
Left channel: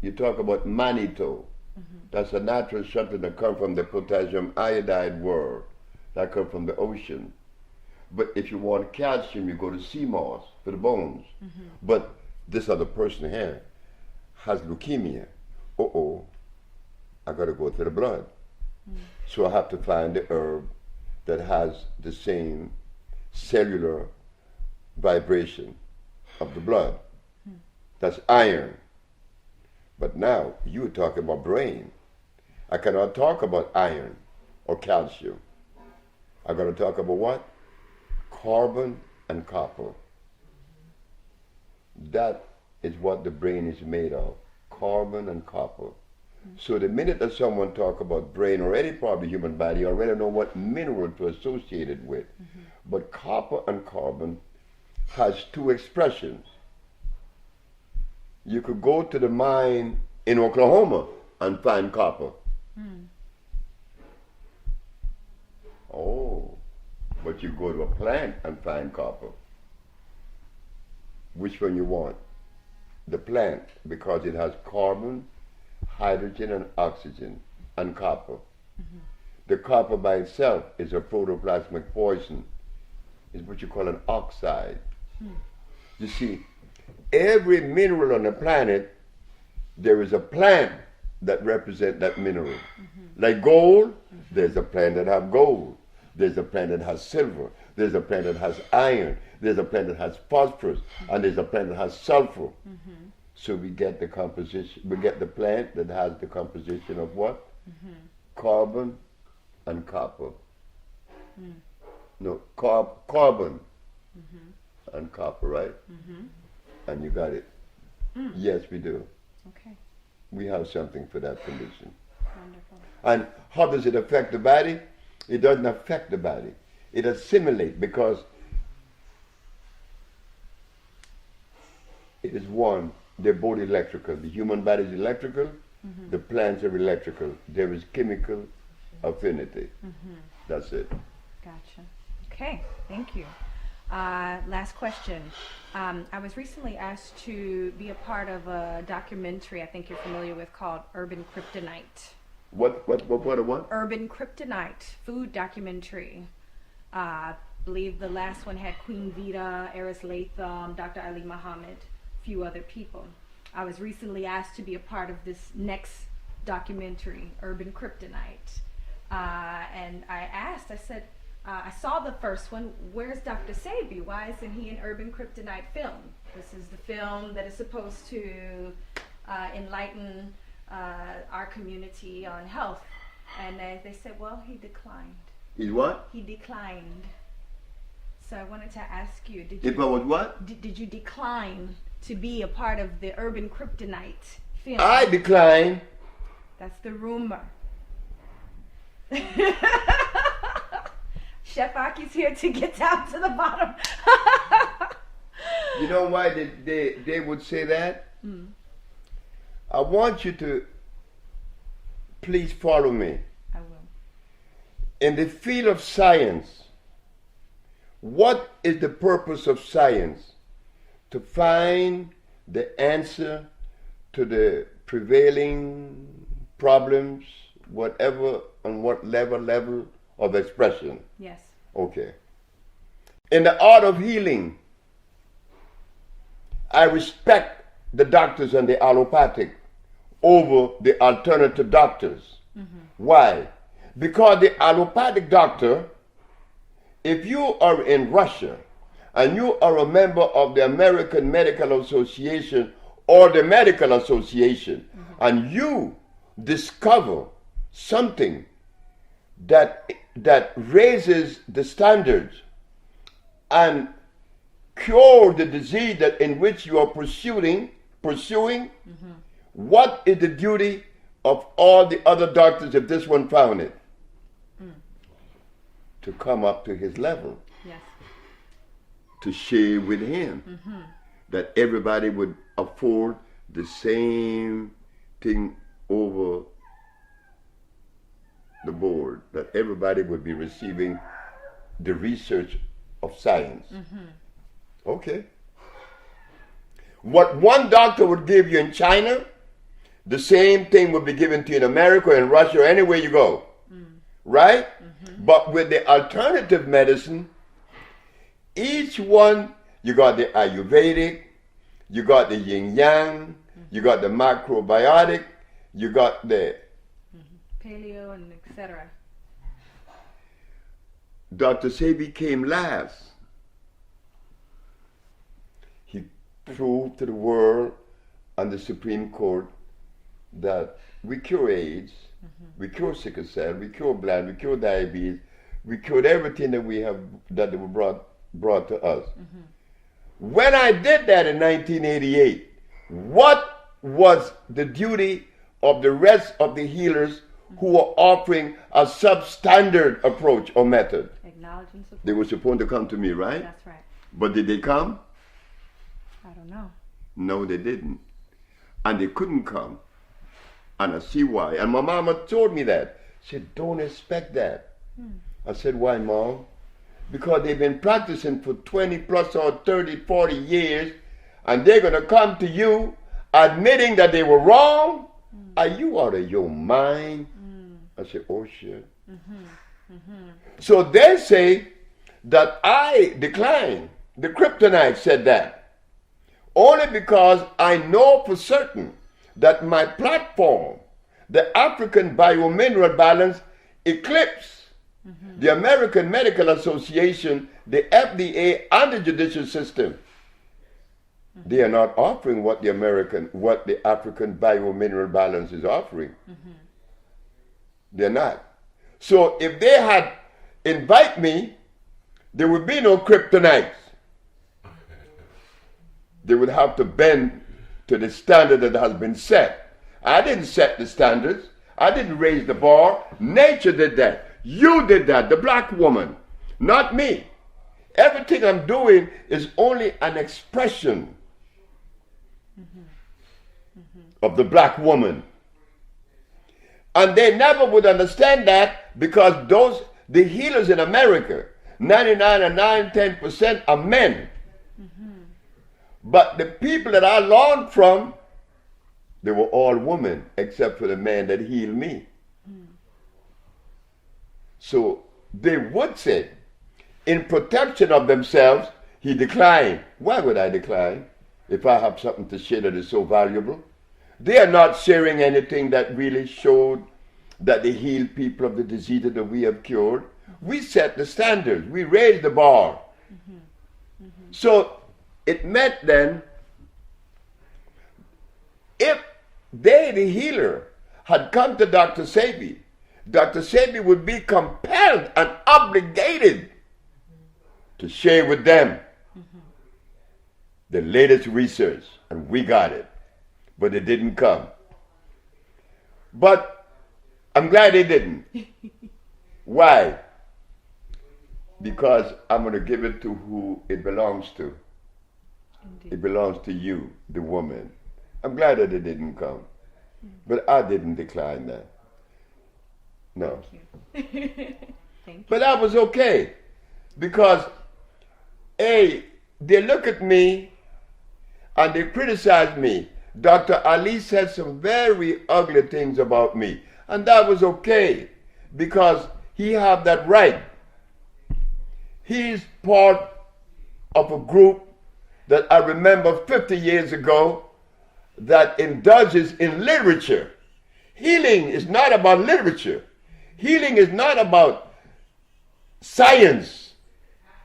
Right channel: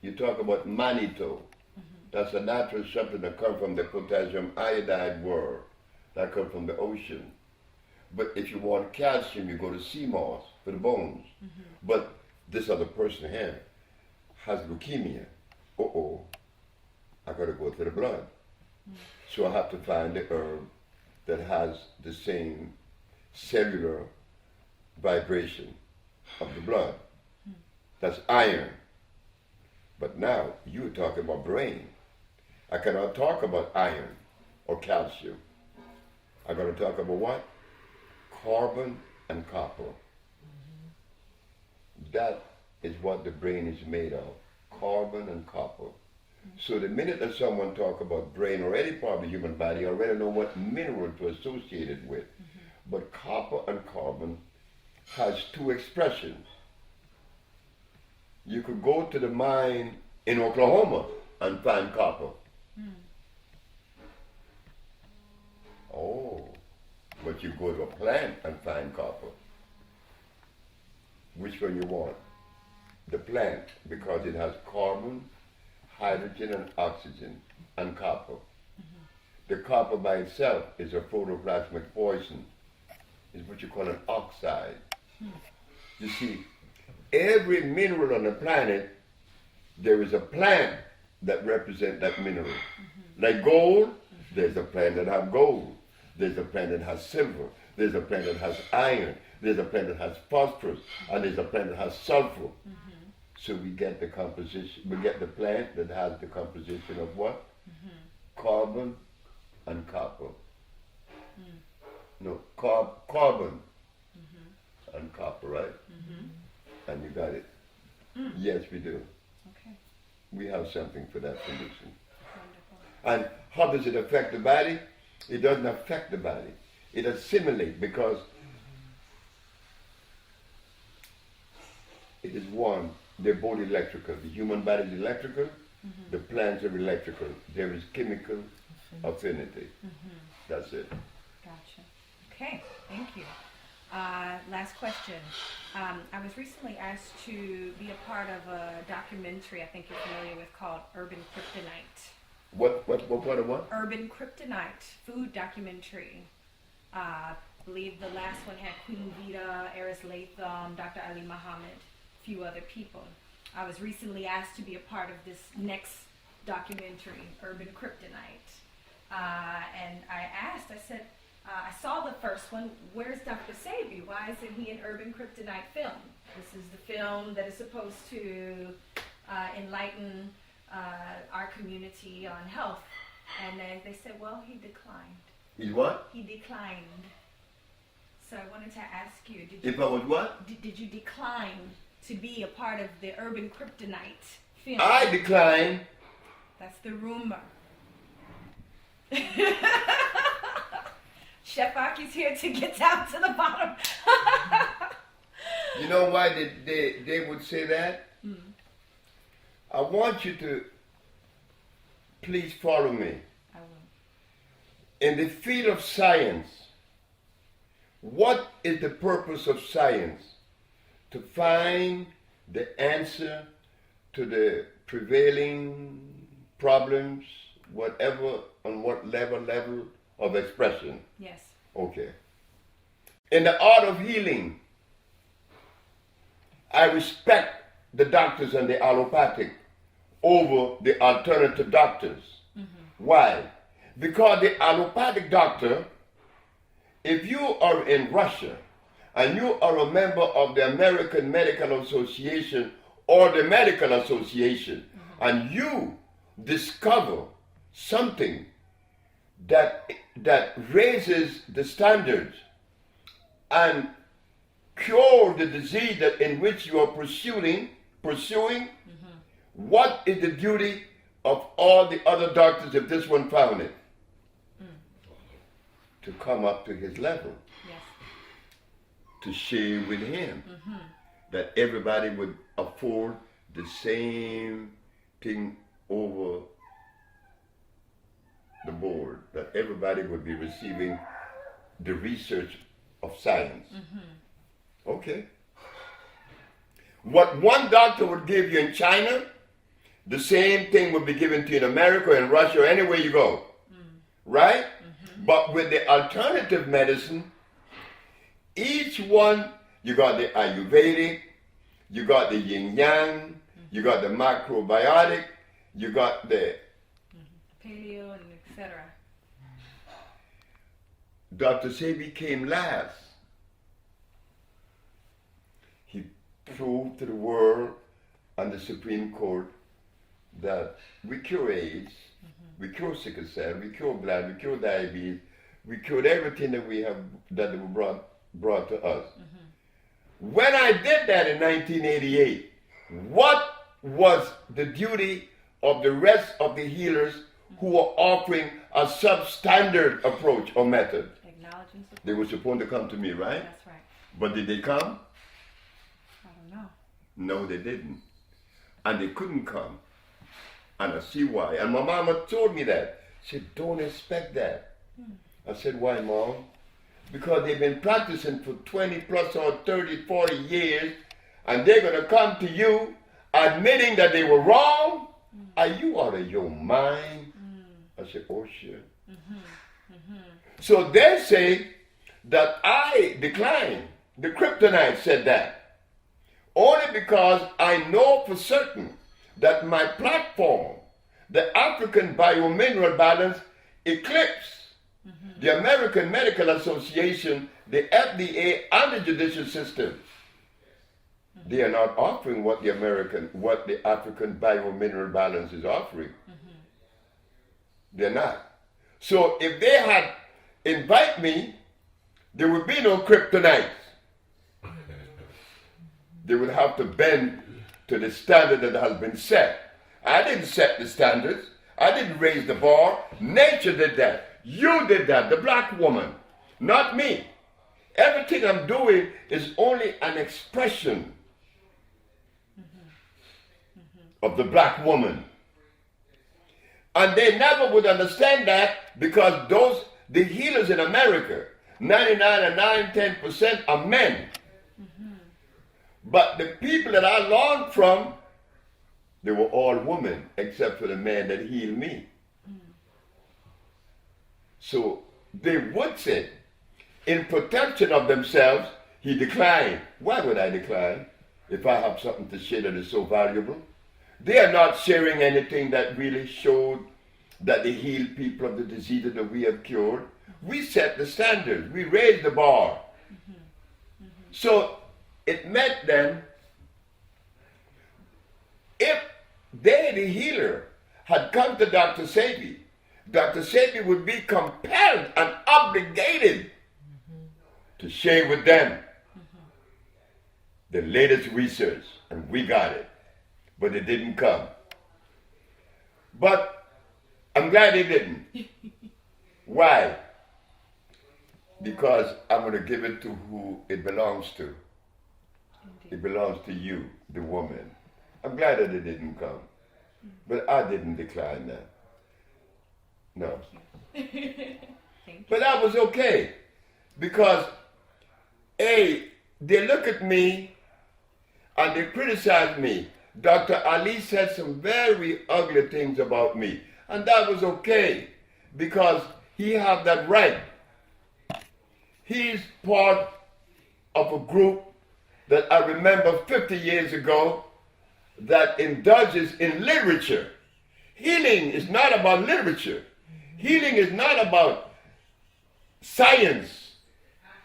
You talk about mannitol. That's a natural substance that comes from the potassium iodide world, that comes from the ocean. But if you want calcium, you go to sea moss for the bones. But this other person here has leukemia. I got to go to the blood. So I have to find the herb that has the same cellular vibration of the blood. That's iron. But now you're talking about brain. I cannot talk about iron or calcium. I got to talk about what? Carbon and copper. That is what the brain is made of. Carbon and copper. So the minute that someone talk about brain or any part of the human body, you already know what mineral to associate it with. But copper and carbon has two expressions. You could go to the mine in Oklahoma and find copper. Oh, but you go to a plant and find copper. Which one you want? The plant, because it has carbon, hydrogen, and oxygen, and copper. The copper by itself is a protoplasmic poison. It's what you call an oxide. You see, every mineral on the planet, there is a plant that represents that mineral. Like gold, there's a plant that has gold. There's a plant that has silver. There's a plant that has iron. There's a plant that has phosphorus. And there's a plant that has sulfur. So we get the composition, we get the plant that has the composition of what? Carbon and copper. No, carbon and copper, right? And you got it. Yes, we do. Okay. We have something for that condition. Wonderful. And how does it affect the body? It doesn't affect the body. It assimilates because it is one. They're both electrical. The human body is electrical. The plants are electrical. There is chemical affinity. That's it. Gotcha. Okay, thank you. Last question. I was recently asked to be a part of a documentary I think you're familiar with called Urban Kryptonite. What? Urban Kryptonite food documentary. I believe the last one had Queen Vita, Eris Latham, Dr. Ali Muhammad, a few other people. I was recently asked to be a part of this next documentary, Urban Kryptonite. And I asked, I said, I saw the first one, where's Dr.Sebi? Why isn't he in Urban Kryptonite film? This is the film that is supposed to enlighten our community on health. And they said, well, he declined. Is what? He declined. So I wanted to ask you, If I was what? did you decline to be a part of the Urban Kryptonite film? I decline. That's the rumor. Chef Aki's here to get down to the bottom. You know why they would say that? I want you to please follow me. I will. In the field of science, what is the purpose of science? To find the answer to the prevailing problems, whatever, on what level of expression. Yes. Okay. In the art of healing, I respect the doctors and the allopathic over the alternative doctors. Why? Because the allopathic doctor, if you are in Russia and you are a member of the American Medical Association or the Medical Association, and you discover something that raises the standards and cure the disease that in which you are pursuing, what is the duty of all the other doctors if this one found it? To come up to his level. Yes. To share with him. That everybody would afford the same thing over the board. That everybody would be receiving the research of science. Okay. What one doctor would give you in China, the same thing would be given to you in America, in Russia, or anywhere you go. Right? But with the alternative medicine, each one, you got the Ayurvedic, you got the Yin Yang, you got the macrobiotic, you got the Paleo and etc. Dr.Sebi came last. He proved to the world and the Supreme Court that we cure AIDS, we cure sickle cell, we cure blood, we cure diabetes, we cured everything that we have that were brought to us. When I did that in 1988, what was the duty of the rest of the healers who were offering a substandard approach or method? Acknowledge and support. They were supposed to come to me, right? That's right. But did they come? I don't know. No, they didn't. And they couldn't come. And I see why. And my mama told me that. She said, don't expect that. I said, why, Mom? Because they've been practicing for 20 plus or 30, 40 years, and they're going to come to you admitting that they were wrong? Are you out of your mind? I said, oh, shit. So they say that I declined. The kryptonite said that. Only because I know for certain that my platform, the African Biomineral Balance, eclipsed the American Medical Association, the FDA, and the judicial system. They are not offering what the African Biomineral Balance is offering. They're not. So if they had invited me, there would be no kryptonite. They would have to bend to the standard that has been set. I didn't set the standards. I didn't raise the bar. Nature did that. You did that, the black woman, not me. Everything I'm doing is only an expression of the black woman. And they never would understand that because the healers in America, 99 and 10% are men. But the people that I learned from, they were all women, except for the man that healed me. So they would say, in protection of themselves, he declined. Why would I decline if I have something to share that is so valuable? They are not sharing anything that really showed that they healed people of the diseases that we have cured. We set the standards. We raised the bar. So it meant then, if they, the healer, had come to Dr. Sebi, Dr. Sebi would be compelled and obligated to share with them the latest research, and we got it. But it didn't come. But I'm glad it didn't. Why? Because I'm going to give it to who it belongs to. Indeed. It belongs to you, the woman. I'm glad that it didn't come. But I didn't decline that. No. Thank you. But that was okay. Because, A, they look at me and they criticize me. Dr. Ali said some very ugly things about me. And that was okay. Because he had that right. He's part of a group that I remember 50 years ago that indulges in literature. Healing is not about literature. Healing is not about science.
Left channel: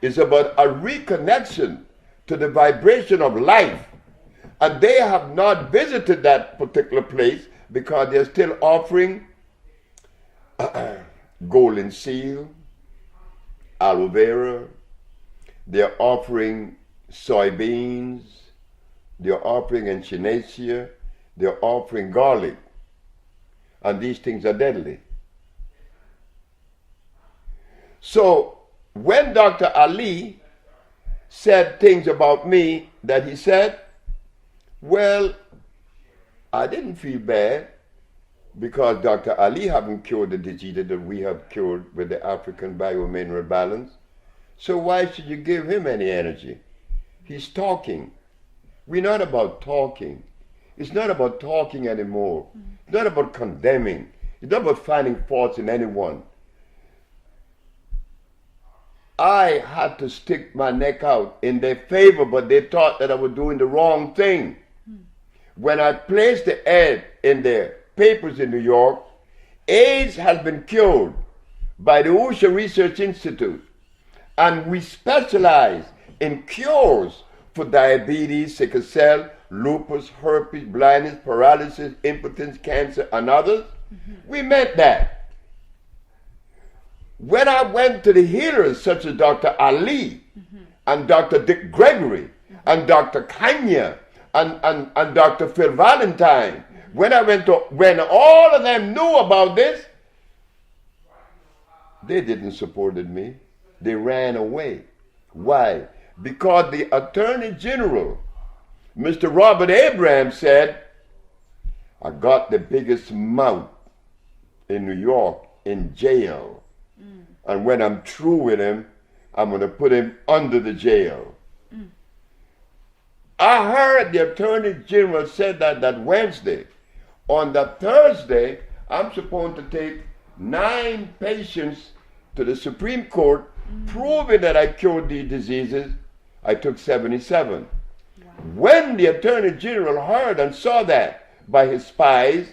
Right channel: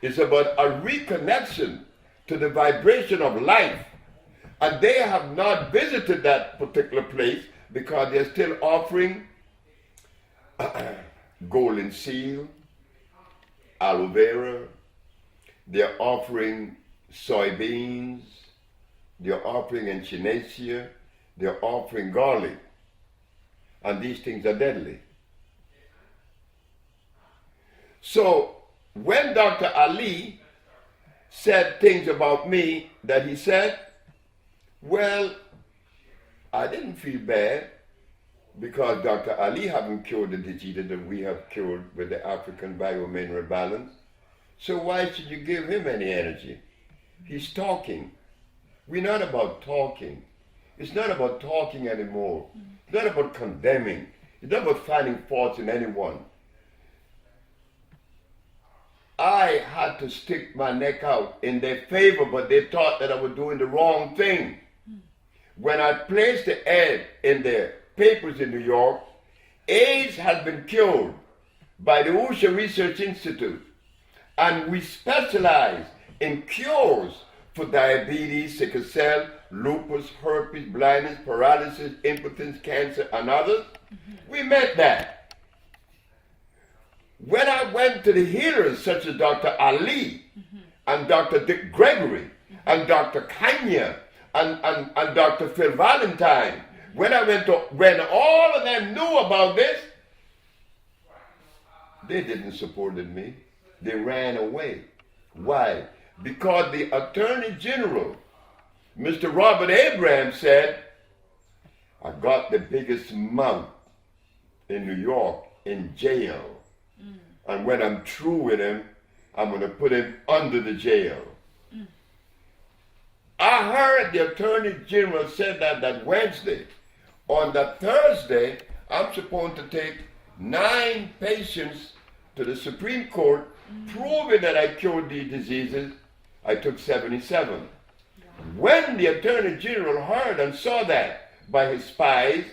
It's about a reconnection to the vibration of life. And they have not visited that particular place because they're still offering golden seal, aloe vera. They're offering soybeans. They're offering echinacea. They're offering garlic. And these things are deadly. So when Dr. Ali said things about me that he said, well, I didn't feel bad because Dr. Ali haven't cured the disease that we have cured with the African biomineral balance. So why should you give him any energy? He's talking. We're not about talking. It's not about talking anymore. It's not about condemning. It's not about finding faults in anyone. I had to stick my neck out in their favor, but they thought that I was doing the wrong thing. When I placed the ad in the papers in New York, AIDS has been cured by the Usha Research Institute, and we specialize in cures for diabetes, sickle cell, lupus, herpes, blindness, paralysis, impotence, cancer, and others. We meant that. When I went to the healers such as Dr. Ali and Dr. Dick Gregory and Dr. Kanya and Dr. Phil Valentine, when all of them knew about this, they didn't support me. They ran away. Why? Because the Attorney General, Mr. Robert Abraham, said, I got the biggest mouth in New York in jail. And when I'm through with him, I'm going to put him under the jail. I heard the Attorney General said that Wednesday. On the Thursday, I'm supposed to take 9 patients to the Supreme Court, proving that I cured these diseases. I took 77. Wow. When the Attorney General heard and saw that by his spies,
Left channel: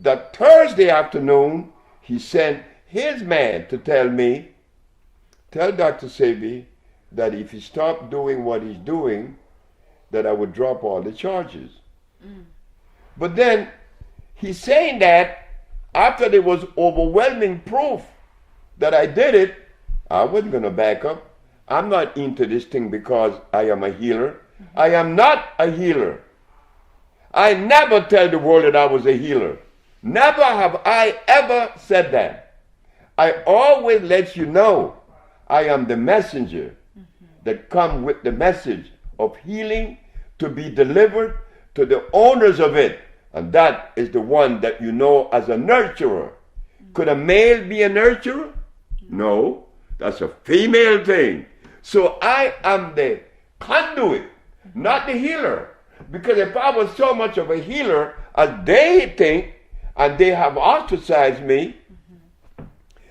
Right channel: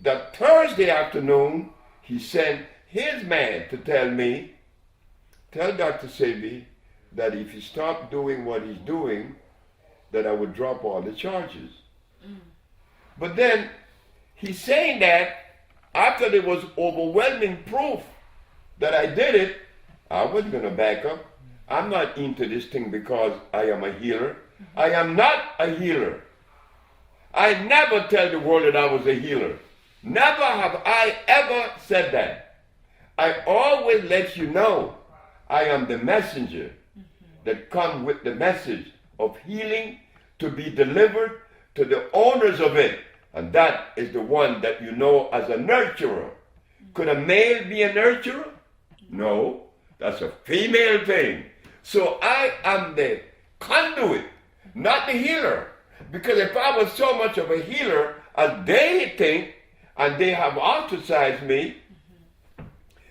that Thursday afternoon, he sent his man to tell me, tell Dr. Sebi that if he stopped doing what he's doing, that I would drop all the charges. But then he's saying that after there was overwhelming proof that I did it, I wasn't going to back up. I'm not into this thing because I am a healer. I am not a healer. I never tell the world that I was a healer. Never have I ever said that. I always let you know I am the messenger that come with the message of healing to be delivered to the owners of it. And that is the one that you know as a nurturer. Could a male be a nurturer? No, that's a female thing. So I am the conduit, not the healer. Because if I was so much of a healer as they think, and they have ostracized me,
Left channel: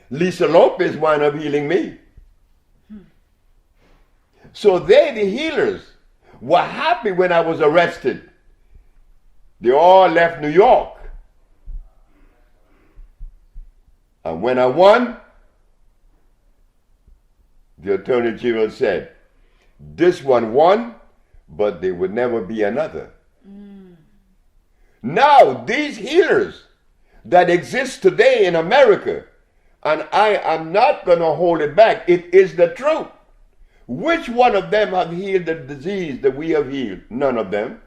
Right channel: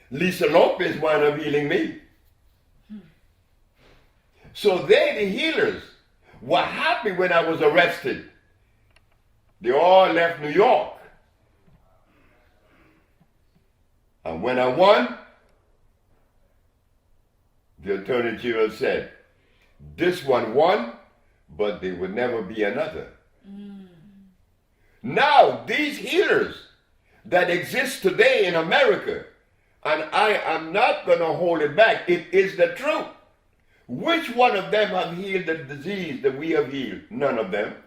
Lisa Lopez wound up healing me. So they, the healers, were happy when I was arrested. They all left New York. And when I won, the Attorney General said, this one won, but there would never be another. Now, these healers that exist today in America, and I am not going to hold it back, it is the truth. Which one of them have healed the disease that we have healed? None of them.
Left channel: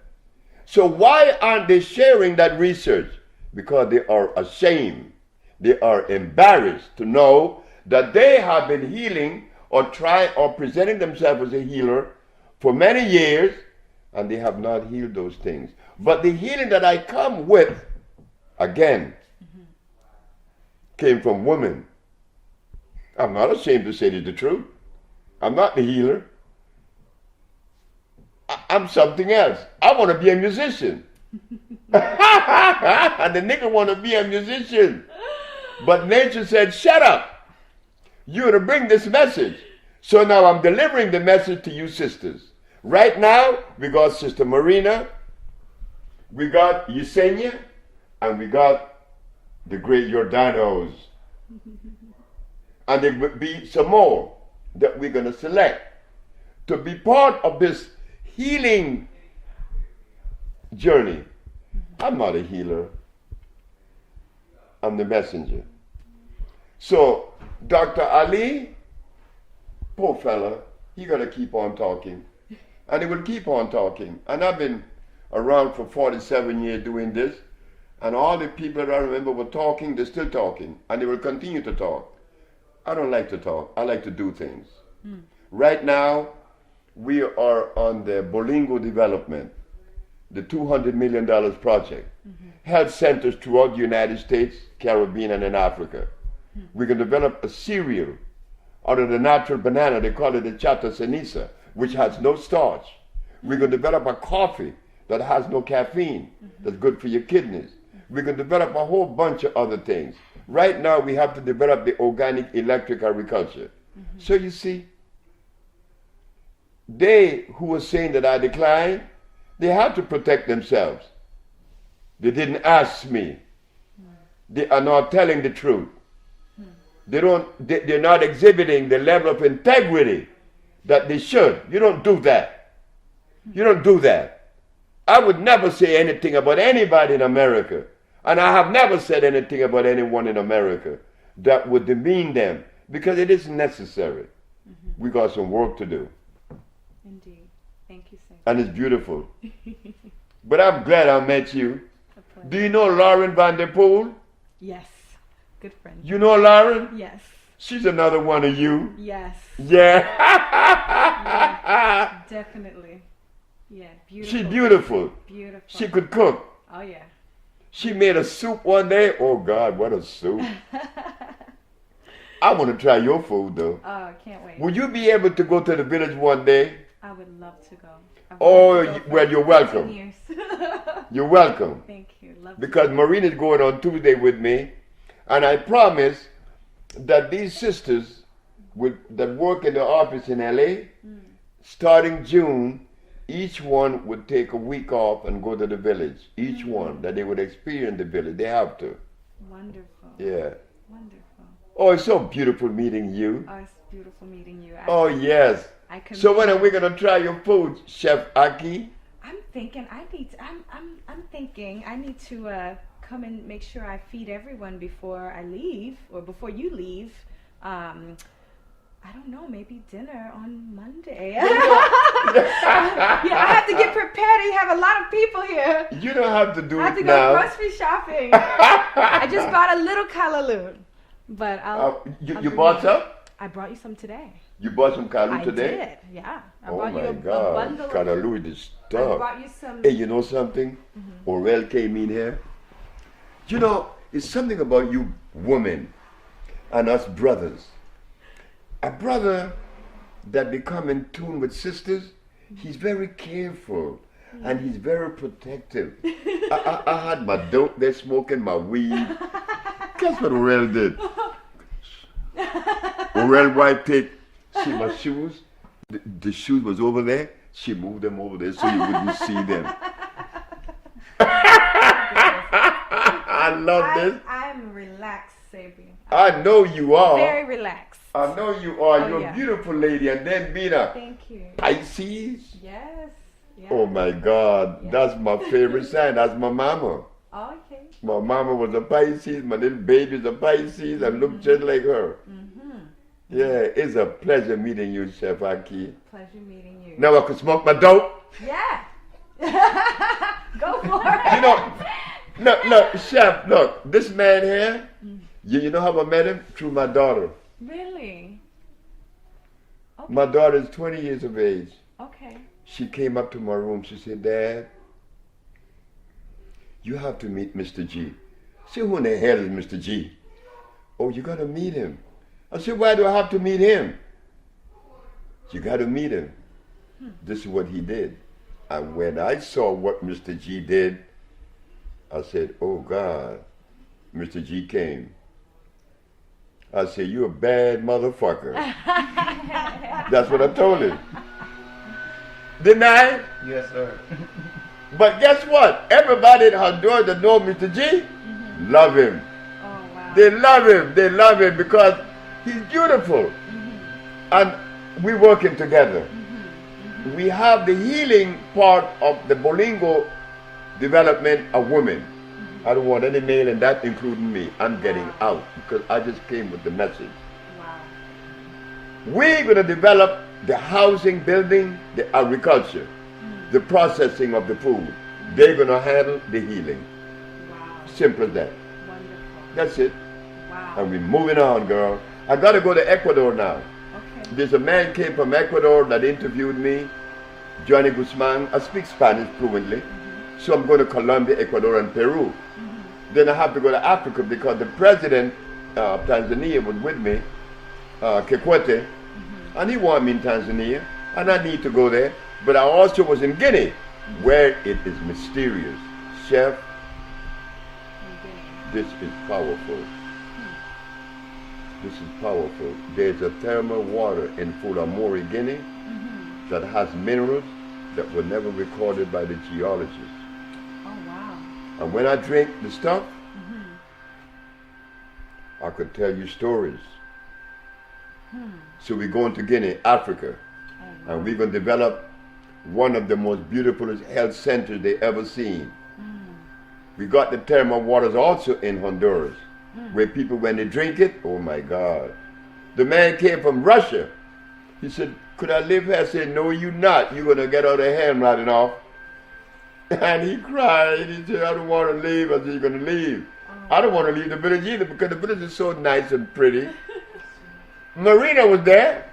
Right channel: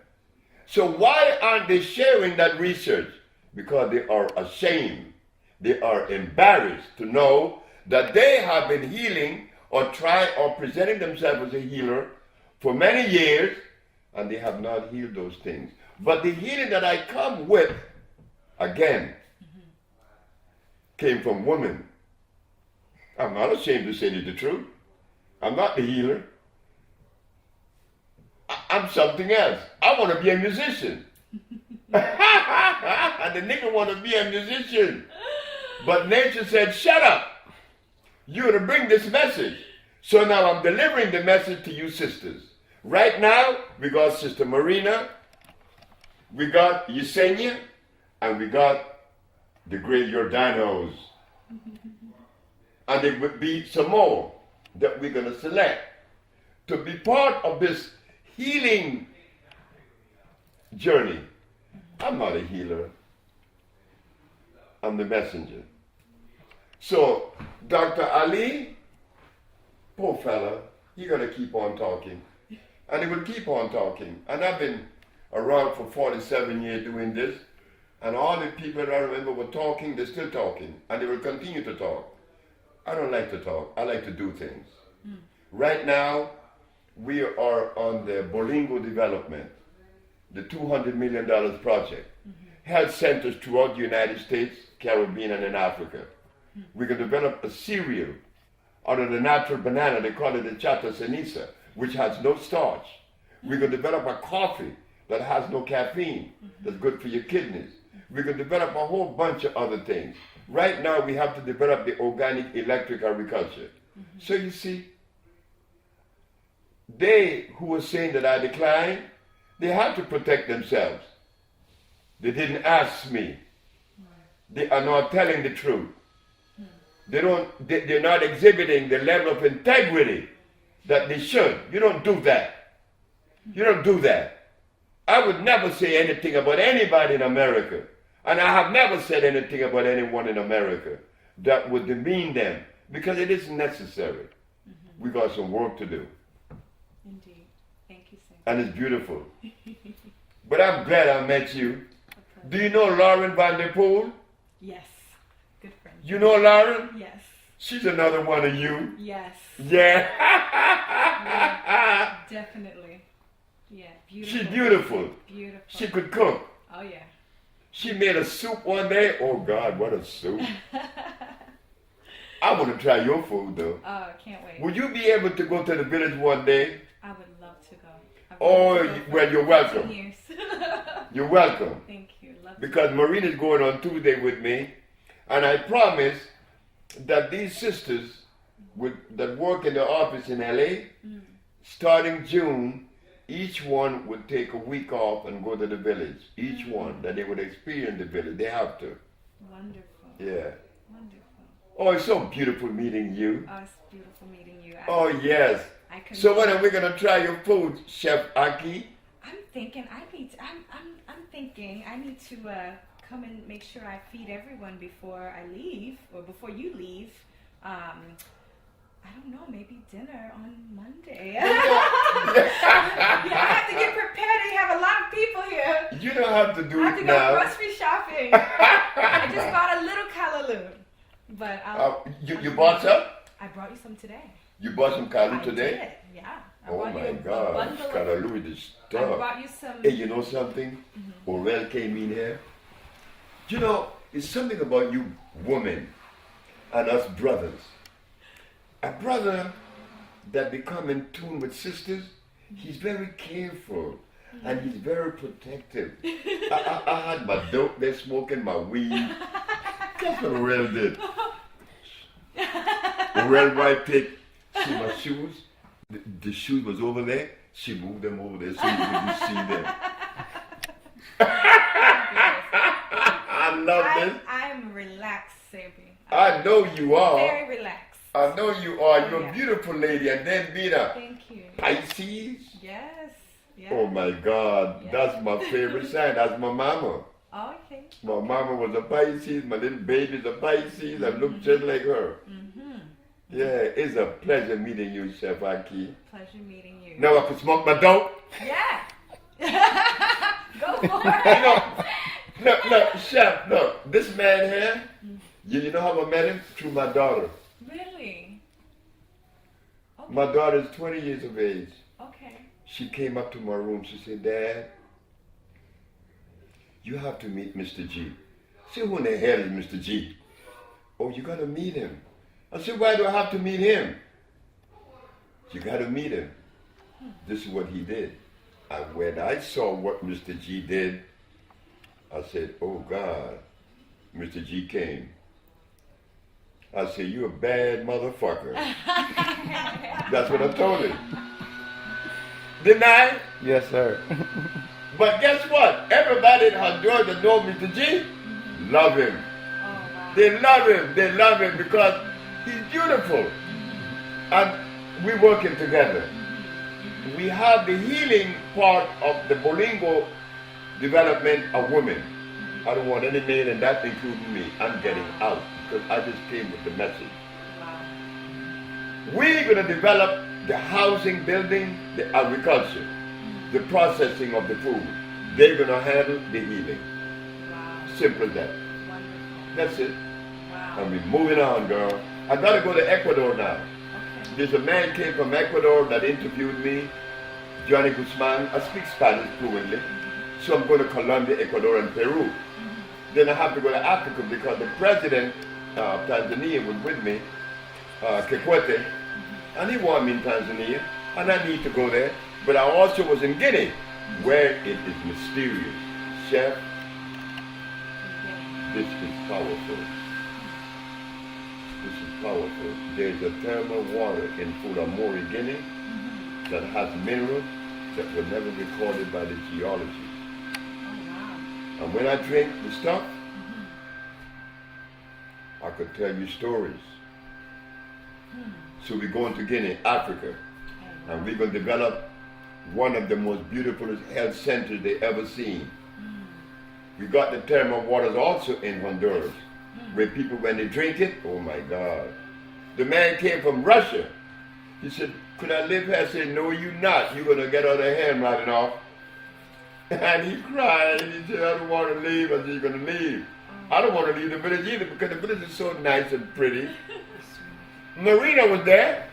So why aren't they sharing that research? Because they are ashamed. They are embarrassed to know that they have been healing or presenting themselves as a healer for many years, and they have not healed those things. But the healing that I come with, again, came from women. I'm not ashamed to say the truth. I'm not the healer. I'm something else. I want to be a musician. And the nigga want to be a musician. But nature said, shut up. You're to bring this message. So now I'm delivering the message to you sisters. Right now, we got Sister Marina, we got Yesenia, and we got the great Jordanos. And there will be some more that we're going to select to be part of this healing journey. I'm not a healer. I'm the messenger. So, Dr. Ali, poor fella, he got to keep on talking. And he will keep on talking. And I've been around for 47 years doing this. And all the people that I remember were talking, they're still talking. And they will continue to talk. I don't like to talk. I like to do things. Right now, we are on the Bolingo development, the $200 million project. Health centers throughout the United States, Caribbean, and in Africa. We can develop a cereal out of the natural banana. They call it the chata ceniza, which has no starch. We can develop a coffee that has no caffeine, that's good for your kidneys. We can develop a whole bunch of other things. Right now, we have to develop the organic electric agriculture. So you see, they who were saying that I declined, they have to protect themselves. They didn't ask me. They are not telling the truth. They're not exhibiting the level of integrity that they should. You don't do that. You don't do that. I would never say anything about anybody in America, and I have never said anything about anyone in America that would demean them, because it isn't necessary. We got some work to do. Indeed. Thank you, sir. And it's beautiful. But I'm glad I met you. Do you know Lauren Van Der Poel? Yes. Good friend. You know Lauren? Yes. She's another one of you. Yes. Yeah. Yeah, definitely. Yeah, beautiful. She's beautiful. Beautiful. She could cook. Oh, yeah. She made a soup one day. Oh, God, what a soup. I want to try your food, though. Oh, I can't wait. Would you be able to go to the village one day? I would love to go. Well, you're welcome. Years. You're welcome. Thank you. Love Because Marina's going on Tuesday with me, and I promise that these sisters that work in the office in LA, starting June, each one would take a week off and go to the village. Each one, that they would experience the village. They have to. Wonderful. Yeah. Wonderful. Oh, it's so beautiful meeting you. Oh, it's beautiful meeting you. Oh, yes. So when are we gonna try your food, Chef Aki? I'm thinking I need to come and make sure I feed everyone before I leave, or before you leave. I don't know, maybe dinner on Monday. You know, I have to get prepared. You have a lot of people here. you don't have to do I have it to go now. grocery shopping. I just bought a little callaloo. But You bought some? I brought you some today. You bought some callaloo I today? did, yeah. I Oh brought you my a God, bundle callaloo is I stuff. brought you some. Hey, you know something? Orel came in here. You know, it's something about you women and us brothers. A brother that become in tune with sisters, he's very careful and he's very protective. I had my dope there smoking my weed. Guess what Orel did? Orel wife see my shoes? The shoes was over there. She moved them over there so you wouldn't see them. I love this. I'm relaxed, Sebi. I know you are. Very relaxed. I know you are. Oh, You're yeah. a beautiful lady. And then being a Thank you. Pisces. Yes. Yes. Oh my God. Yeah. That's my favorite sign. That's my mama. Oh, okay. My mama was a Pisces. My little baby's a Pisces. I look just like her. Mm-hmm. Yeah, it's a pleasure meeting you, Chef Aki. Pleasure meeting you. Now I could smoke my dope. Yeah. Go for You it. know, look, Chef, look, this man here, you know how I met him? Through my daughter. Really? Okay. My daughter is 20 years of age. Okay. She came up to my room. She said, Dad, you have to meet Mr. G. I said, who in the hell is Mr. G? Oh, you got to meet him. I said, why do I have to meet him? You got to meet him. This is what he did. And when I saw what Mr. G did, I said, oh God, Mr. G came. I said, you a bad motherfucker. That's what I told him. Didn't I? Yes, sir. But guess what? Everybody in Honduras that know Mr. G love him. Oh, wow. They love him. They love him because he's beautiful. And we're working together. We have the healing part of the Bolingo development of women. I don't want any male in that, including me. I'm getting out because I just came with the message. Wow. We're going to develop the housing, building, the agriculture, the processing of the food. They're going to handle the healing. Wow. Simple as that. Wonderful. That's it. Wow. And we're moving on, girl. I got to go to Ecuador now. Okay. There's a man came from Ecuador that interviewed me, Johnny Guzman. I speak Spanish fluently. So I'm going to Colombia, Ecuador, and Peru. Then I have to go to Africa because the president of Tanzania was with me, Kikwete, and he wanted me in Tanzania, and I need to go there. But I also was in Guinea, where it is mysterious. Chef, this is powerful. This is powerful. There's a thermal water in Fulamori, Guinea, that has minerals that were never recorded by the geologists. Oh, wow. And when I drink the stuff, I could tell you stories. So we're going to Guinea, Africa, and we're going to develop one of the most beautiful health centers they ever seen. We got the thermal waters also in Honduras, where people, when they drink it, oh my God. The man came from Russia. He said, could I live here? I said, no, you're not. You're going to get all the hand rotting off. And he cried. He said, I don't want to leave. I said, you're going to leave. I don't want to leave the village either because the village is so nice and pretty. Marina was there.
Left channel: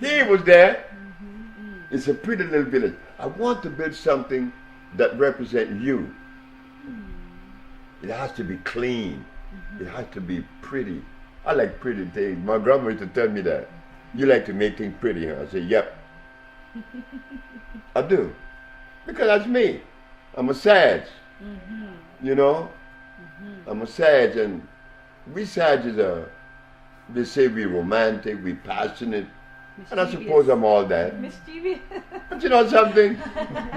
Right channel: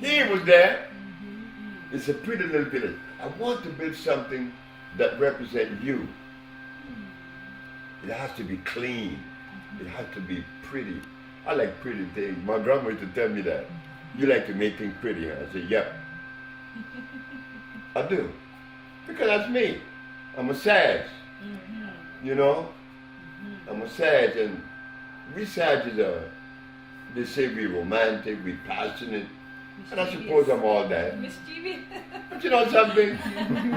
He was there. It's a pretty little village. I want to build something that represents you. It has to be clean. It has to be pretty. I like pretty things. My grandma used to tell me that. You like to make things pretty, huh? I said, yep. I do. Because that's me. I'm a Sag. You know? I'm a Sag, and we Sages are, they say we're romantic, we're passionate, and I suppose I'm all that. Mischievous. But you know something?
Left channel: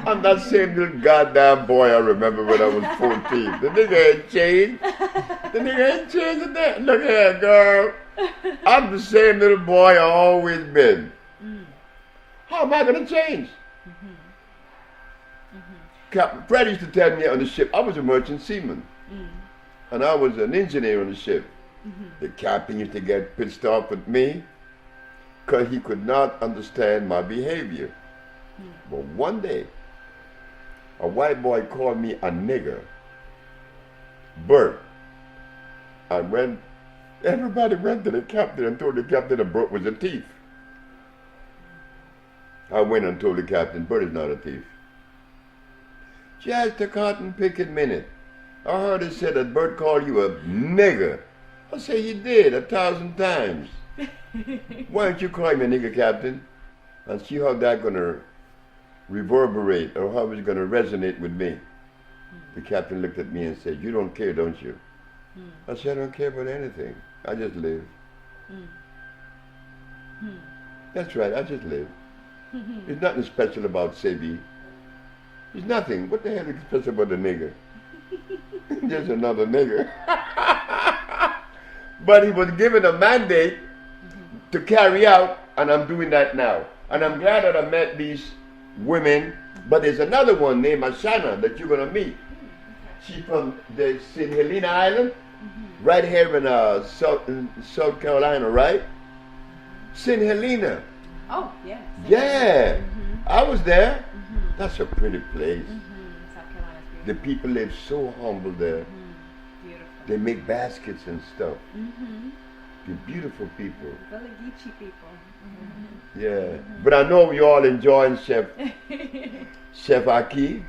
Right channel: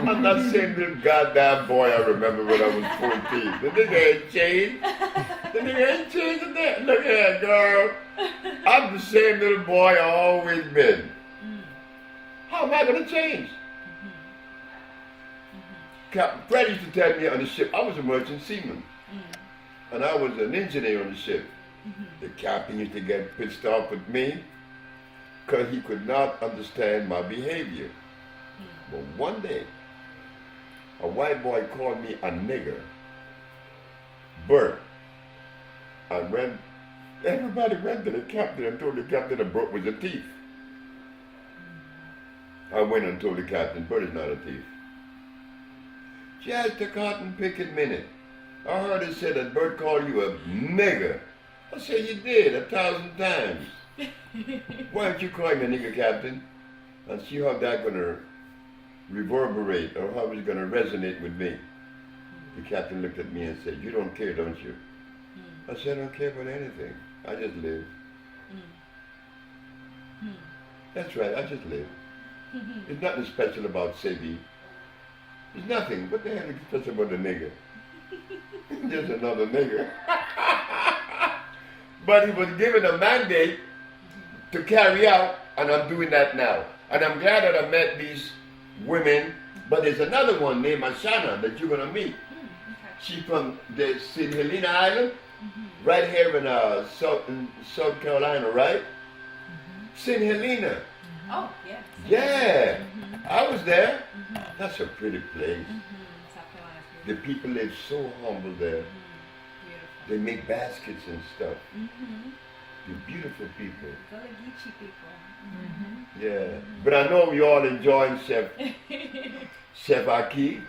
I'm that same little goddamn boy I remember when I was 14. The nigga ain't changed. The nigga ain't changed a damn. Look here, girl. I'm the same little boy I always been. How am I going to change? Captain Fred used to tell me on the ship, I was a merchant seaman. And I was an engineer on the ship. The captain used to get pissed off at me because he could not understand my behavior. But one day, a white boy called me a nigger. Bert. Everybody went to the captain and told the captain that Bert was a thief. I went and told the captain, Bert is not a thief. Just a cotton picking minute. I heard it said that Bert called you a nigger. I said, he did 1,000 times. Why don't you call him a nigger, captain? And see how that's going to reverberate or how it's going to resonate with me. The captain looked at me and said, you don't care, don't you? I said, I don't care about anything. I just live. That's right, I just live. There's nothing special about Sebi. There's nothing. What the hell is special about the nigger? Just another nigger. But he was given a mandate to carry out, and I'm doing that now. And I'm glad that I met these women, but there's another one named Ashana that you're going to meet. She's from the St. Helena Island, right here in South Carolina, right? St. Helena. Oh, yeah. Yeah. I was there. That's a pretty place. South Carolina's The beautiful. people live so humble there. Beautiful. They make baskets and stuff. They're beautiful people. Gullah Geechee people. Yeah. But I know you all enjoying Chef Aki.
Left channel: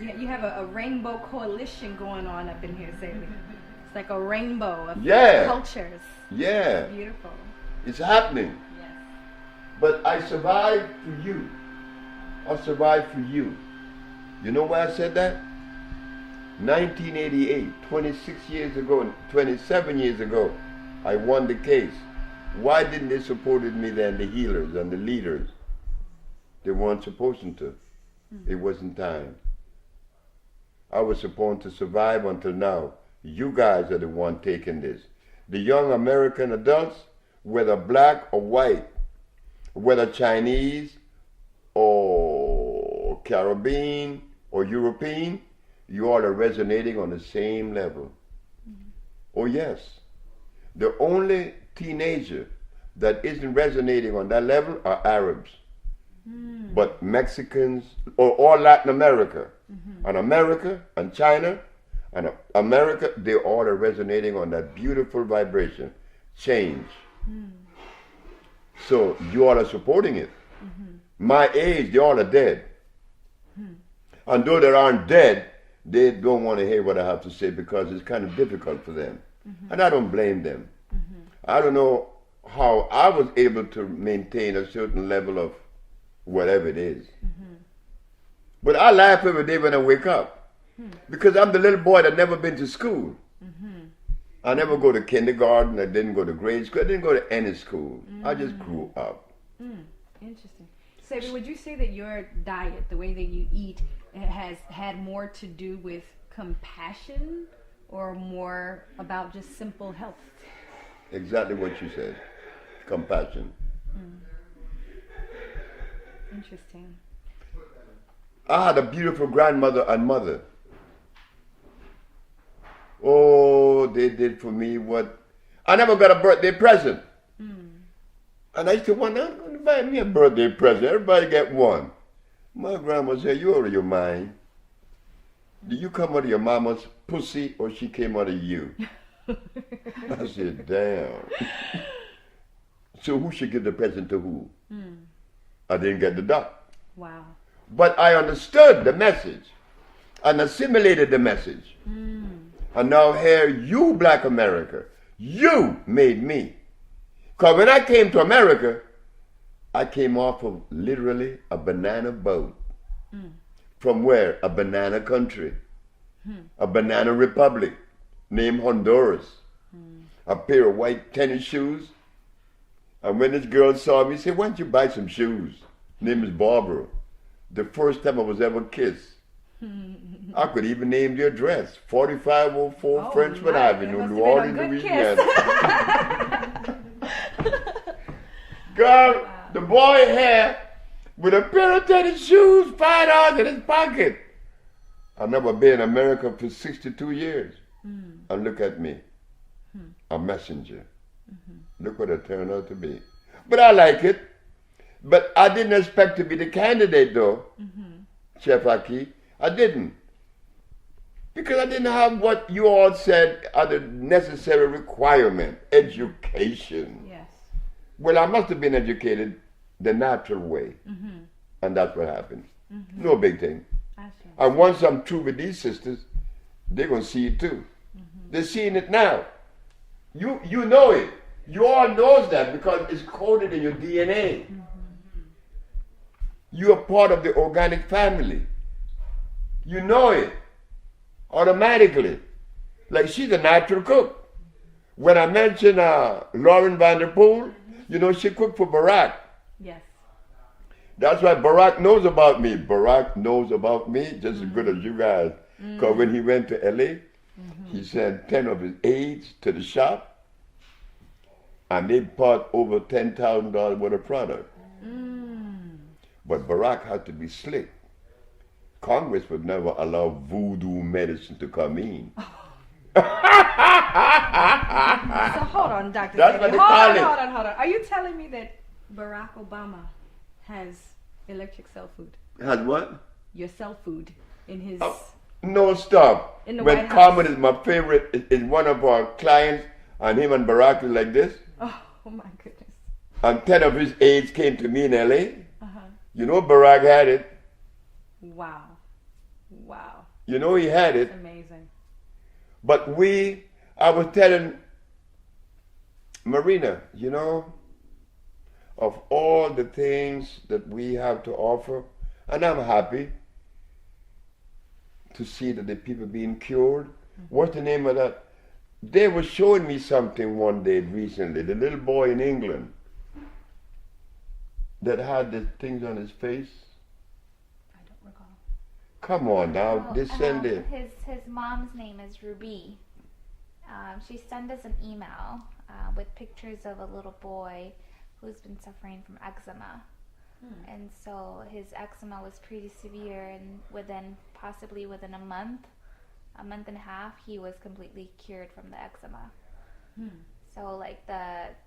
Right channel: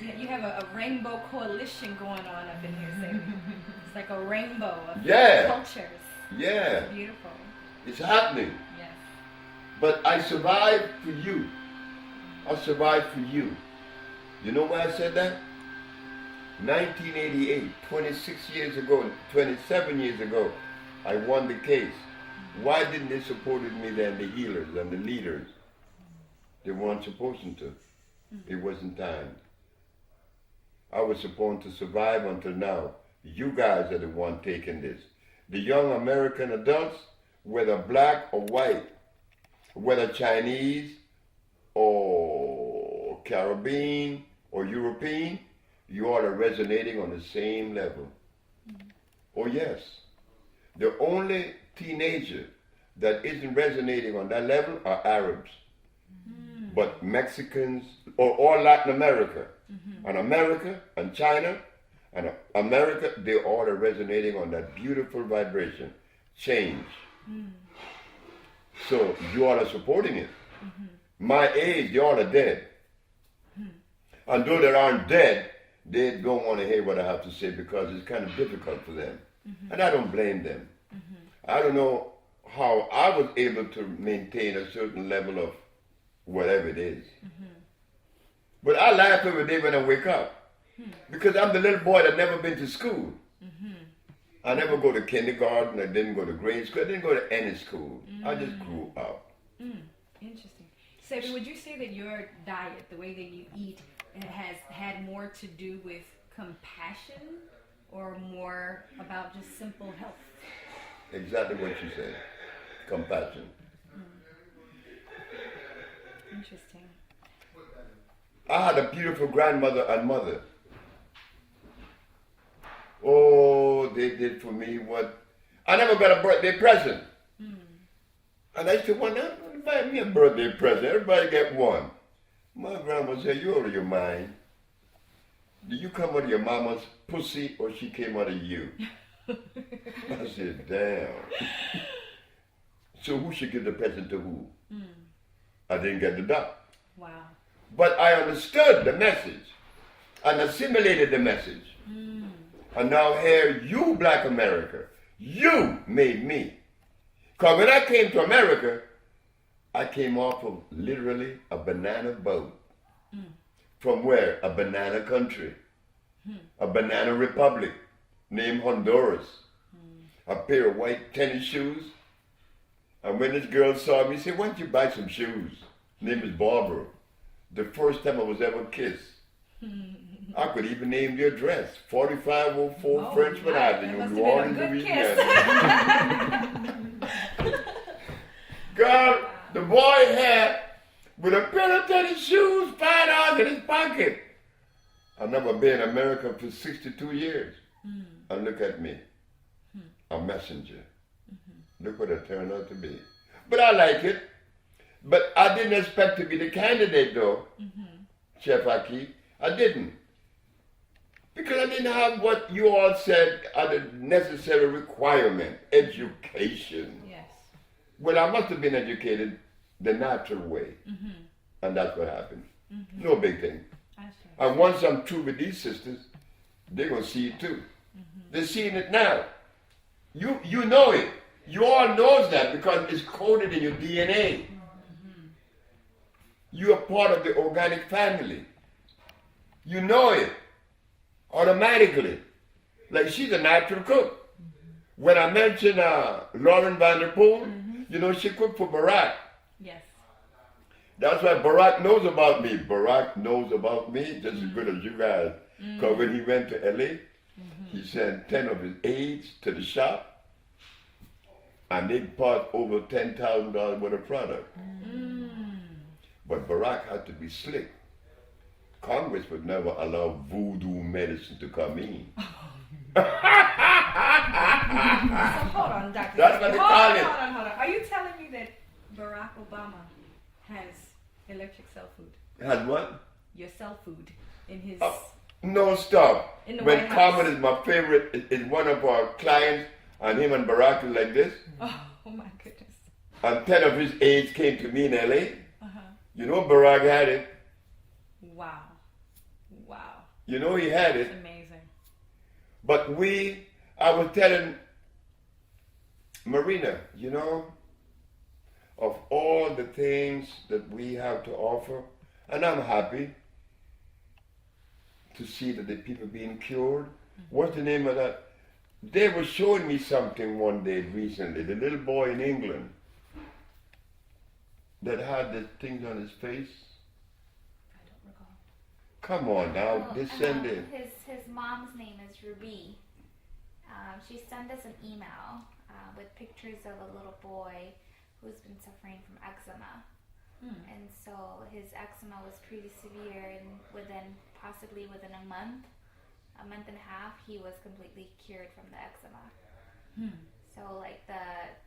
Yeah, you have a rainbow coalition going on up in here, Sebi. It's like a rainbow of cultures. Yeah. Beautiful. It's happening. Yes. But I survived for you. I survived for you. You know why I said that? 1988, 26 years ago, 27 years ago, I won the case. Why didn't they support me then, the healers and the leaders? They weren't supposed to. It wasn't time. I was supposed to survive until now. You guys are the one taking this. The young American adults, whether black or white, whether Chinese or Caribbean or European, you all are resonating on the same level. Oh yes. The only teenager that isn't resonating on that level are Arabs. But Mexicans, or all Latin America, and America, and China, and America, they all are resonating on that beautiful vibration. Change. So you all are supporting it. My age, you all are dead. And though they aren't dead, they don't want to hear what I have to say because it's kind of difficult for them. And I don't blame them. I don't know how I was able to maintain a certain level of whatever it is. But I laugh every day when I wake up because I'm the little boy that never been to school. I never go to kindergarten, I didn't go to grade school, I didn't go to any school. I just grew up. Interesting. Sebi, would you say that your diet, the way that you eat, has had more to do with compassion or more about just simple health? Exactly what you said. Compassion. Interesting. I had a beautiful grandmother and mother. Oh, they did for me what... I never got a birthday present. And I used to wonder, buy me a birthday present. Everybody get one. My grandma said, you out of your mind. Did you come out of your mama's pussy or she came out of you? I said, damn. So who should give the present to who? I didn't get the duck. Wow. But I understood the message and assimilated the message. And now here, you Black America, you made me. Because when I came to America, I came off of literally a banana boat. From where? A banana country. A banana republic named Honduras. A pair of white tennis shoes. And when this girl saw me, she said, why don't you buy some shoes? Name is Barbara. The first time I was ever kissed. I could even name the address. 4504 Frenchman Avenue, New Orleans, Louisiana. Girl, the boy had with a pair of tennis shoes, $5 in his pocket. I've never been in America for 62 years. And look at me. a messenger. Look what it turned out to be. But I like it. But I didn't expect to be the candidate, though, Chef Aki. I didn't. Because I didn't have what you all said are the necessary requirement, education. Yes. Well, I must have been educated the natural way. And that's what happened. No big thing. I see. And once I'm through with these sisters, they're going to see it too. They're seeing it now. You know it. You all knows that because it's coded in your DNA. You are part of the organic family. You know it automatically. Like she's a natural cook. When I mentioned Lauren Vanderpool, you know, she cooked for Barack. Yes. That's why Barack knows about me. Barack knows about me just as good as you guys. Because when he went to LA, he sent 10 of his aides to the shop and they bought over $10,000 worth of product. But Barack had to be slick. Congress would never allow voodoo medicine to come in. So hold on, Dr. That's what they call it. Hold on. Are you telling me that Barack Obama has electric cell food? Has what? Your cell food in his... No, stop. In the when White House. Carmen is my favorite, is one of our clients, and him and Barack is like this, Oh my goodness. and 10 of his aides came to me in LA. You know Barack had it. Wow. You know he had it. That's amazing. But I was telling Marina, you know, of all the things that we have to offer, and I'm happy to see that the people being cured. What's the name of that? They were showing me something one day recently, the little boy in England that had the things on his face. I don't recall. Come on now, they send it. His mom's name is Ruby. She sent us an email with pictures of a little boy who's been suffering from eczema. And so his eczema was pretty severe, and possibly within a month and a half, he was completely cured from the eczema. So like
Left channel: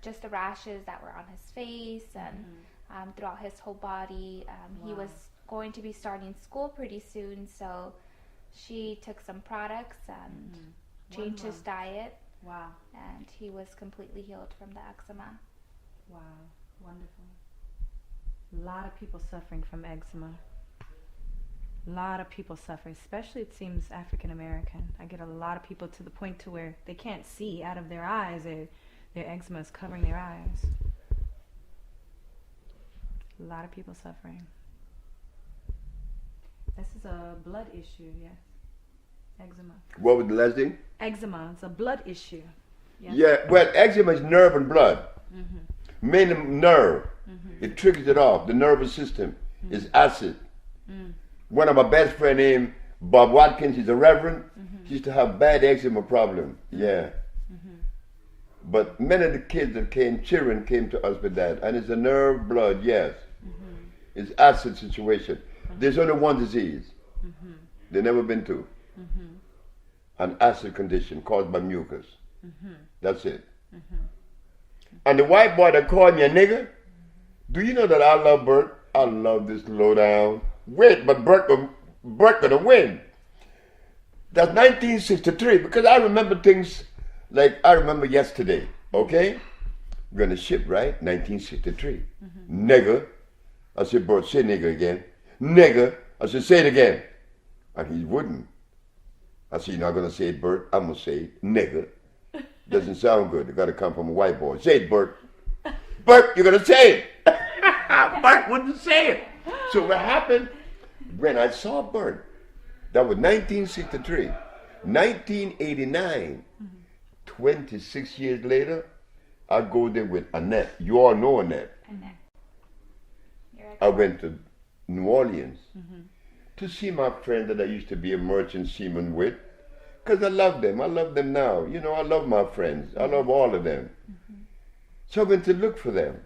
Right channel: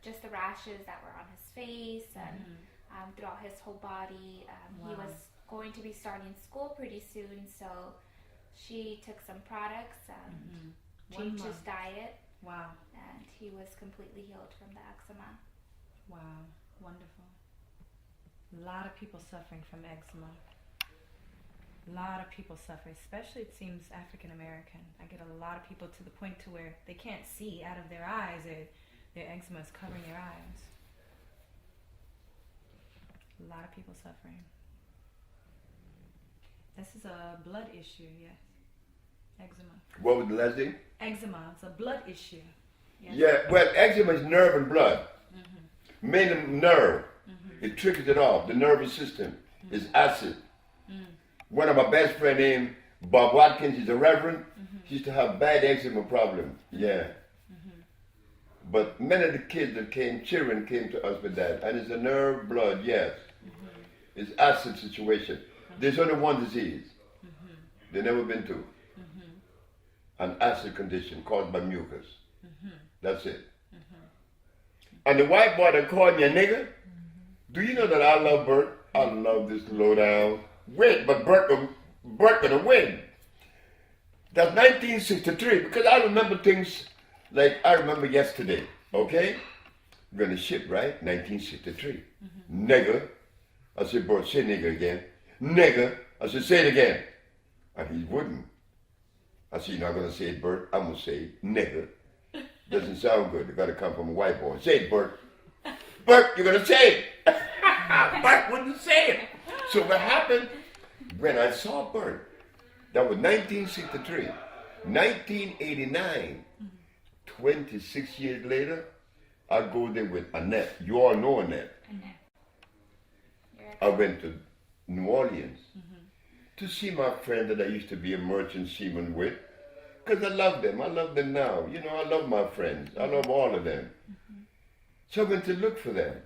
just the rashes that were on his face and throughout his whole body. He was going to be starting school pretty soon, so she took some products and changed his diet. Wow. And he was completely healed from the eczema. Wow. Wonderful. A lot of people suffering from eczema. A lot of people suffering, especially it seems African American. I get a lot of people to the point to where they can't see out of their eyes. Their eczema is covering their eyes. A lot of people suffering. This is a blood issue, yes. Eczema. What was the last thing? Eczema, it's a blood issue. Yes. Yeah, well, eczema is nerve and blood. Mainly nerve. It triggers it off. The nervous system is acid. One of my best friend named Bob Watkins, he's a reverend. He used to have bad eczema problem. Yeah. But many of the kids that children came to us with that. And it's a nerve, blood, yes. It's acid situation. There's only one disease. There's never been two. An acid condition caused by mucus. That's it. And the white boy that called me a nigger, do you know that I love Bert? I love this lowdown. Wait, but Bert gonna win. That's 1963, because I remember things like I remember yesterday, okay? We're gonna ship, right? 1963. Nigger. I said, Bert, say nigger again. Nigger. I said, say it again. And he wouldn't. I said, you're not gonna say it, Bert. I'm gonna say it. Nigger. Doesn't sound good. It gotta come from a white boy. Say it, Bert. Bert, you're gonna say it. Bert wouldn't say it. So what happened when I saw Bert, that was 1963. 1989, 26 years later, I go there with Annette. You all know Annette. Annette. I went to New Orleans to see my friend that I used to be a merchant seaman with, because I love them. I love them now. You know, I love my friends. I love all of them. So I went to look for them.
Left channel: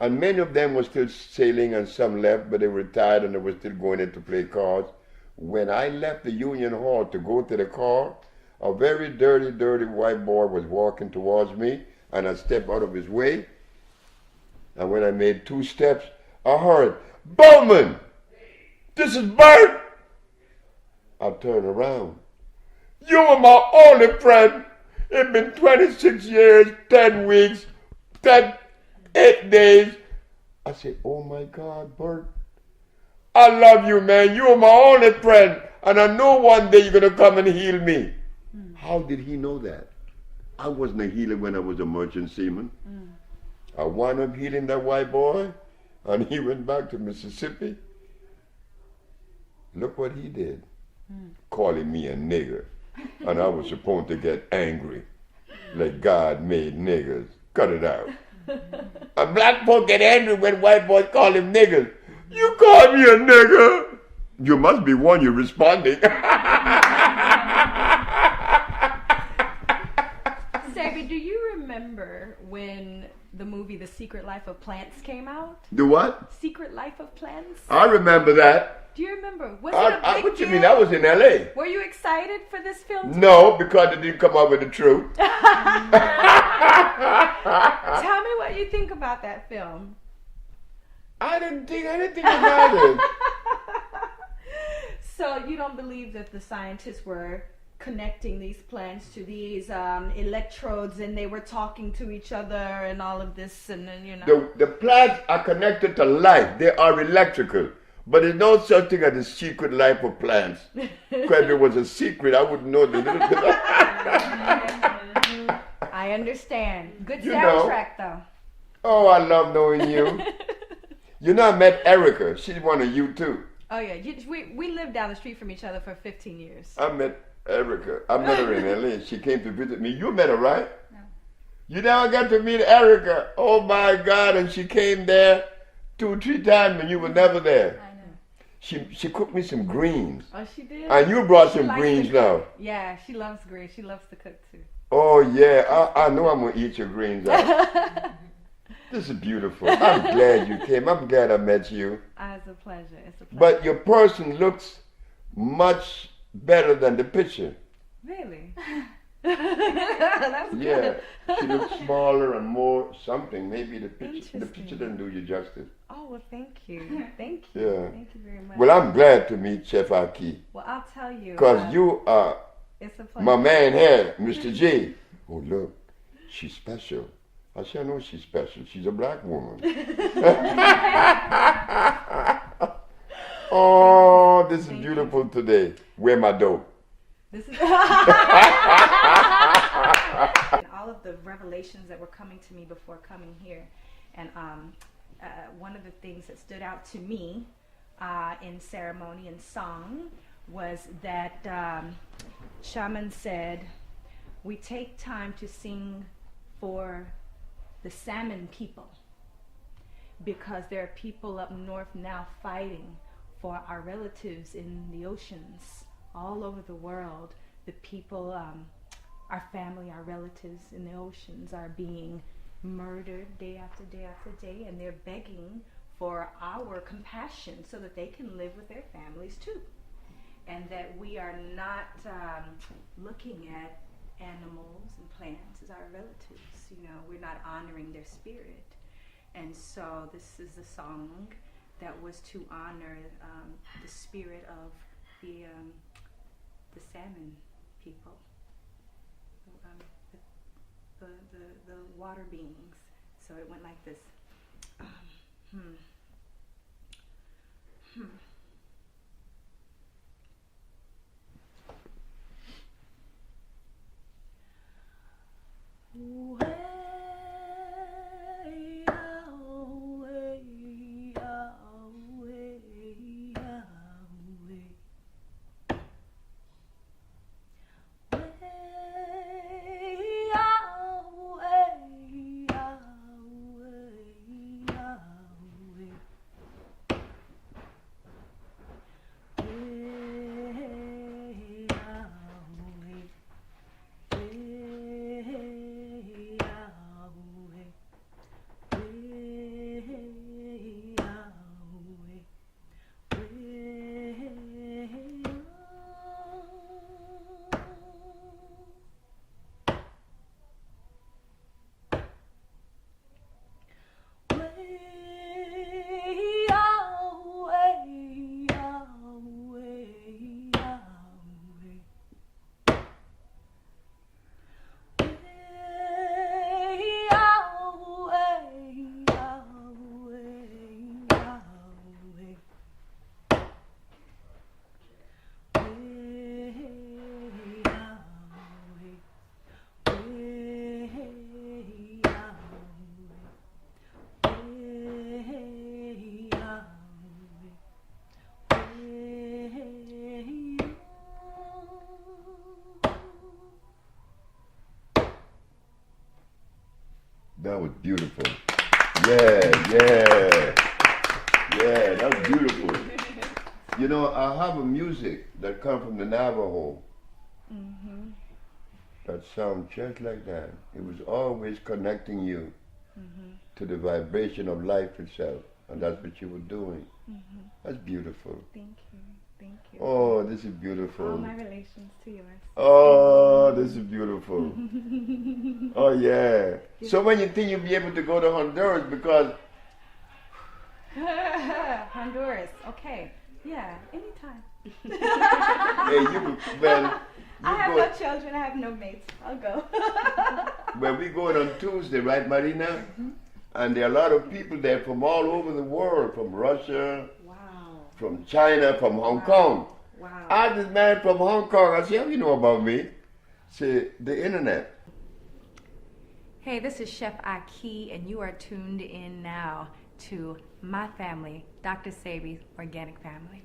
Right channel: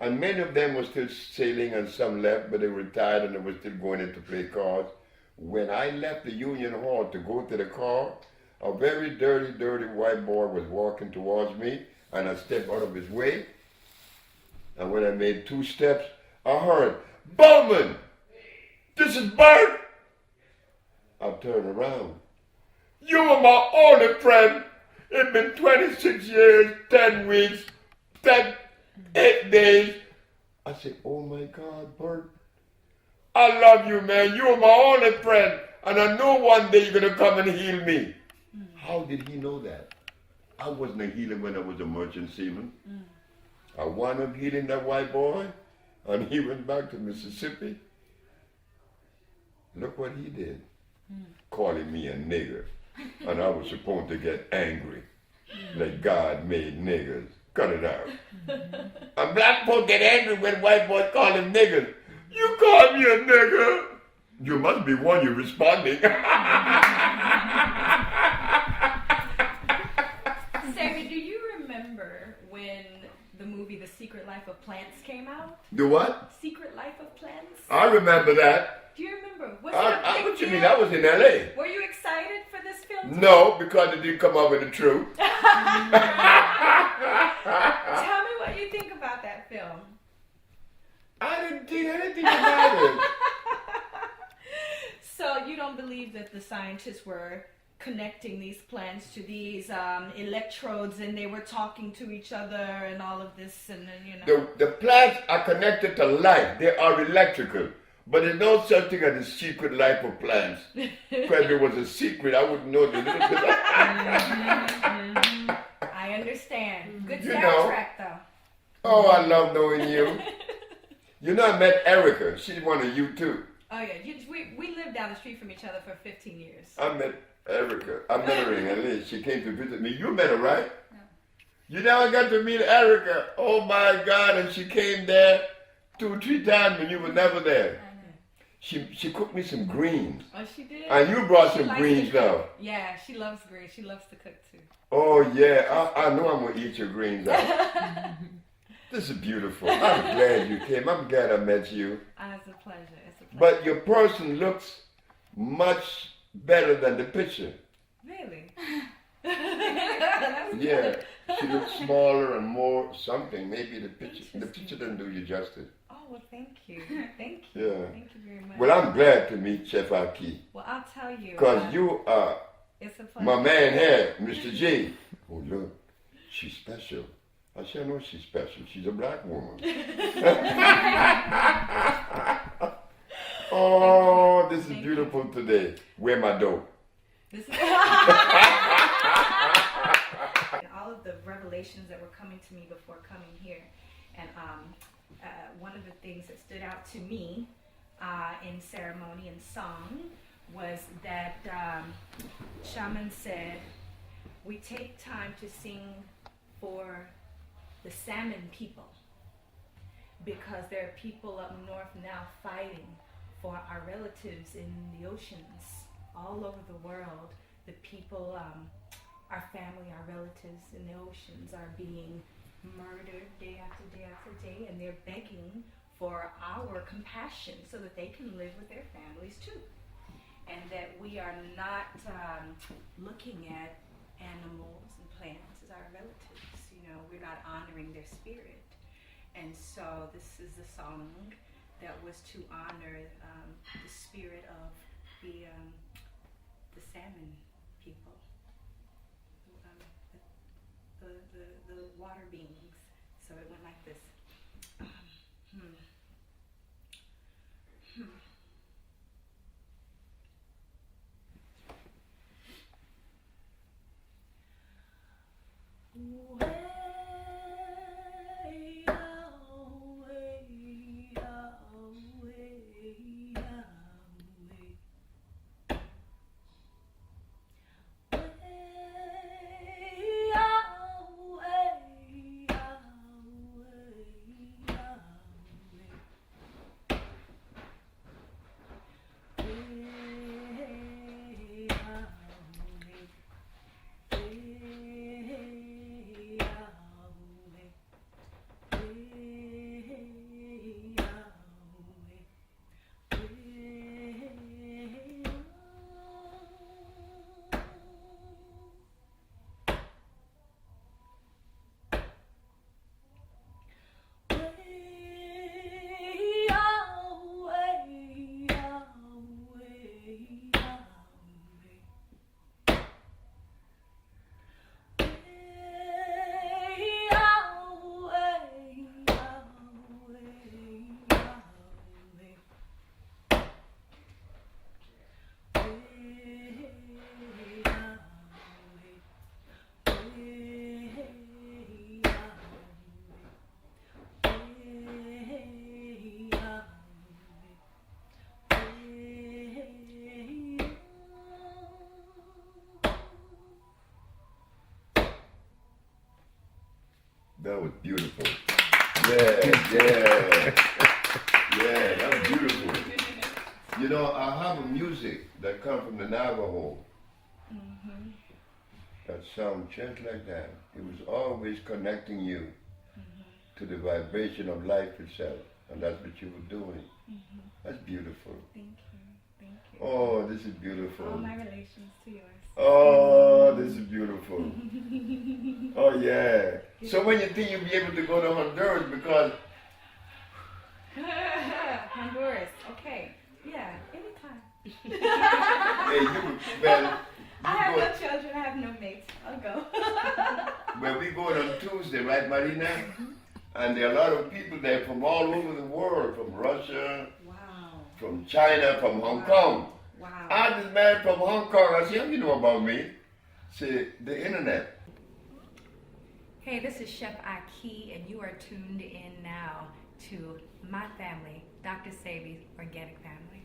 And many of them were still sailing and some left, but they retired and they were still going in to play cards. When I left the Union Hall to go to the car, a very dirty, dirty white boy was walking towards me, and I stepped out of his way. And when I made 2 steps, I heard, "Bowman, this is Bert." I turned around. "You were my only friend. It's been 26 years, 10 weeks, 8 days. I said, "Oh my God, Bert. I love you, man. You are my only friend. And I know one day you're going to come and heal me." How did he know that? I wasn't a healer when I was a merchant seaman. I wound up healing that white boy, and he went back to Mississippi. Look what he did. Calling me a nigger. And I was supposed to get angry. Like God made niggers. Cut it out. A black folk get angry when white boys call him niggers. "You call me a nigger?" You must be one you're responding. Sebi, do you remember when the movie The Secret Life of Plants came out? The what? Secret Life of Plants? I remember that. Do you remember? Was it a big What you deal? mean? I was in L.A. Were you excited for this film? No, because it didn't come out with the truth. Tell me what you think about that film. I didn't think anything about it. So you don't believe that the scientists were connecting these plants to these electrodes, and they were talking to each other and all of this, and then, you know. The plants are connected to life. They are electrical. But there's no such thing as the secret life of plants. Because if it was a secret, I wouldn't know the I understand. Good You soundtrack, though. Oh, I love knowing you. You know, I met Erica. She's one of you, too. Oh, yeah. We lived down the street from each other for 15 years. I met Erica. I met her in L.A. She came to visit me. You met her, right? No. You never got to meet Erica. Oh, my God. And she came there 2 or 3 times and you were never there. I know. She cooked me some greens. Oh, she did? And you brought She some likes greens to cook. now. Yeah, she loves greens. She loves to cook, too. Oh, yeah. I know I'm going to eat your greens out. This is beautiful. I'm glad you came. I'm glad I met you. It's a pleasure. It's a pleasure. But your person looks much better than the picture. Really? That's Yeah. good. She looks smaller and more something. Maybe the picture Interesting. didn't do you justice. Oh, well, thank you. Thank you. Yeah. Thank you very much. Well, I'm glad to meet Chef Aki. Well, I'll tell you. Because you are It's a pleasure. my man here, Mr. J. Oh, look. She's special. I said, I know she's special. She's a black woman. Oh, this is beautiful today. Where my dough? This is all of the revelations that were coming to me before coming here, and one of the things that stood out to me in ceremony and song was that shaman said, "We take time to sing for the salmon people, because there are people up north now fighting for our relatives in the oceans all over the world. The people, our family, our relatives in the oceans are being murdered day after day after day, and they're begging for our compassion so that they can live with their families too. And that we are not looking at animals and plants as our relatives. You know, we're not honoring their spirit. And so this is a song that was to honor the spirit of the salmon people, the water beings. So it went like this. That was beautiful. Yeah. Yeah, that's beautiful. You know, I have a music that comes from the Navajo that sounds just like that. It was always connecting you to the vibration of life itself, and that's what you were doing. That's beautiful. Thank you. Thank you. Oh, this is beautiful. All my relations to yours. Oh, this is beautiful. Oh, yeah. So when you think you'll be able to go to Honduras because... Honduras. Okay. Yeah, anytime. Hey, I have no children. I have no mates. I'll go. Well, we going on Tuesday, right, Marina? And there are a lot of people there from all over the world, from Russia, Wow. from China, from Hong Kong. Wow. I had this man from Hong Kong. I said, how you know about me? Say, the internet. Hey, this is Chef Aki, and you are tuned in now to my family, Dr. Sebi, Organic Family.